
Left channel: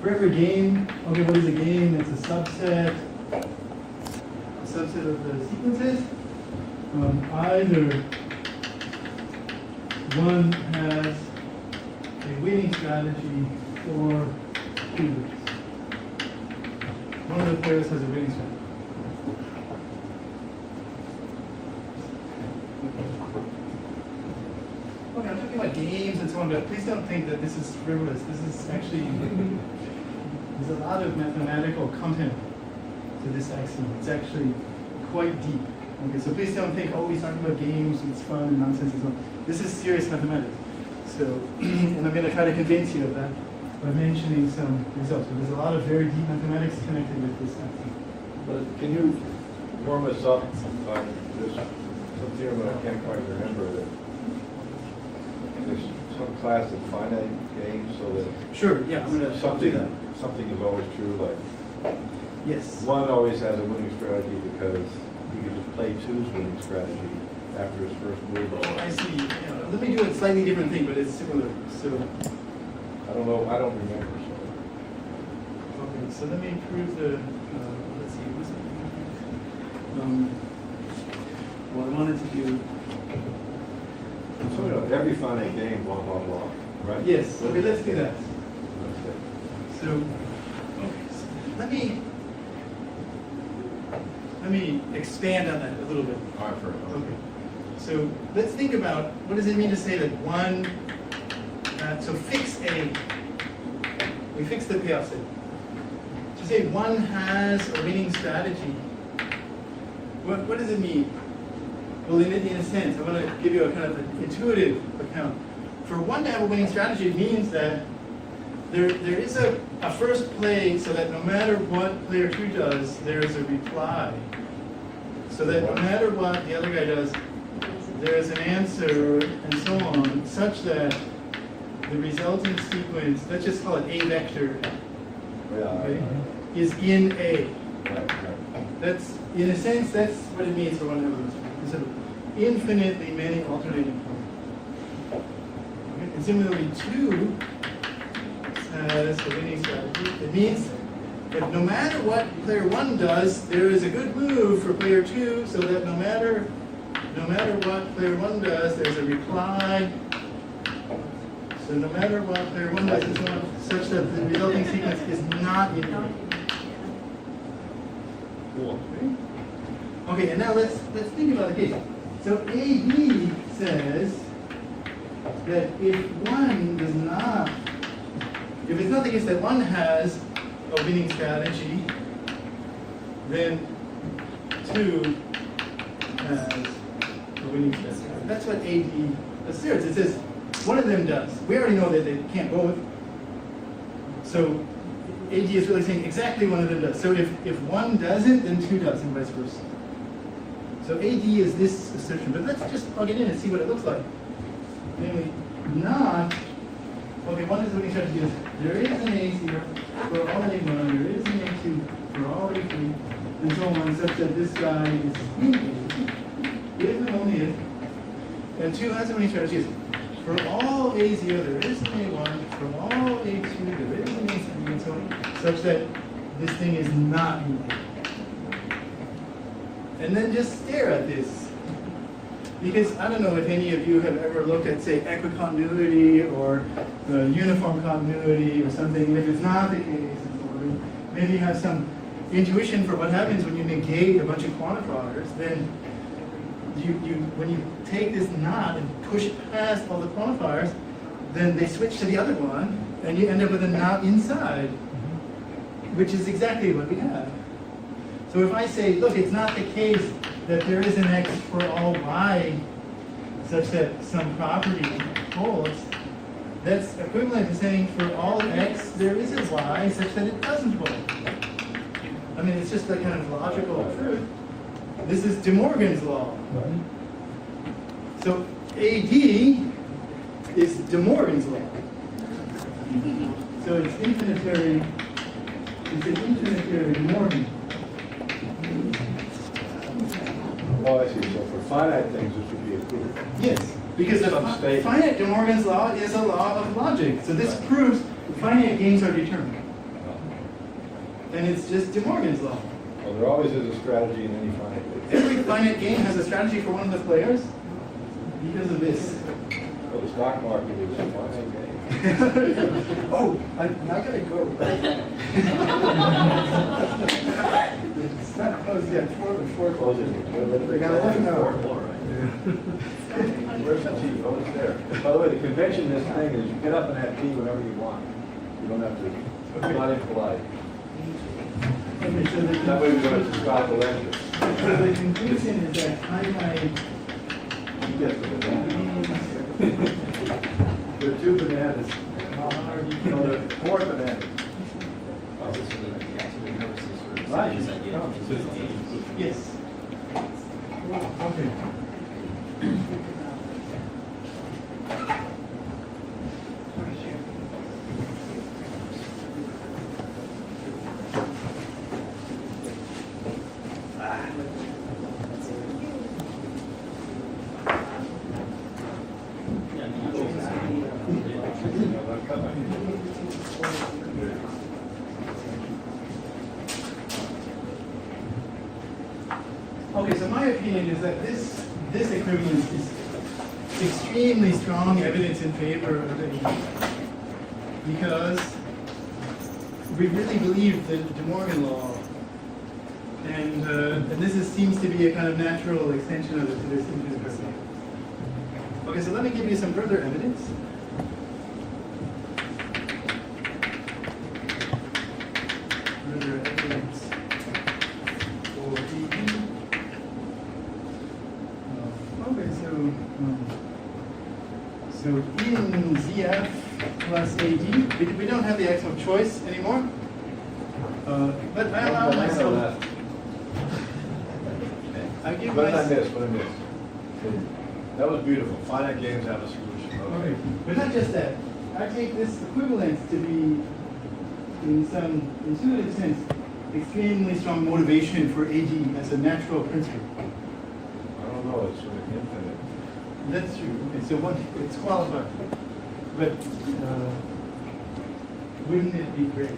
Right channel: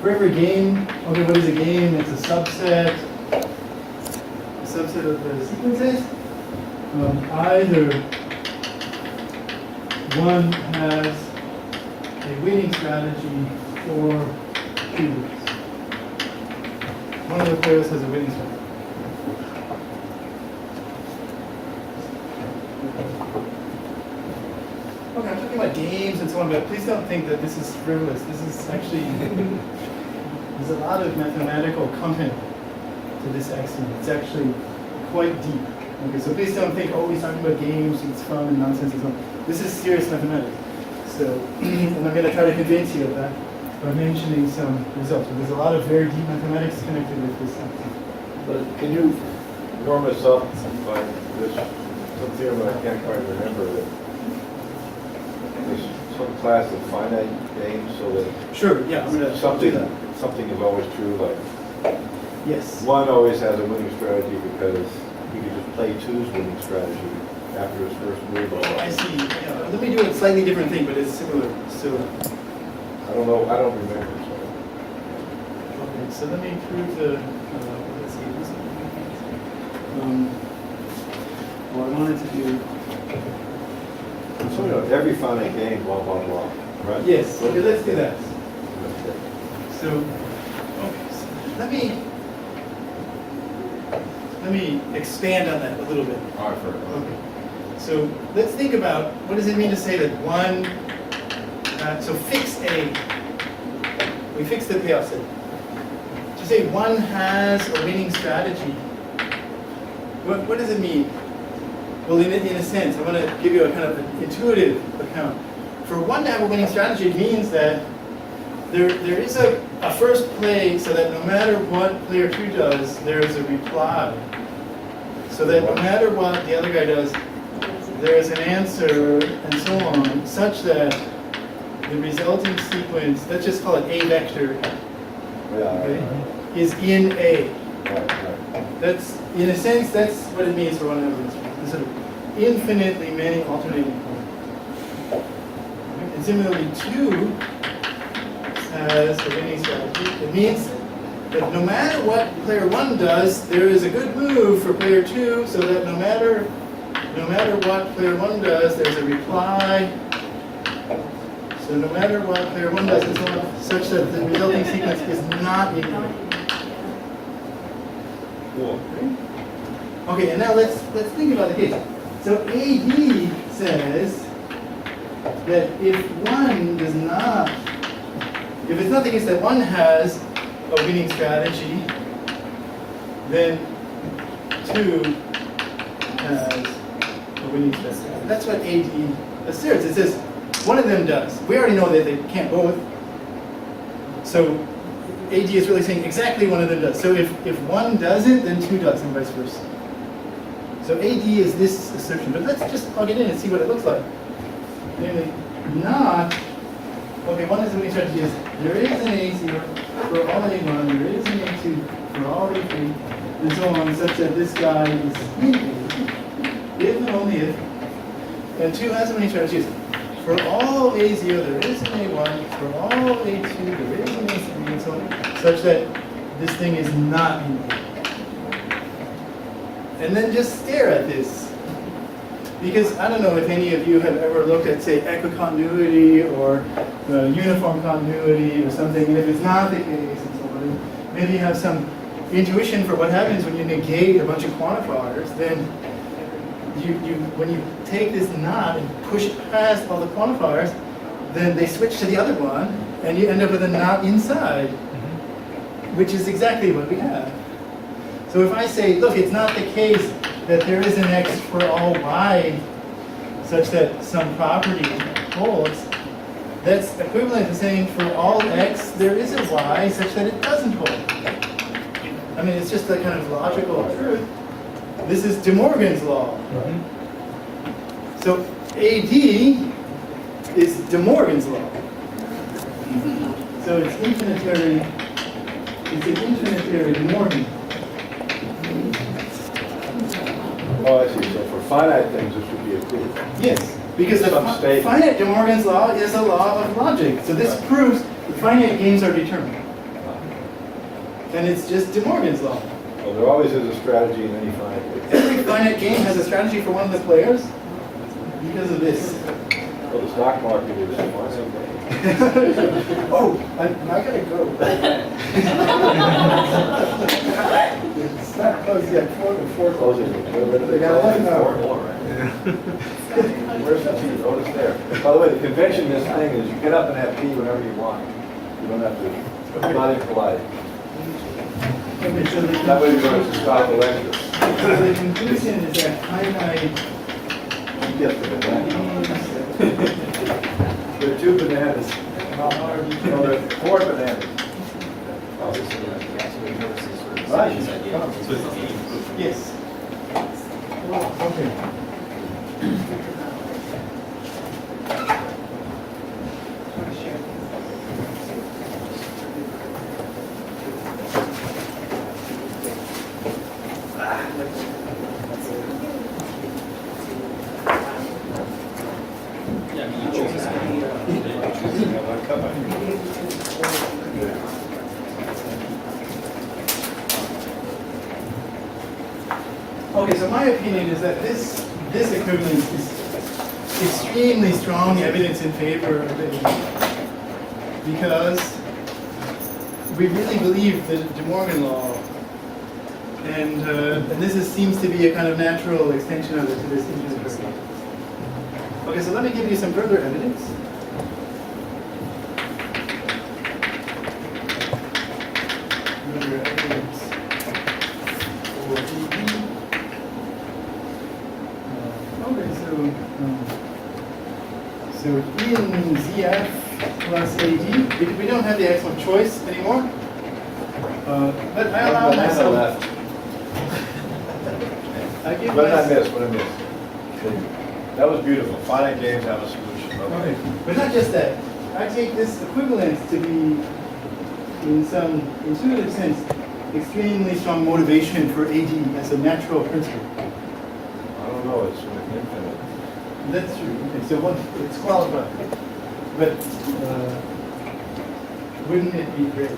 for every game, okay, what is a game? It's a subset of the sequences. Either one has a winning strategy or two. One of the players has a winning strategy. Okay, I'm talking about games and so on, but please don't think that this is frivolous. This is actually, there's a lot of mathematical content to this axiom. It's actually quite deep. Okay, so please don't think, oh, he's talking about games, it's fun and nonsense and so on. This is serious mathematics. So, and I'm going to try to convince you of that by mentioning some results. But there's a lot of very deep mathematics connected with this axiom. But can you warm us up by this, some theorem I can't quite remember, that there's some class of finite games so that Sure, yeah, I'm going to do that. something is always true, like Yes. one always has a winning strategy because he could just play two's winning strategy after his first move. I see. Yeah, let me do a slightly different thing, but it's similar. So, I don't know, I don't remember, sorry. okay, so let me prove the, let's see. Well, I wanted to do, So, you know, every finite game, blah, blah, blah, right? yes, okay, let's do that. Okay. So, okay, so let me expand on that a little bit. All right, fair enough. Okay. So let's think about, what does it mean to say that one, so fix A, we fix the payoff set. To say one has a winning strategy, what does it mean? Well, in a sense, I want to give you a kind of an intuitive account. For one to have a winning strategy, it means that there is a first play so that no matter what player 2 does, there is a reply. So that no matter what the other guy does, there is an answer and so on, such that the resulting sequence, let's just call it A vector, Yeah, okay, is in A. right. That's, in a sense, that's what it means for one to have a winning strategy. There's sort of infinitely many alternating points. Okay? And similarly, 2 has a winning strategy. It means that no matter what player 1 does, there is a good move for player 2, so that no matter what player 1 does, there's a reply. So no matter what player 1 does, and so on, such that the resulting sequence is not in A. Cool. Okay, and now let's think about the case. So AD says that if one does not, if it's not the case that one has a winning strategy, then 2 has a winning strategy. That's what AD asserts. It says one of them does. We already know that they can't both. So AD is really saying exactly one of them does. So if one doesn't, then 2 does, and vice versa. So AD is this assertion, but let's just plug it in and see what it looks like. Namely, not, okay, one is the winning strategy is there is an A0 for all A1, there is an A2 for all A3, and so on, such that this guy is in A, if and only if. And 2 has the winning strategy is for all A0, there is an A1, for all A2, there is an A3, and so on, such that this thing is not in A. And then just stare at this. Because I don't know if any of you have ever looked at, say, equicontinuity or uniform continuity or something, and if it's not the case, and so on, maybe you have some intuition for what happens when you negate a bunch of quantifiers, then when you take this not and push it past all the quantifiers, then they switch to the other one, and you end up with a not inside, which is exactly what we have. So if I say, look, it's not the case that there is an x for all y such that some property holds, that's equivalent to saying for all x there is a y such that it doesn't hold. I mean, it's just a kind of logical truth. This is De Morgan's law. So AD is De Morgan's law. So it's infinitary, it's an infinitary De Morgan. Oh, I see. So for finite things, this would be a proof. Yes, because the Some state. finite De Morgan's law is a law of logic. So this proves finite games are determined. And it's just De Morgan's law. Well, there always is a strategy in any finite game. Every finite game has a strategy for one of the players because of this. Well, the stock market is a finite game. Oh, I gotta go. It's not closed yet. Four Closing. What do they They got call it? 11 hours. Where's the seat? Oh, it's there. By the way, the convention in this thing is you get up and have tea whenever you want. You don't have to, it's not impolite. Okay, so That way you don't have to stop the lecture. the conclusion is that finite You get the banana. There are 2 bananas. No, there are 4 bananas. Oh, so the axiomatic purposes sort of Right. this idea of yes. Okay. Okay, so my opinion is that this equivalence is extremely strong evidence in favor of it because we really believe the De Morgan law, and this seems to be a kind of natural extension of it to this infinite circle. Okay, so let me give you some further evidence. Further evidence for AD. Okay, so in ZF plus AD, we don't have the axiom of choice anymore, but I allow myself. I give What did I myself. miss? What did I miss? That was beautiful. Finite games have a solution. Okay, but not just that. I take this equivalence to be, in some intuitive sense, extremely strong motivation for AD as a natural principle. I don't know. It's sort of infinite. That's true. Okay, so it's qualified. But wouldn't it be great?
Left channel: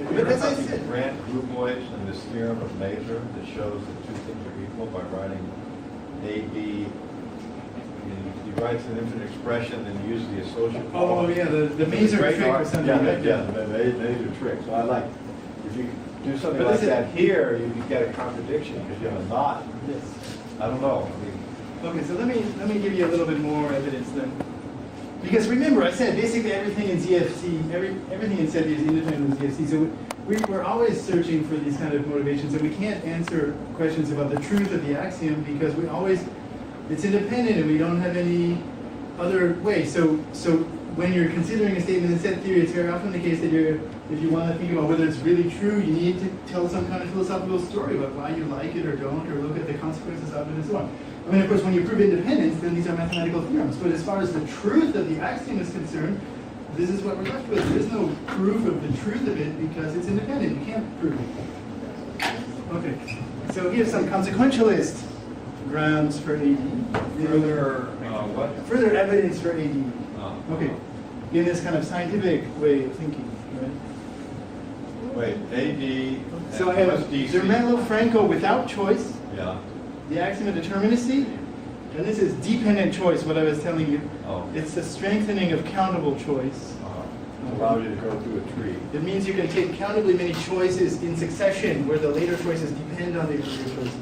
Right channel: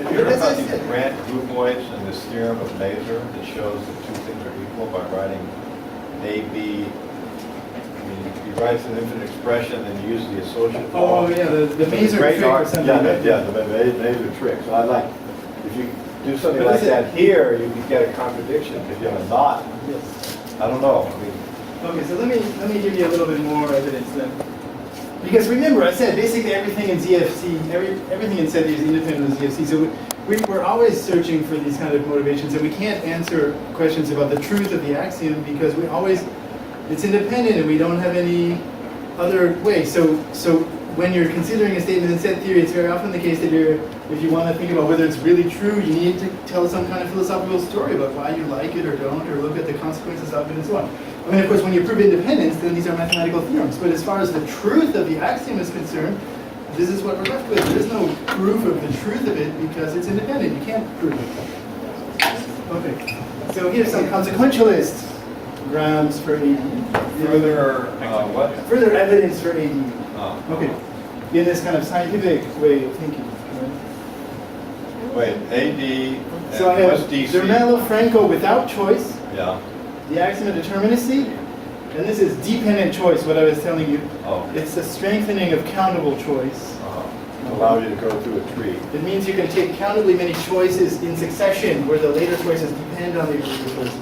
Have you heard about the Grant groupoids and this theorem of Mazur that shows that 2 things are equal by writing A, B? I mean, he writes an infinite expression and he uses the associate Oh law. yeah, the Mazur Great trick or art. something. Yeah, right? the Mazur trick. So I like, if you do something But like is it- that here, you could get a contradiction because you have a knot. Yes. I don't know. I mean, Okay, so let me give you a little bit more evidence then. Because remember, I said basically everything in ZFC, everything in set theory is independent of ZFC. So we're always searching for these kind of motivations, and we can't answer questions about the truth of the axiom because it's independent and we don't have any other way. So when you're considering a statement in set theory, it's very often the case that if you want to think about whether it's really true, you need to tell some kind of philosophical story about why you like it or don't, or look at the consequences of it and so on. I mean, of course, when you prove independence, then these are mathematical theorems. But as far as the truth of the axiom is concerned, this is what we're left with. There is no proof of the truth of it because it's independent. You can't prove it. Okay. So here's some consequentialist grounds for AD. Further, what? Further evidence for AD. Okay. Oh. In this kind of scientific way of thinking. Right? Wait, AD, So I and have what's DC? Zermelo-Franco without choice, Yeah. the axiom of determinacy, and this is dependent choice, what I was telling you. Oh. It's the strengthening of countable choice. To allow you to go through a tree. It means you can take countably many choices in succession where the later choices depend on the earlier choices.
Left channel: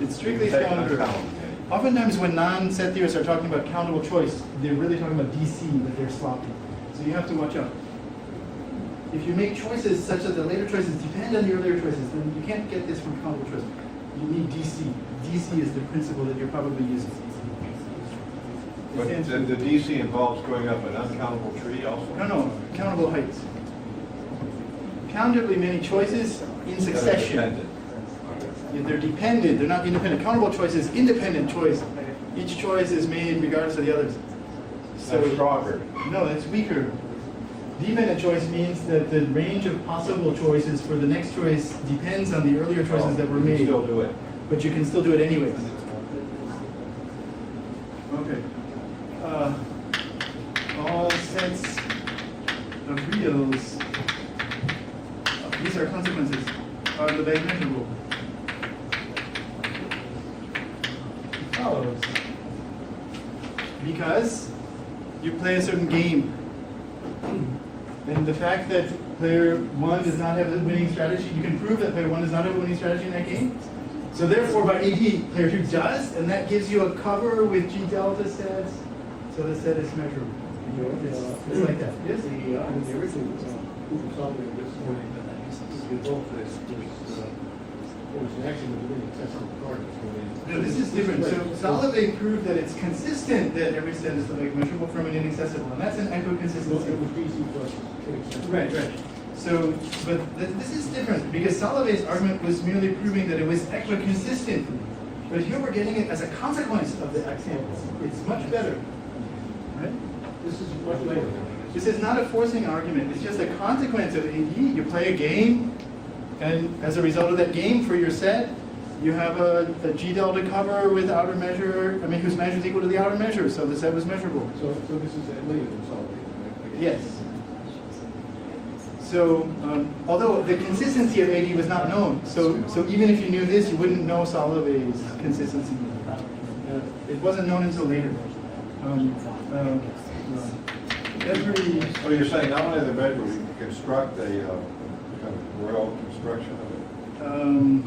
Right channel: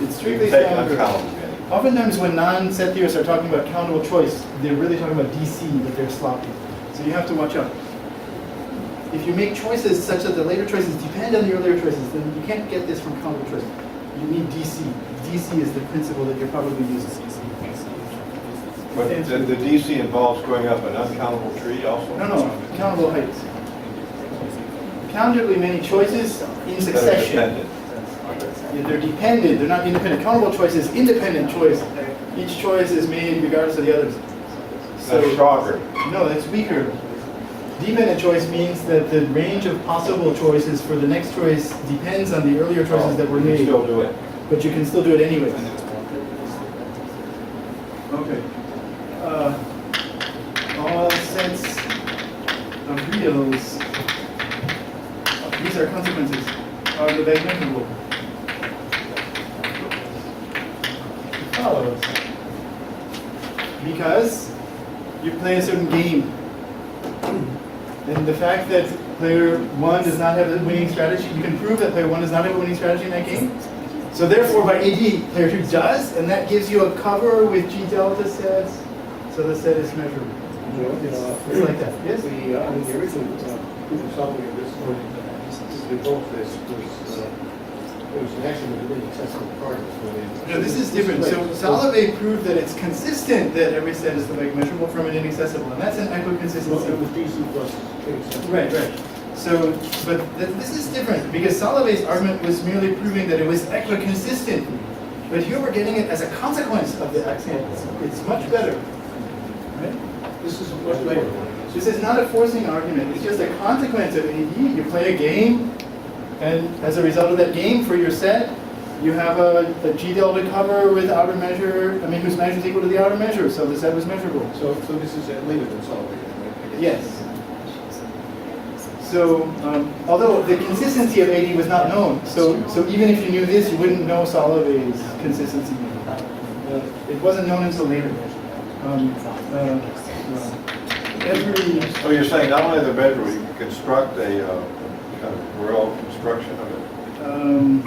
It's strictly Take stronger. uncountable. Oftentimes when non-set theorists are talking about countable choice, they're really talking about DC, but they're sloppy. So you have to watch out. If you make choices such that the later choices depend on the earlier choices, then you can't get this from countable choice. You need DC. DC is the principle that you're probably using. But the DC involves going up an uncountable tree also? No, countable heights. Countably many choices in That are succession. dependent. Yeah, they're dependent, they're not independent. Countable choice is independent choice. Each choice is made regardless of the others. That's stronger. No, that's weaker. Dependent choice means that the range of possible choices for the next choice depends on the earlier choices that were You can made. still do it. But you can still do it anyway. Okay. All sets of reals, these are consequences, are Lebesgue measurable. Follows. Because you play a certain game. And the fact that player 1 does not have a winning strategy, you can prove that player 1 does not have a winning strategy in that game. So therefore, by AD, player 2 does, and that gives you a cover with G delta sets, so the set is measurable. It's like that. Yes? The original proof of solving of this the both this was an axiom of the accessible cardinals. No, this is different. So Soloway proved that it's consistent that every set is Lebesgue measurable from an inaccessible, and that's an Well, equiconsistency. it was DC plus inaccessible. Right. So, but this is different because Soloway's argument was merely proving that it was equiconsistent. But here we're getting it as a consequence of the axiom. It's much better. Right? This is a much later. This is not a forcing argument. It's just a consequence of AD. You play a game, and as a result of that game for your set, you have a G delta cover with outer measure, whose measure is equal to the outer measure, so the set was measurable. So this is later than solving. Yes. So, although the consistency of AD was not known, so even if you knew this, you wouldn't know Soloway's consistency. It wasn't known until later. So you're saying not only the measure, you can construct a kind of Borel construction of it?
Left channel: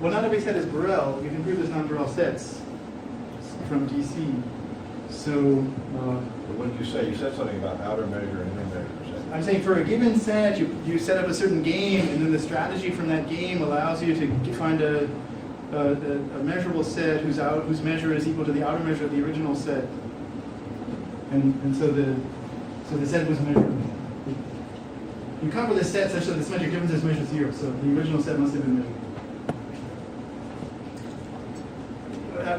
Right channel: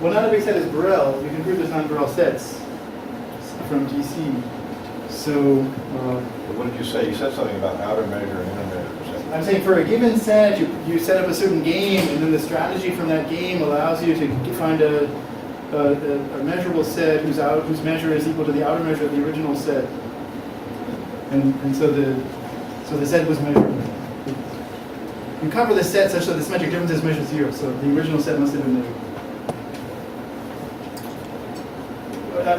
Well, not every set is Borel. You can prove there's non-Borel sets from DC. So, What did you say? You said something about outer measure and inner measure. I'm saying for a given set, you set up a certain game, and then the strategy from that game allows you to find a measurable set whose measure is equal to the outer measure of the original set. And so the set was measurable. You cover the set such that the symmetric difference is measure 0, so the original set must have been measured.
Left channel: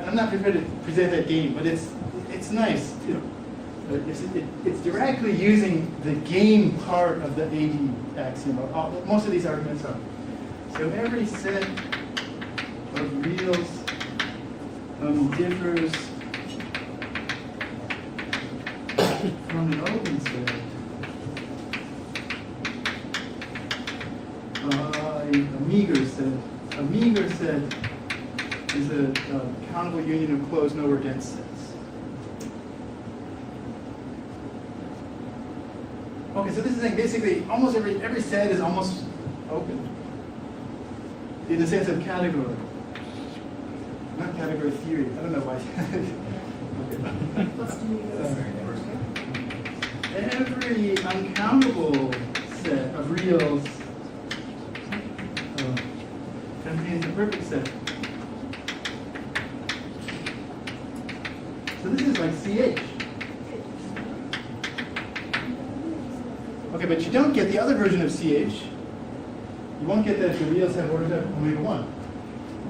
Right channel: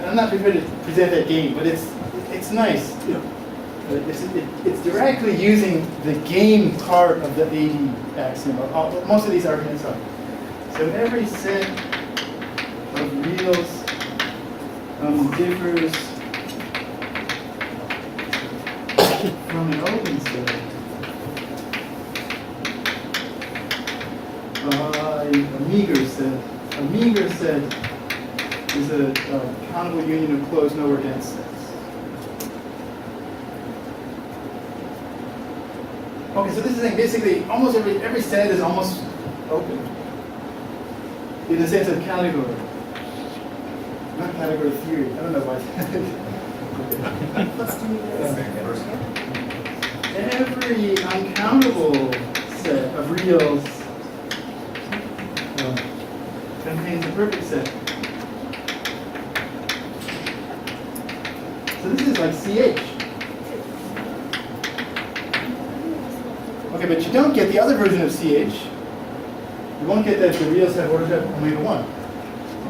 I'm not prepared to present that game, but it's nice. It's directly using the game part of the AD axiom. Most of these arguments are. So every set of reals differs from an open set by a meager set. A meager set is a countable union of closed nowhere dense sets. Okay, so this is saying basically almost every set is almost open in the sense of category, not category theory. I don't know why. Plus 2 meters. every uncountable set of reals contains a perfect set. So this is like CH. Okay, but you don't get the other version of CH. You won't get that the reals have order type omega 1.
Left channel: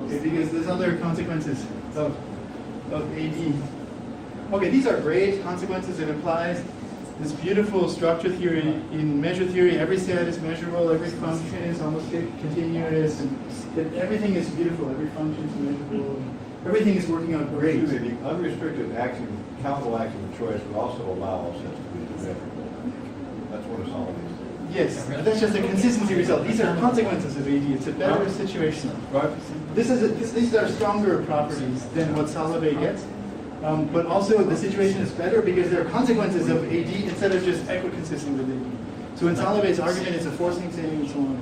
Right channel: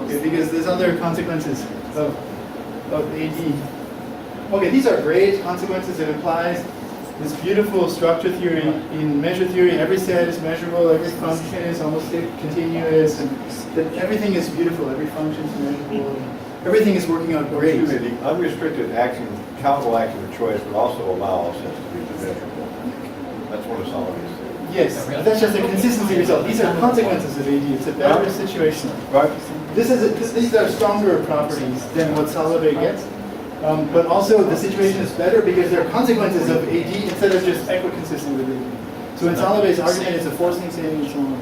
Okay, because there's other consequences of AD. Okay, these are great consequences. It implies this beautiful structure theory. In measure theory, every set is measurable, every function is almost continuous, and that everything is beautiful, every function is measurable, everything is working out great. Excuse me, the unrestricted axiom, countable axiom of choice would also allow all sets to be divisible. That's one of Solomon's theories. Yes, but that's just a consistency result. These are consequences of AD. It's a better situation. Right? These are stronger properties than what Soloway gets. But also the situation is better because there are consequences of AD instead of just equiconsistent with AD. So in Soloway's argument, it's a forcing saying and so on.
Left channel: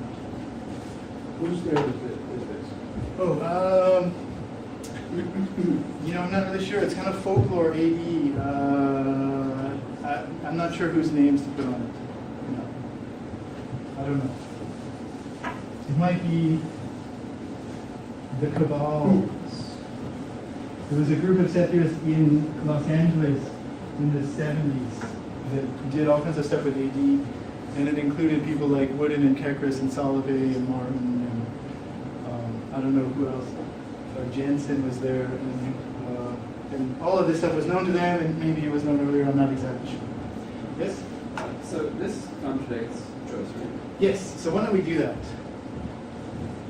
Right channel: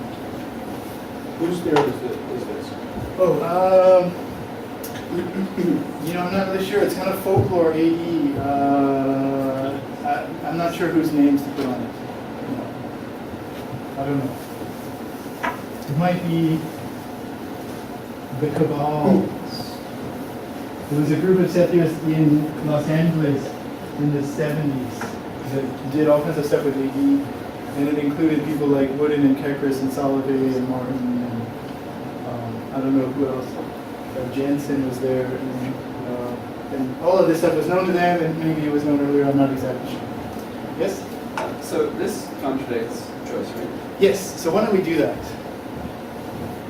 Whose theory is this? Oh, you know, I'm not really sure. It's kind of folklore AE. I'm not sure whose names to put on it. No. I don't know. It might be the Cabal. There was a group of set-theorists in Los Angeles in the 70s that did all kinds of stuff with AD, and it included people like Wooden and Kekris and Soloway and Martin and I don't know who else. Jensen was there, and all of this stuff was known to them, and maybe it was known earlier. I'm not exactly sure. Yes. So this contradicts choice, right? Yes. So why don't we do that?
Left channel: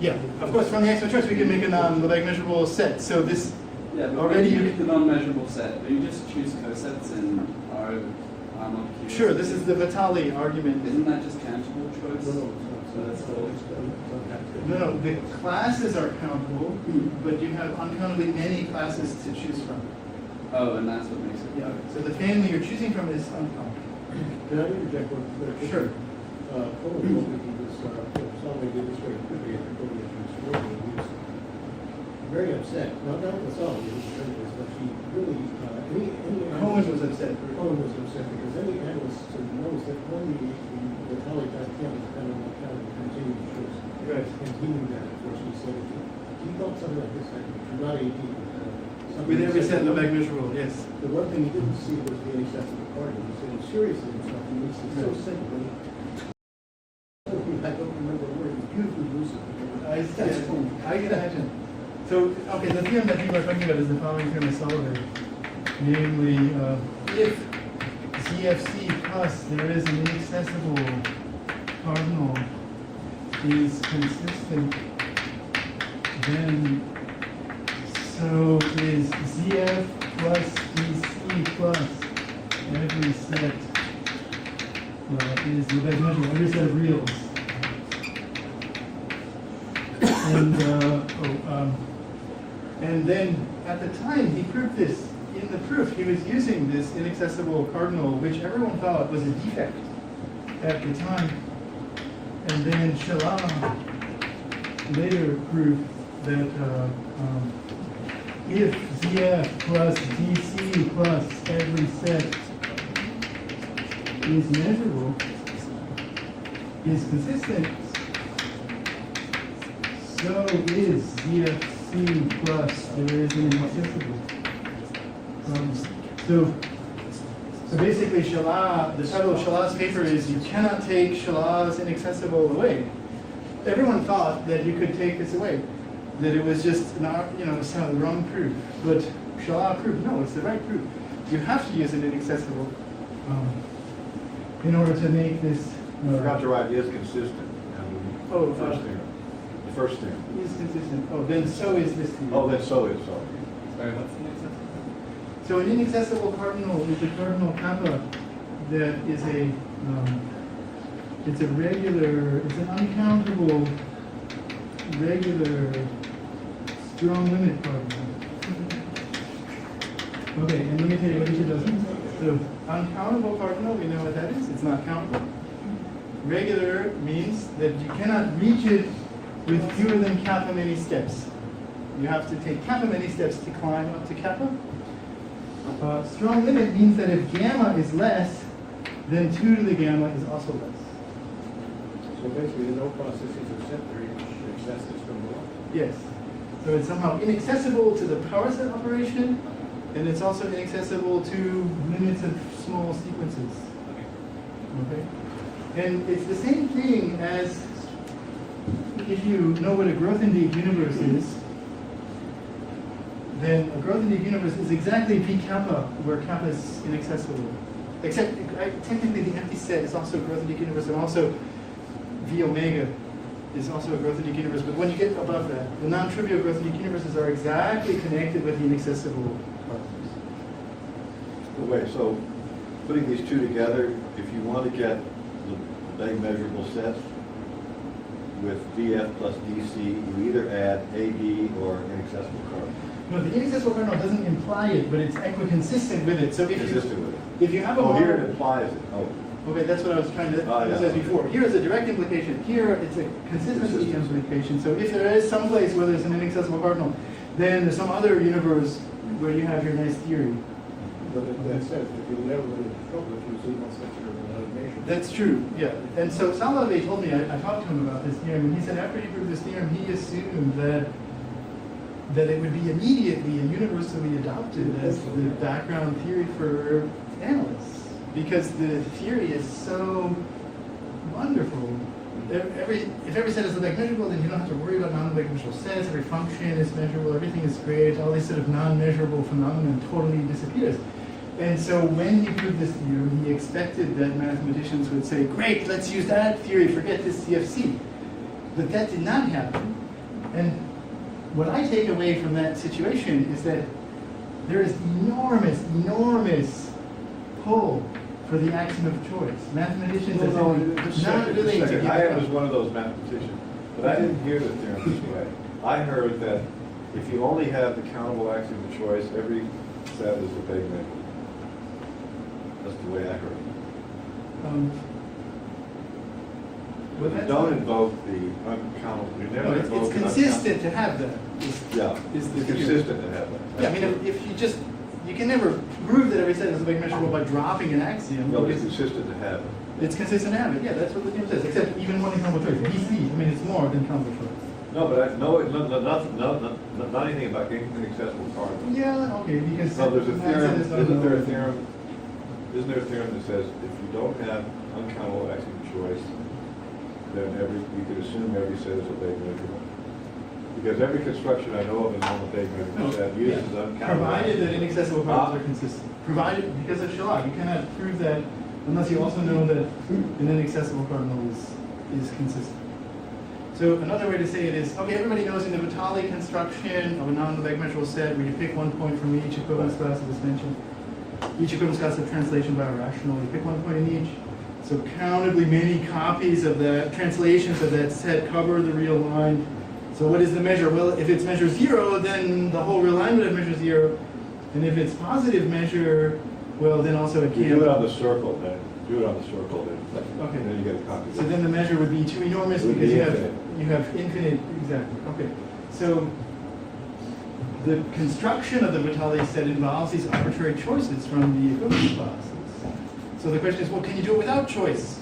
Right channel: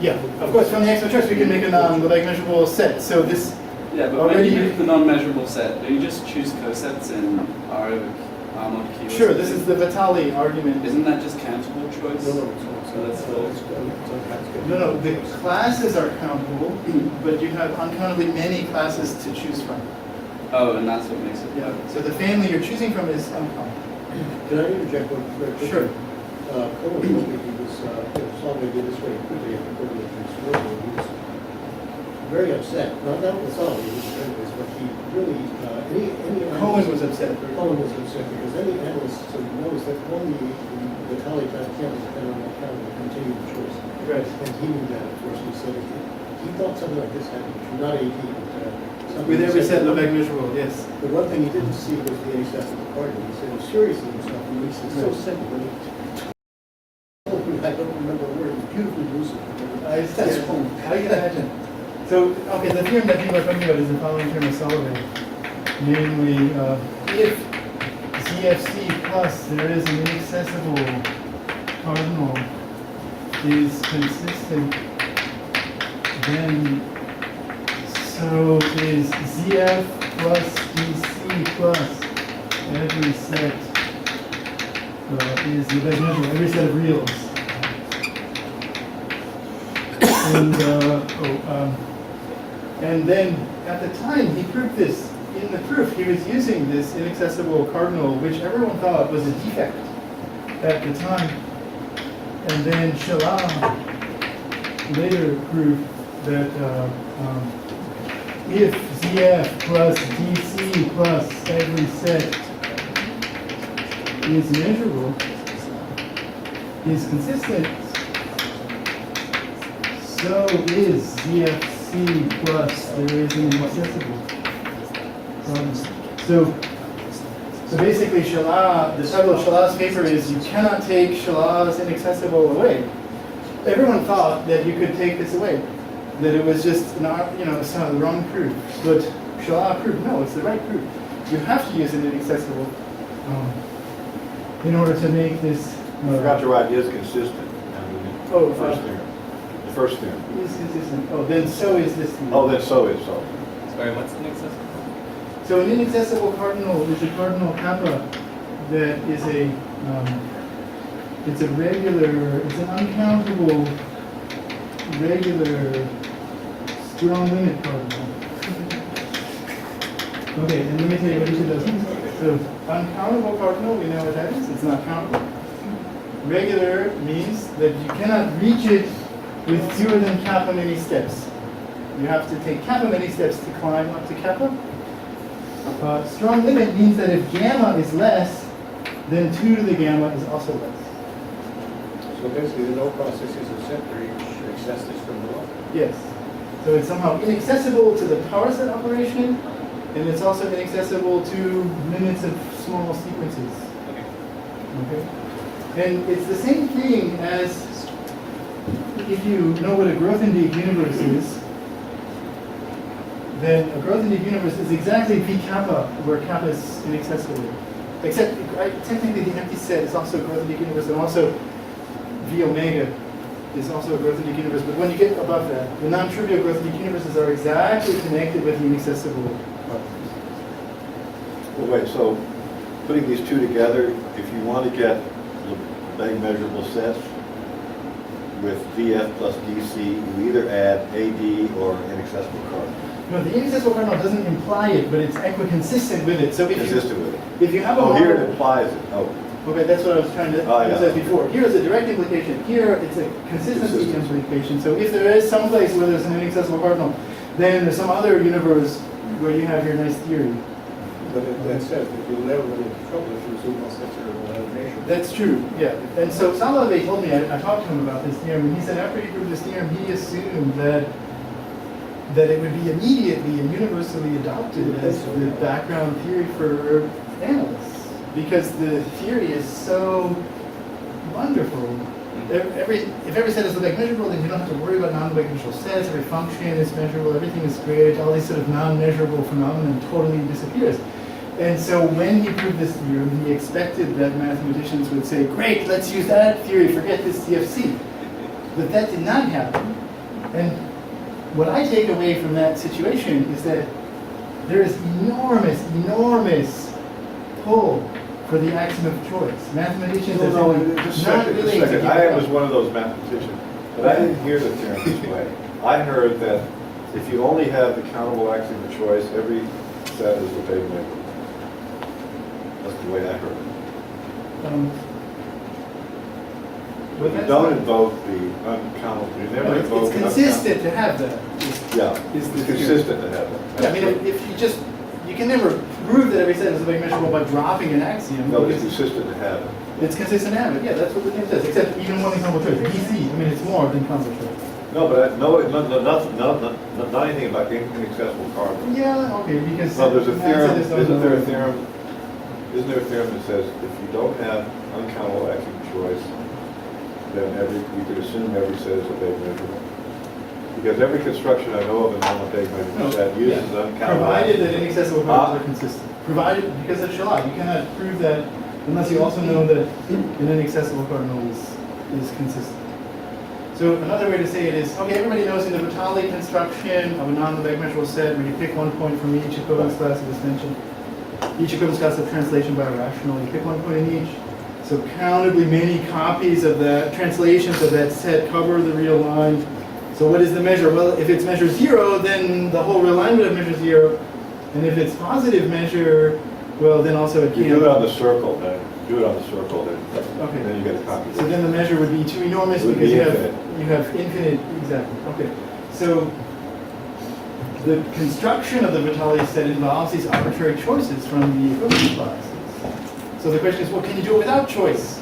Yeah. Of course, from the axiom of choice, we can make a Lebesgue measurable set. So this. Yeah, but already when you make the non-measurable set, do you just choose cosets in R of Q? Sure. This is the Vitali argument. Isn't that just countable choice? No, it's not. So that's still. No, the classes are countable, but you have uncountably many classes to choose from. Oh, and that's what makes it. Yeah. So the family you're choosing from is uncountable. Can I interject one very quickly? Sure. Cohen told me he was, Solomon did this very quickly after putting it in his work, and he was very upset. Not with Solomon, he was very upset, but he really, any Cohen was upset. Cohen was upset because any analyst knows that when the college can't depend on that kind of continued choice. Right. And he knew that, of course, he said he thought something like this happened, not AD, but something. With every he said- set Lebesgue measurable, yes. The one thing he didn't see was the excess of the cardinal. He said, seriously, himself, and he said, so simple. And I don't remember the word, it's beautifully lucid. That's cool. I can imagine. So, okay, the theorem that people are talking about is the following theorem of Soloway. Namely, if ZFC plus there is an inaccessible cardinal is consistent, then so is ZF plus DC plus every set is Lebesgue measurable, every set of reals. And then at the time he proved this. In the proof, he was using this inaccessible cardinal, which everyone thought was a defect at the time. And then Shalom later proved that if ZF plus DC plus every set is measurable, is consistent, so is ZFC plus there is an inaccessible. So basically, the title of Shalah's paper is "You cannot take Shalah's inaccessible away." Everyone thought that you could take this away, that it was just it's not the wrong proof. But Shalah proved no, it's the right proof. You have to use an inaccessible in order to make this. I forgot to write is consistent. Oh, first theorem. The first theorem. Is consistent. Oh, then so is this theorem. Oh, then so is so. Sorry, what's the next one? So an inaccessible cardinal is a cardinal kappa that is it's a regular, it's an uncountable, regular, strong limit cardinal. Okay, and let me tell you what each of those means. So uncountable cardinal, we know what that is, it's not countable. Regular means that you cannot reach it with fewer than kappa many steps. You have to take kappa many steps to climb up to kappa. Strong limit means that if gamma is less then 2 to the gamma is also less. So basically, the no process is a set theory which accepts this from below. Yes. So it's somehow inaccessible to the power set operation, and it's also inaccessible to limits of small sequences. Okay? And it's the same thing as if you know what a growth-indeed universe is, then a growth-indeed universe is exactly P kappa, where kappa is inaccessible. Except, technically, the empty set is also a growth-indeed universe, and also V omega is also a growth-indeed universe. But when you get above that, the non-trivial growth-indeed universes are exactly connected with the inaccessible properties. Well, wait, so putting these two together, if you want to get Lebesgue measurable sets with VF plus DC, you either add AD or inaccessible cardinal. No, the inaccessible cardinal doesn't imply it, but it's equiconsistent with it. So if Consistent with it. if you have a Oh, here it model- implies it. Oh, Okay, that's what I was trying to Oh, yeah. emphasize before. Here is a direct implication. Here it's a consistency Consistency. implication. So if there is some place where there's an inaccessible cardinal, then there's some other universe where you have your nice theory. But that says that you'll never run into trouble if you assume all sets are of one nation. That's true, yeah. And so Salave told me, I talked to him about this theorem, and he said after he proved this theorem, he assumed that it would be immediately and universally adopted as the background theory for analysts. Because the theory is so wonderful. If every set is Lebesgue measurable, then you don't have to worry about non-Lebesgue measurable sets. Every function is measurable. Everything is great. All these sort of non-measurable phenomena totally disappears. And so when he proved this theorem, he expected that mathematicians would say, great, let's use that theory, forget this CFC. But that did not happen. And what I take away from that situation is that there is enormous pull for the axiom of choice. Mathematicians have been just a not second, willing just a to second. give I up. was one of those mathematicians, but I didn't hear the theorem this way. I heard that if you only have the countable axiom of choice, every set is Lebesgue measurable. That's the way I heard it. Well, You that's don't not- invoke the uncountable. You No, never it's invoke the consistent to have that. Yeah, is the it's theory. consistent to have that. Yeah, I mean, if you can never prove that every set is Lebesgue measurable by dropping an axiom. No, it's because consistent to have it. it's consistent to have it. Yeah, that's what the theorem says. Except even one countable choice, DC. I mean, it's more than countable choice. No, but not anything about inaccessible cardinals. Yeah, okay, because No, there's a Matt theorem, said there's no- isn't there a theorem that says if you don't have uncountable axiom of choice, then you could assume every set is Lebesgue measurable? Because every construction I know of in non-Lebesgue measurable set uses uncountable. Provided that axiom. inaccessible cardinals are consistent. Provided, because of Shalat, you cannot prove that unless you also know that an inaccessible cardinal is consistent. So another way to say it is, okay, everybody knows in the Vitali construction of a non-Lebesgue measurable set, where you pick one point from each equivalence class of extension, each equivalence class of translation by a rational, you pick one point in each. So countably many copies of that, translations of that set cover the real line. So what is the measure? Well, if it's measure 0, then the whole real line would have measure 0. And if it's positive measure, well, then also it You can't. do it on the circle, then. Do it on the circle, then. Okay. Then you get a copy. So then the measure would be too enormous It would because be you have infinite, exactly. Okay. So the construction of the Vitali set involves these arbitrary choices from the equivalence classes. So the question is, well, can you do it without choice?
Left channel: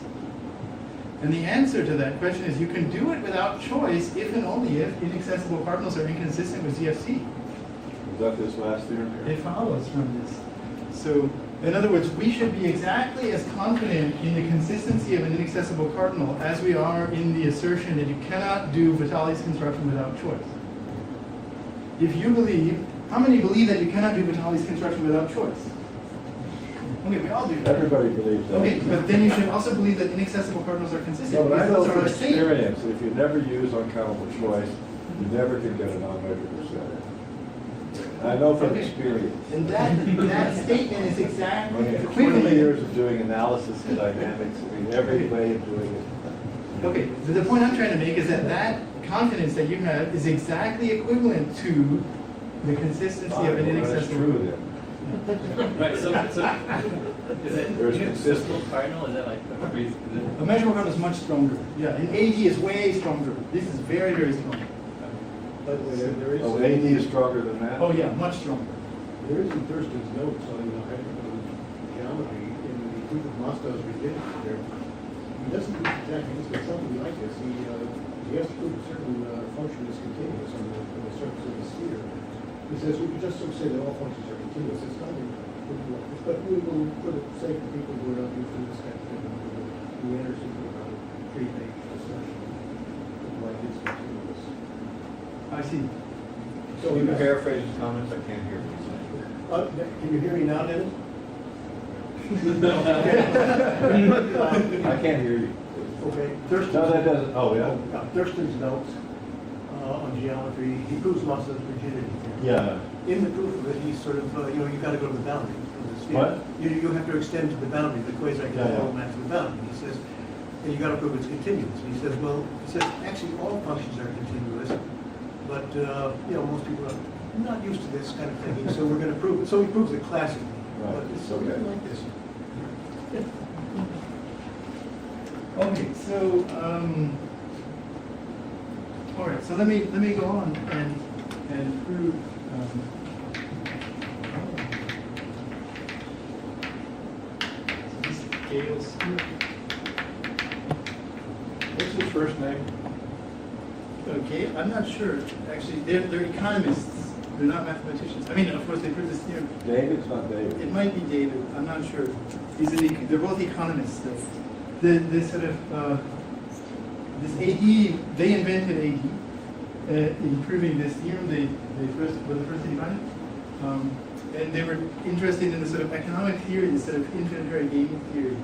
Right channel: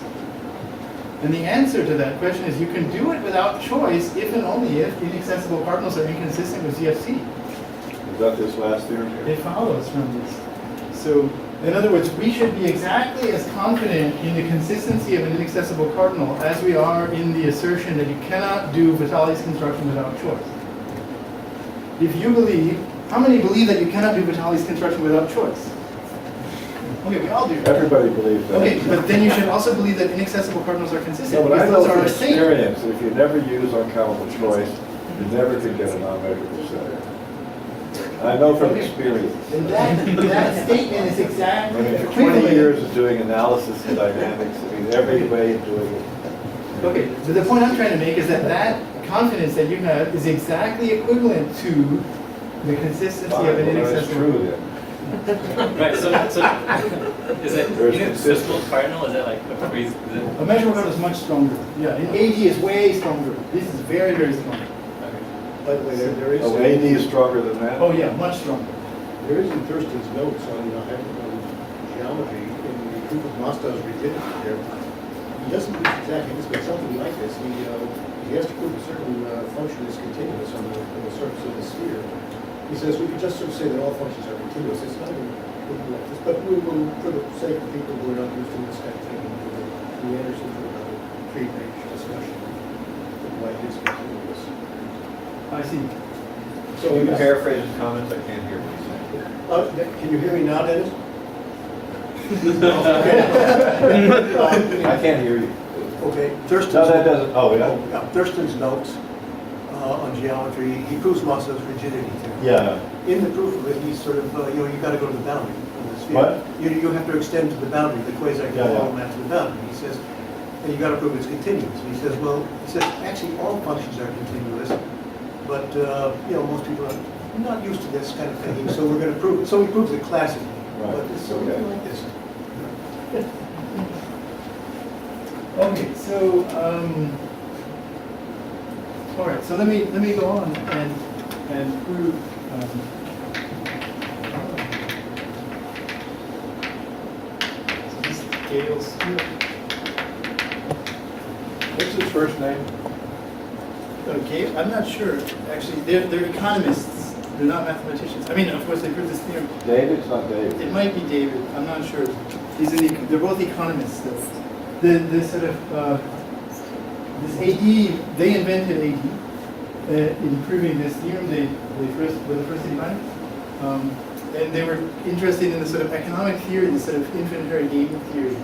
And the answer to that question is you can do it without choice if and only if inaccessible cardinals are inconsistent with CFC. Is that this last theorem here? It follows from this. So, in other words, we should be exactly as confident in the consistency of an inaccessible cardinal as we are in the assertion that you cannot do Vitali's construction without choice. If you believe, how many believe that you cannot do Vitali's construction without choice? Okay, we all do. Everybody believes that. Okay, but then you should also believe that inaccessible cardinals are consistent. No, but I because know those are from our same. experience that if you never use uncountable choice, you never could get a non-measurable set. I know from Okay. experience. And that statement is I exactly mean, for equivalent. 20 years of doing analysis and dynamics, I mean, every way of doing it. Okay, so the point I'm trying to make is that that confidence that you have is exactly equivalent to the consistency Fine, of an well, that's inaccessible. true then. Right, so is it There's inaccessible consistency. cardinal? Is that like a phrase? Is it? A measurable cardinal is much stronger. Yeah, and AD is way stronger. This is very strong. By the way, there is. Oh, AD is stronger than that? Oh yeah, much stronger. There is in Thurston's notes on hypercon geometry in the proof of Mostov's rigidity there, he doesn't use exactly this, but something like this. He has to prove a certain function is continuous on the surface of the sphere. He says we could just sort of say that all functions are continuous. It's not even like this, but we will, for the sake of people who are not used to this kind of thinking, we enter into another pre-page discussion of why it is continuous. I see. So Can you paraphrase his comments? I can't hear what he's saying. can you hear me now, Dennis? I can't hear you. Okay, No, that doesn't, oh, yeah. Thurston's notes on geometry, he proves Mostov's rigidity theorem. Yeah. In the proof of it, he's sort of, you got to go to the boundary of the sphere. What? You have to extend to the boundary, the quasi-conformal Yeah. map to the boundary. He says, and you got to prove it's continuous. And he says, well, actually all functions are continuous, but most people are not used to this kind of thinking, so we're going to prove it. So he proves it classically. Right. But it's Okay. something like this. Okay, so all right. So let me go on and prove. So this is Gale's theorem. What's his first name? Okay, I'm not sure. Actually, they're economists. They're not mathematicians. I mean, of course, they proved this theorem. David's not David. It might be David. I'm not sure. They're both economists, though. This sort of this AD. They invented AD in proving this theorem. They were the first to define it, and they were interested in the sort of economic theory, the sort of infinitary gaming theory.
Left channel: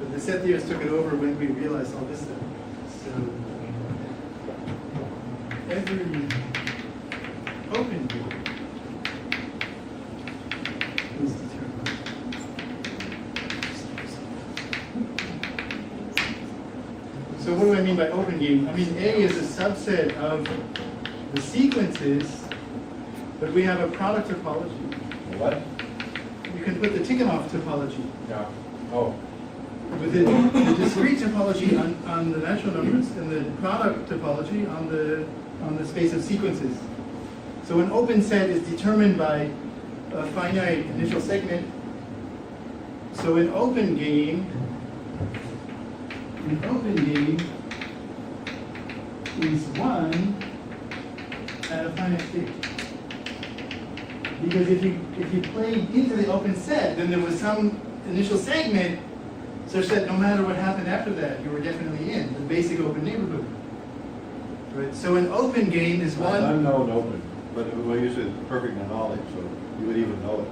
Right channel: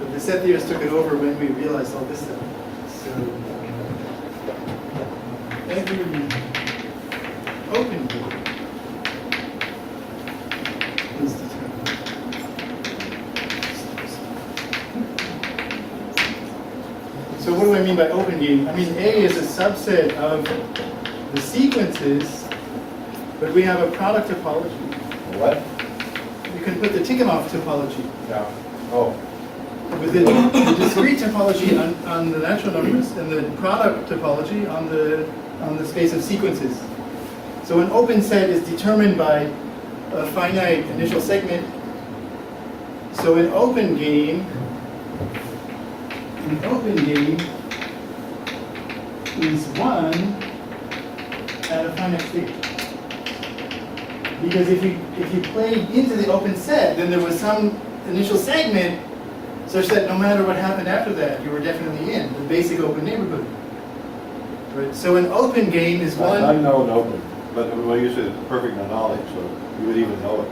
But the set theorists took it over when we realized all this stuff. So every open game is determined. So what do I mean by open game? I mean A is a subset of the sequences, but we have a product topology. What? You can put the Tikhonov topology Yeah. Oh. with the discrete topology on the natural numbers and the product topology on the space of sequences. So an open set is determined by a finite initial segment. So an open game is one at a finite state. Because if you played into the open set, then there was some initial segment such that no matter what happened after that, you were definitely in the basic open neighborhood. Right? So an open game is one. Unknown open, but what you said is perfect knowledge, so you would even know it.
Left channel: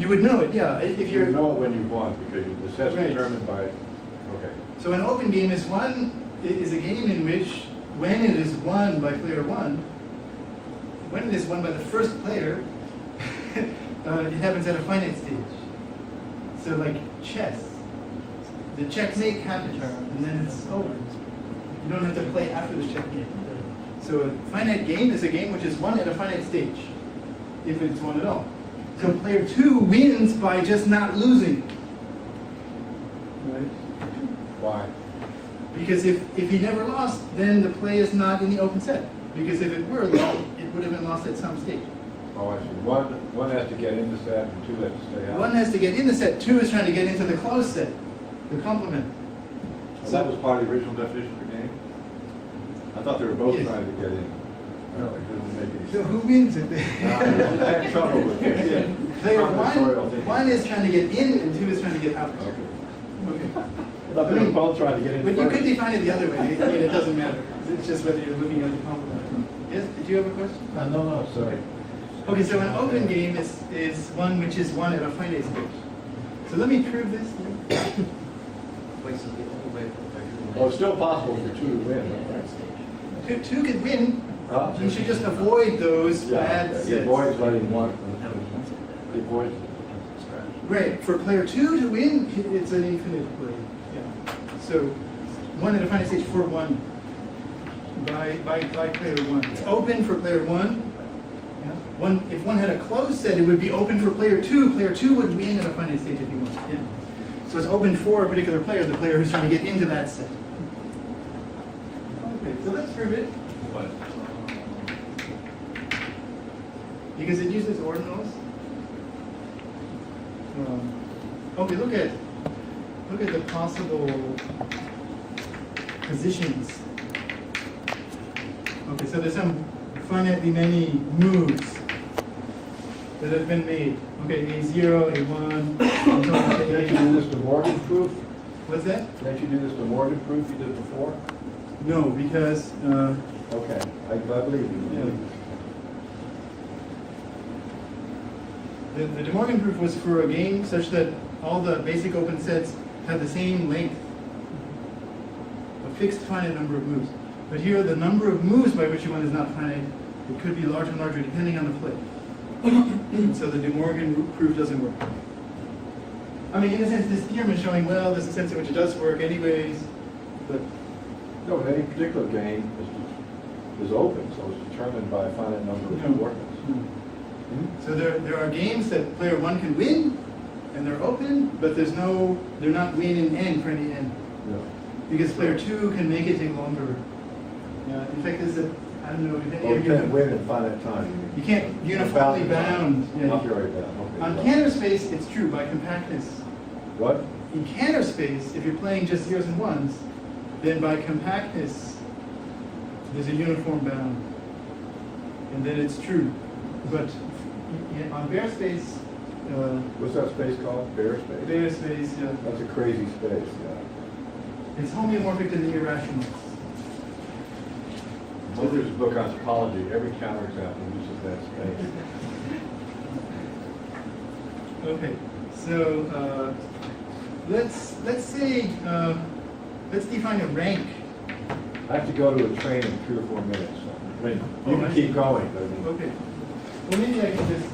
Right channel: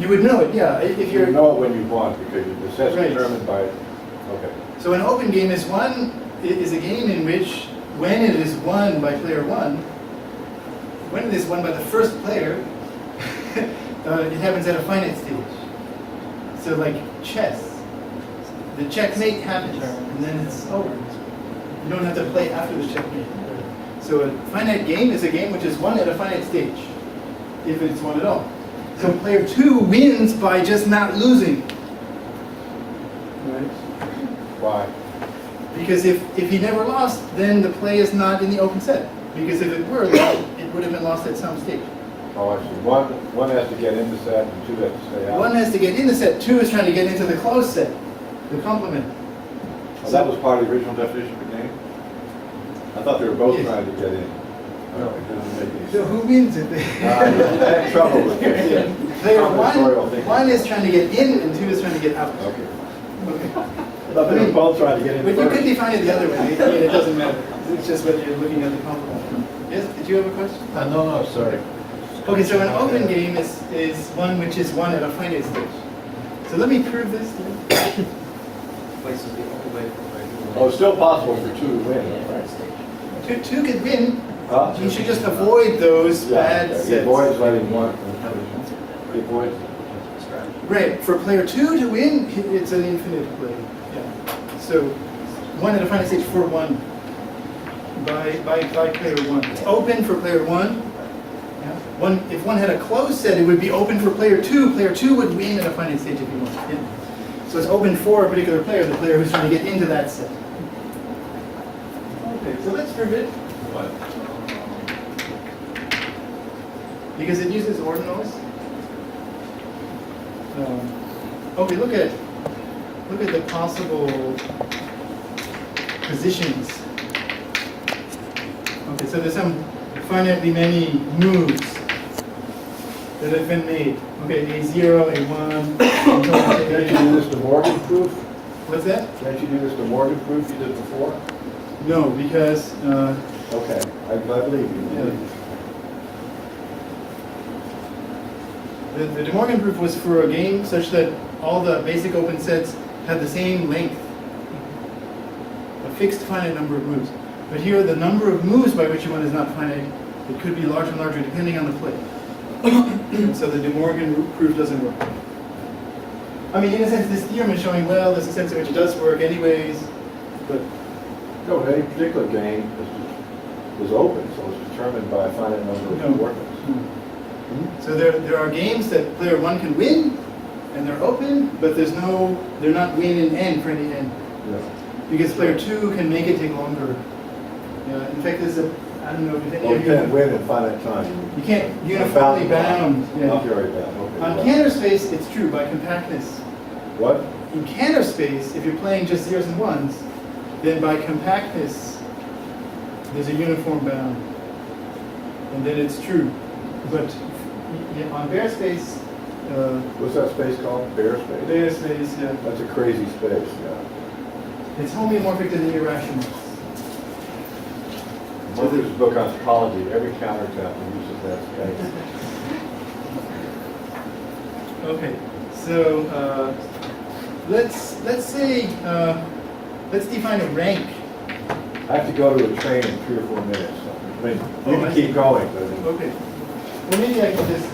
You would know it, yeah. If You you're would know it when you won, because the set's Right. determined by, okay. So an open game is a game in which when it is won by player one, when it is won by the first player, it happens at a finite stage. So like chess, the checkmate happens, and then it's over. You don't have to play after the checkmate. So a finite game is a game which is won at a finite stage, if it's won at all. So player two wins by just not losing. Right? Why? Because if he never lost, then the play is not in the open set. Because if it were, then it would have been lost at some stage. Oh, I see. One has to get in the set, and two has to stay out. One has to get in the set, two is trying to get into the closed set, the complement. Oh, that was part of the original definition of the game? I thought they were both Yes. trying to get in. No, it doesn't make any So sense. who wins it? I had trouble with it. Player Combinatorial thinking. one is trying to get in and two is trying to get out. Okay. Okay. I thought they were both trying to get in But you first. could define it the other way. I mean, it doesn't matter. It's just whether you're looking at the complement. Yes, did you have a question? No, sorry. Okay, so an open game is one which is won at a finite stage. So let me prove this. Wait, so the only way for Oh, it's still possible for two to win, right? Two could win. Huh? You should just avoid those bad He sets. avoids letting one. He avoids. Right, for player two to win, it's an infinite play. Yeah. So one at a finite stage for one by player one. It's open for player one. Yeah. If one had a closed set, it would be open for player two. Player two would win at a finite stage if he wants. Yeah. So it's open for a particular player, the player who's trying to get into that set. Okay, so let's prove it. What? Because it uses ordinals. okay, look at the possible positions. Okay, so there's some finitely many moves that have been made. Okay, A0, A1, Can't you do this to Morgan proof? What's that? Can't you do this to Morgan proof you did before? No, because Okay, I believe you. the De Morgan proof was for a game such that all the basic open sets had the same length, a fixed finite number of moves. But here, the number of moves by which you want is not finite. It could be larger and larger depending on the play. So the De Morgan proof doesn't work. I mean, in a sense, this theorem is showing, well, there's a sense in which it does work anyways, but No, but any particular game is open, so it's determined by a finite number of No. workers. so there are games that player one can win, and they're open, but they're not win and end for any end. Yeah. Because player two can make it take longer. Yeah, in fact, there's I don't know if any Well, of you you can't win in finite time. You can't uniformly bound. Yeah. Not very bound, okay. On well. Cantor space, it's true by compactness. What? In Cantor space, if you're playing just zeros and ones, then by compactness, there's a uniform bound, and then it's true. But on bare space, What's that space called? Bare space? bare space, yeah, That's a crazy space, yeah. it's homeomorphic to the irrational. Mother's book on topology, every counterexample uses that space. Okay, so let's say let's define a rank. I have to go to a train in 3 or 4 minutes. So, I mean, you Oh, I can see. keep going, but I mean, Okay. Well, maybe I can just,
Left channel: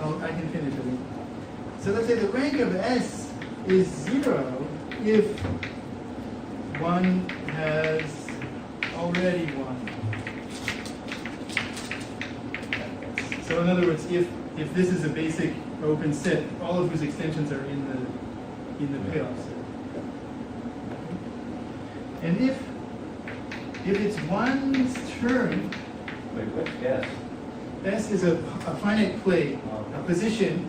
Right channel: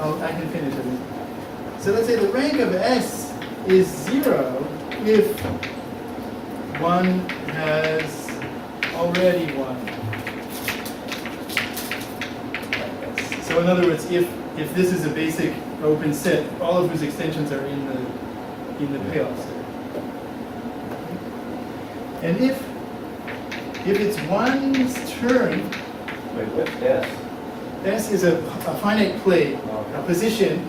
I can finish it. So let's say the rank of S is 0 if 1 has already 1. So in other words, if this is a basic open set, all of whose extensions are in the payoff set. And if it's 1's turn, wait, what's S? S is a finite play, a position.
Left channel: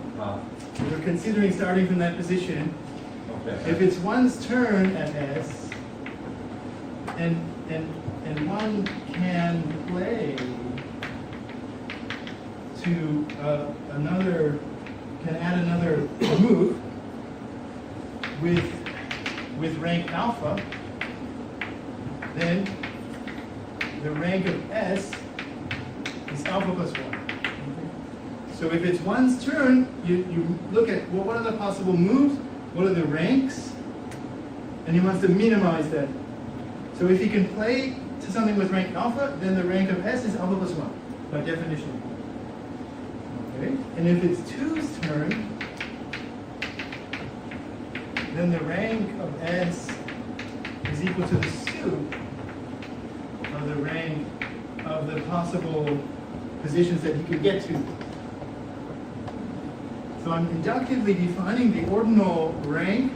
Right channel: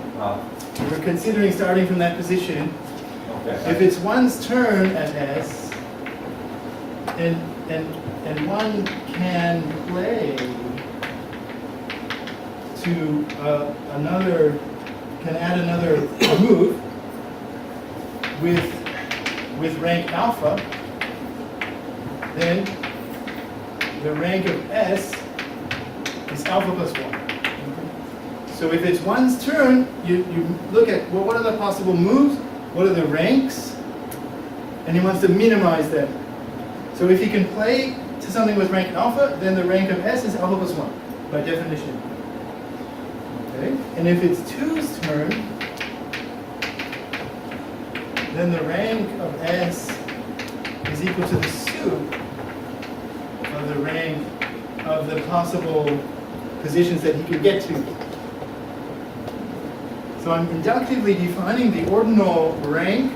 We're considering starting from that position. Okay. If it's 1's turn at S, and 1 can play to can add another move with rank alpha, then the rank of S is alpha plus 1. So if it's 1's turn, you look at, well, what are the possible moves? What are the ranks? And he wants to minimize that. So if he can play to something with rank alpha, then the rank of S is alpha plus 1, by definition. Okay? And if it's 2's turn, then the rank of S is equal to the suit of the rank of the possible positions that he could get to. So I'm inductively defining the ordinal rank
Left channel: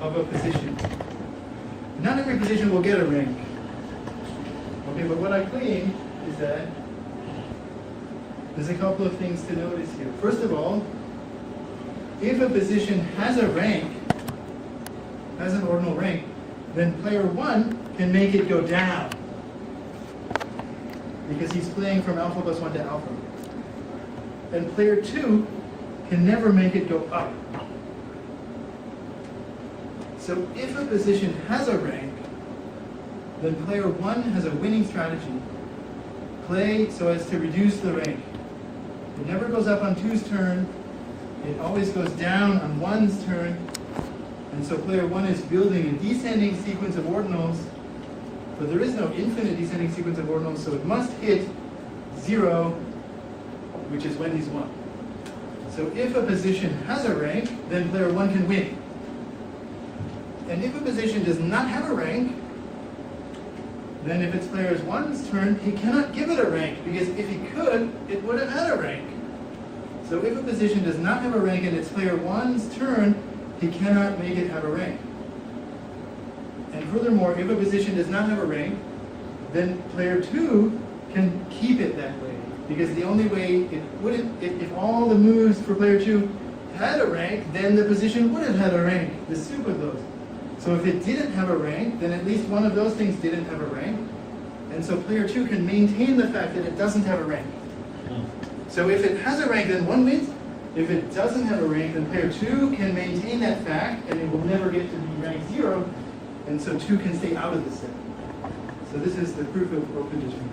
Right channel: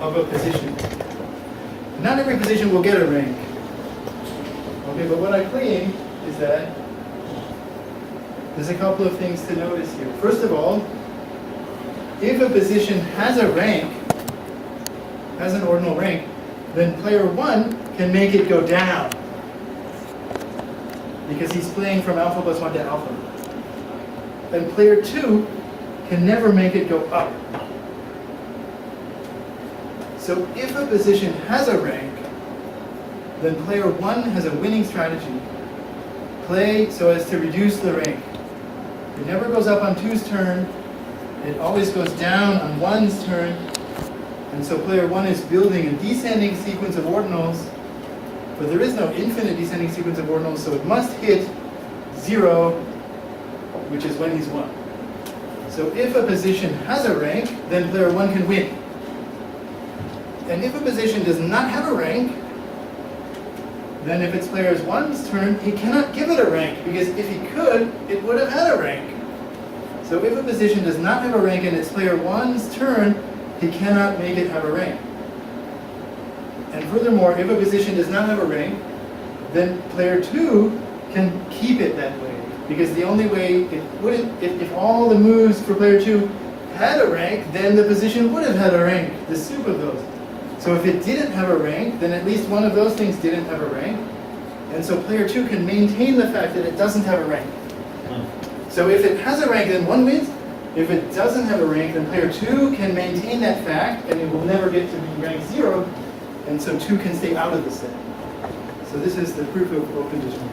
of a position. Not every position will get a rank. Okay, but what I claim is that there's a couple of things to notice here. First of all, if a position has a rank, has an ordinal rank, then player 1 can make it go down, because he's playing from alpha plus 1 to alpha. And player 2 can never make it go up. So if a position has a rank, then player 1 has a winning strategy. Play so as to reduce the rank. It never goes up on 2's turn. It always goes down on 1's turn. And so player 1 is building a descending sequence of ordinals, but there is no infinite descending sequence of ordinals, so it must hit 0, which is when he's 1. So if a position has a rank, then player 1 can win. And if a position does not have a rank, then if it's player 1's turn, he cannot give it a rank, because if he could, it would have had a rank. So if a position does not have a rank and it's player 1's turn, he cannot make it have a rank. And furthermore, if a position does not have a rank, then player 2 can keep it that way. Because the only way it wouldn't, if all the moves for player 2 had a rank, then the position would have had a rank, the soup of those. So if it didn't have a rank, then at least one of those things didn't have a rank. And so player 2 can maintain the fact that it doesn't have a rank. So if it has a rank, then 1 wins. If it doesn't have a rank, then player 2 can maintain that fact, and it will never get to be rank 0, and so 2 can stay out of the set. So this is the proof of open determinism.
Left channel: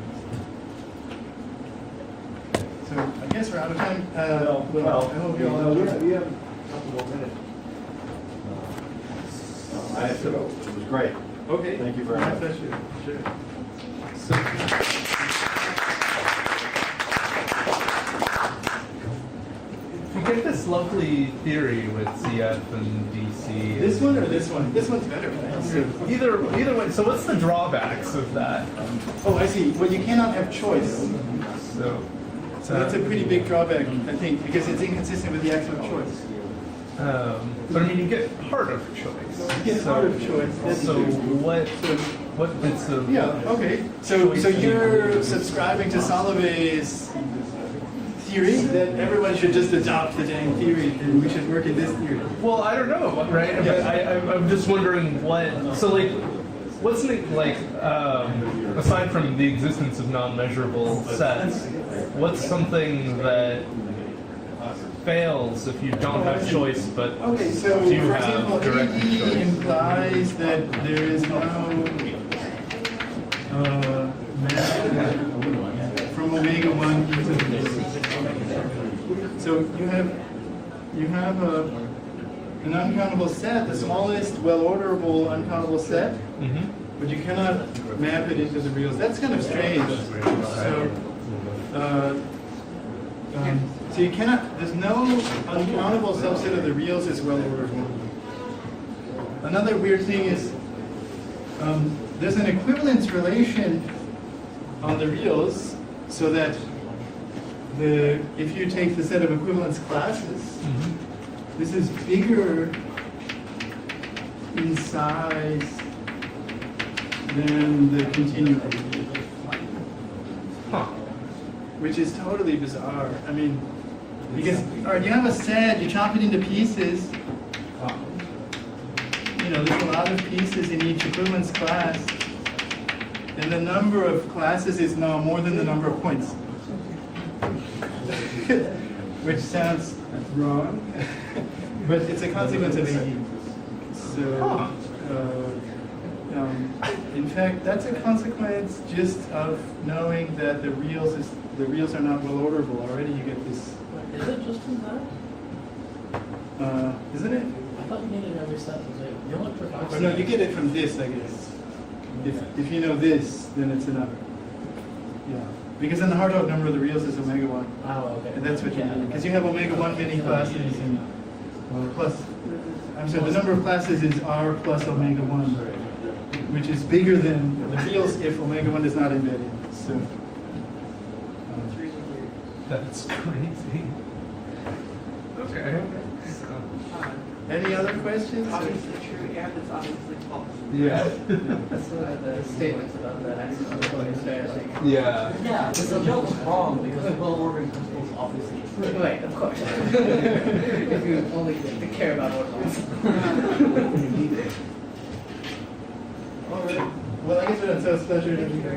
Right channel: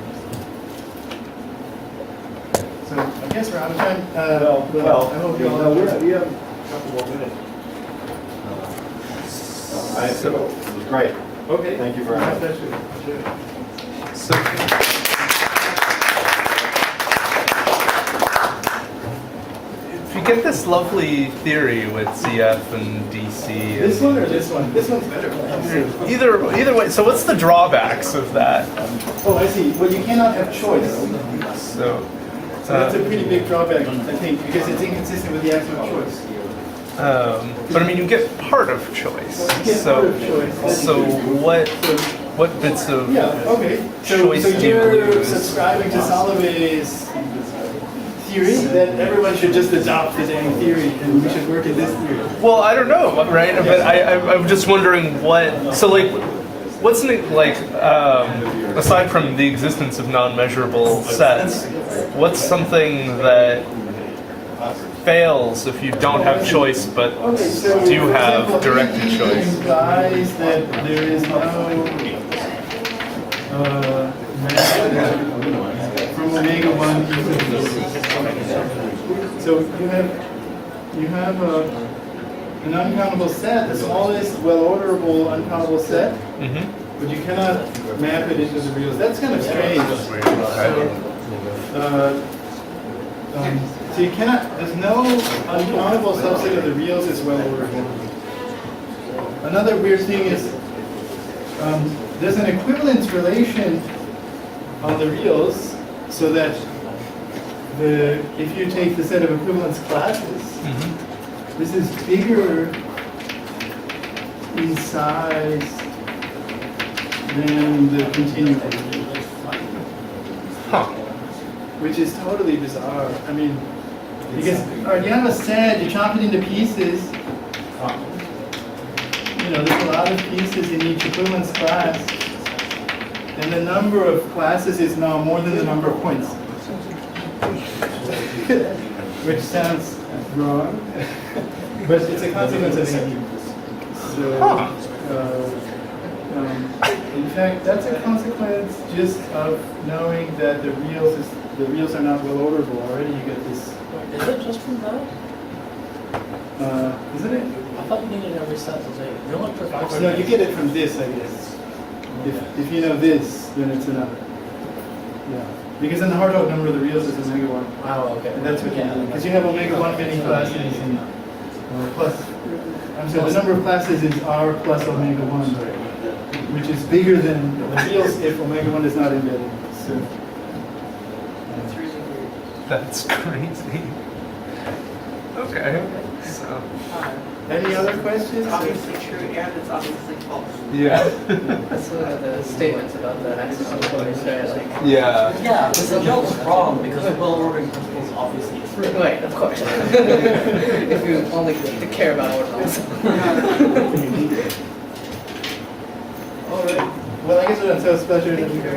So I guess we're out of time. I hope you all. We have a couple more minutes. I have to go. It was great. Okay. Thank you very My much. pleasure. Sure. So, if you get this lovely theory with CF and DC. This one or this one? This one's better. Either way. So what's the drawbacks of that? Oh, I see. Well, you cannot have choice. So So that's a pretty big drawback, I think, because it's inconsistent with the axiom of choice. but I mean, you get part of choice. You get so, part of choice. That's So true. what bits of Yeah, okay. So choice do you you're lose? subscribing to Soloveit's theory that everyone should just adopt the dang theory and we should work in this theory. Well, I don't know, right? But I'm just wondering what. So like, what's aside from the existence of non-measurable sets, what's something that fails if you don't have choice, but Okay, so do you for have example, directed AE choice? implies that there is no from omega 1 e to the 0. So you have an uncountable set, the smallest well-orderable uncountable set, but you cannot map it into the reals. That's kind of strange. So you cannot, there's no uncountable subset of the reals is well-orderable. Another weird thing is there's an equivalence relation on the reals, so that if you take the set of equivalence classes, this is bigger in size than the continuum. Huh. Which is totally bizarre. I mean, because you have a set, you chop it into pieces. You know, there's a lot of pieces in each equivalence class, and the number of classes is now more than the number of points. Which sounds wrong, but it's a consequence of AE. So, in fact, that's a consequence just of knowing that the reals are not well orderable. Already you get this. Is it just from that? Isn't it? I thought you needed every set to say. The only perfect. No, you get it from this, I guess. If you know this, then it's enough. Yeah. Because then the Hartog number of the reals is omega 1. Oh, okay. And that's what you need. Because you have omega 1 many classes and plus, I'm sorry, the number of classes is R plus omega 1, which is bigger than the reals if omega 1 is not embedded. So, That's crazy. Okay. So. any other questions? Obviously true and it's obviously false. Yeah. Let's look at the statements about that axiom. Yeah. Yeah, but the joke's wrong because the well-ordered principle is obviously true. Right, of course. If you only care about ordinals. All right. Well, I guess we're done. So it's a pleasure to meet you.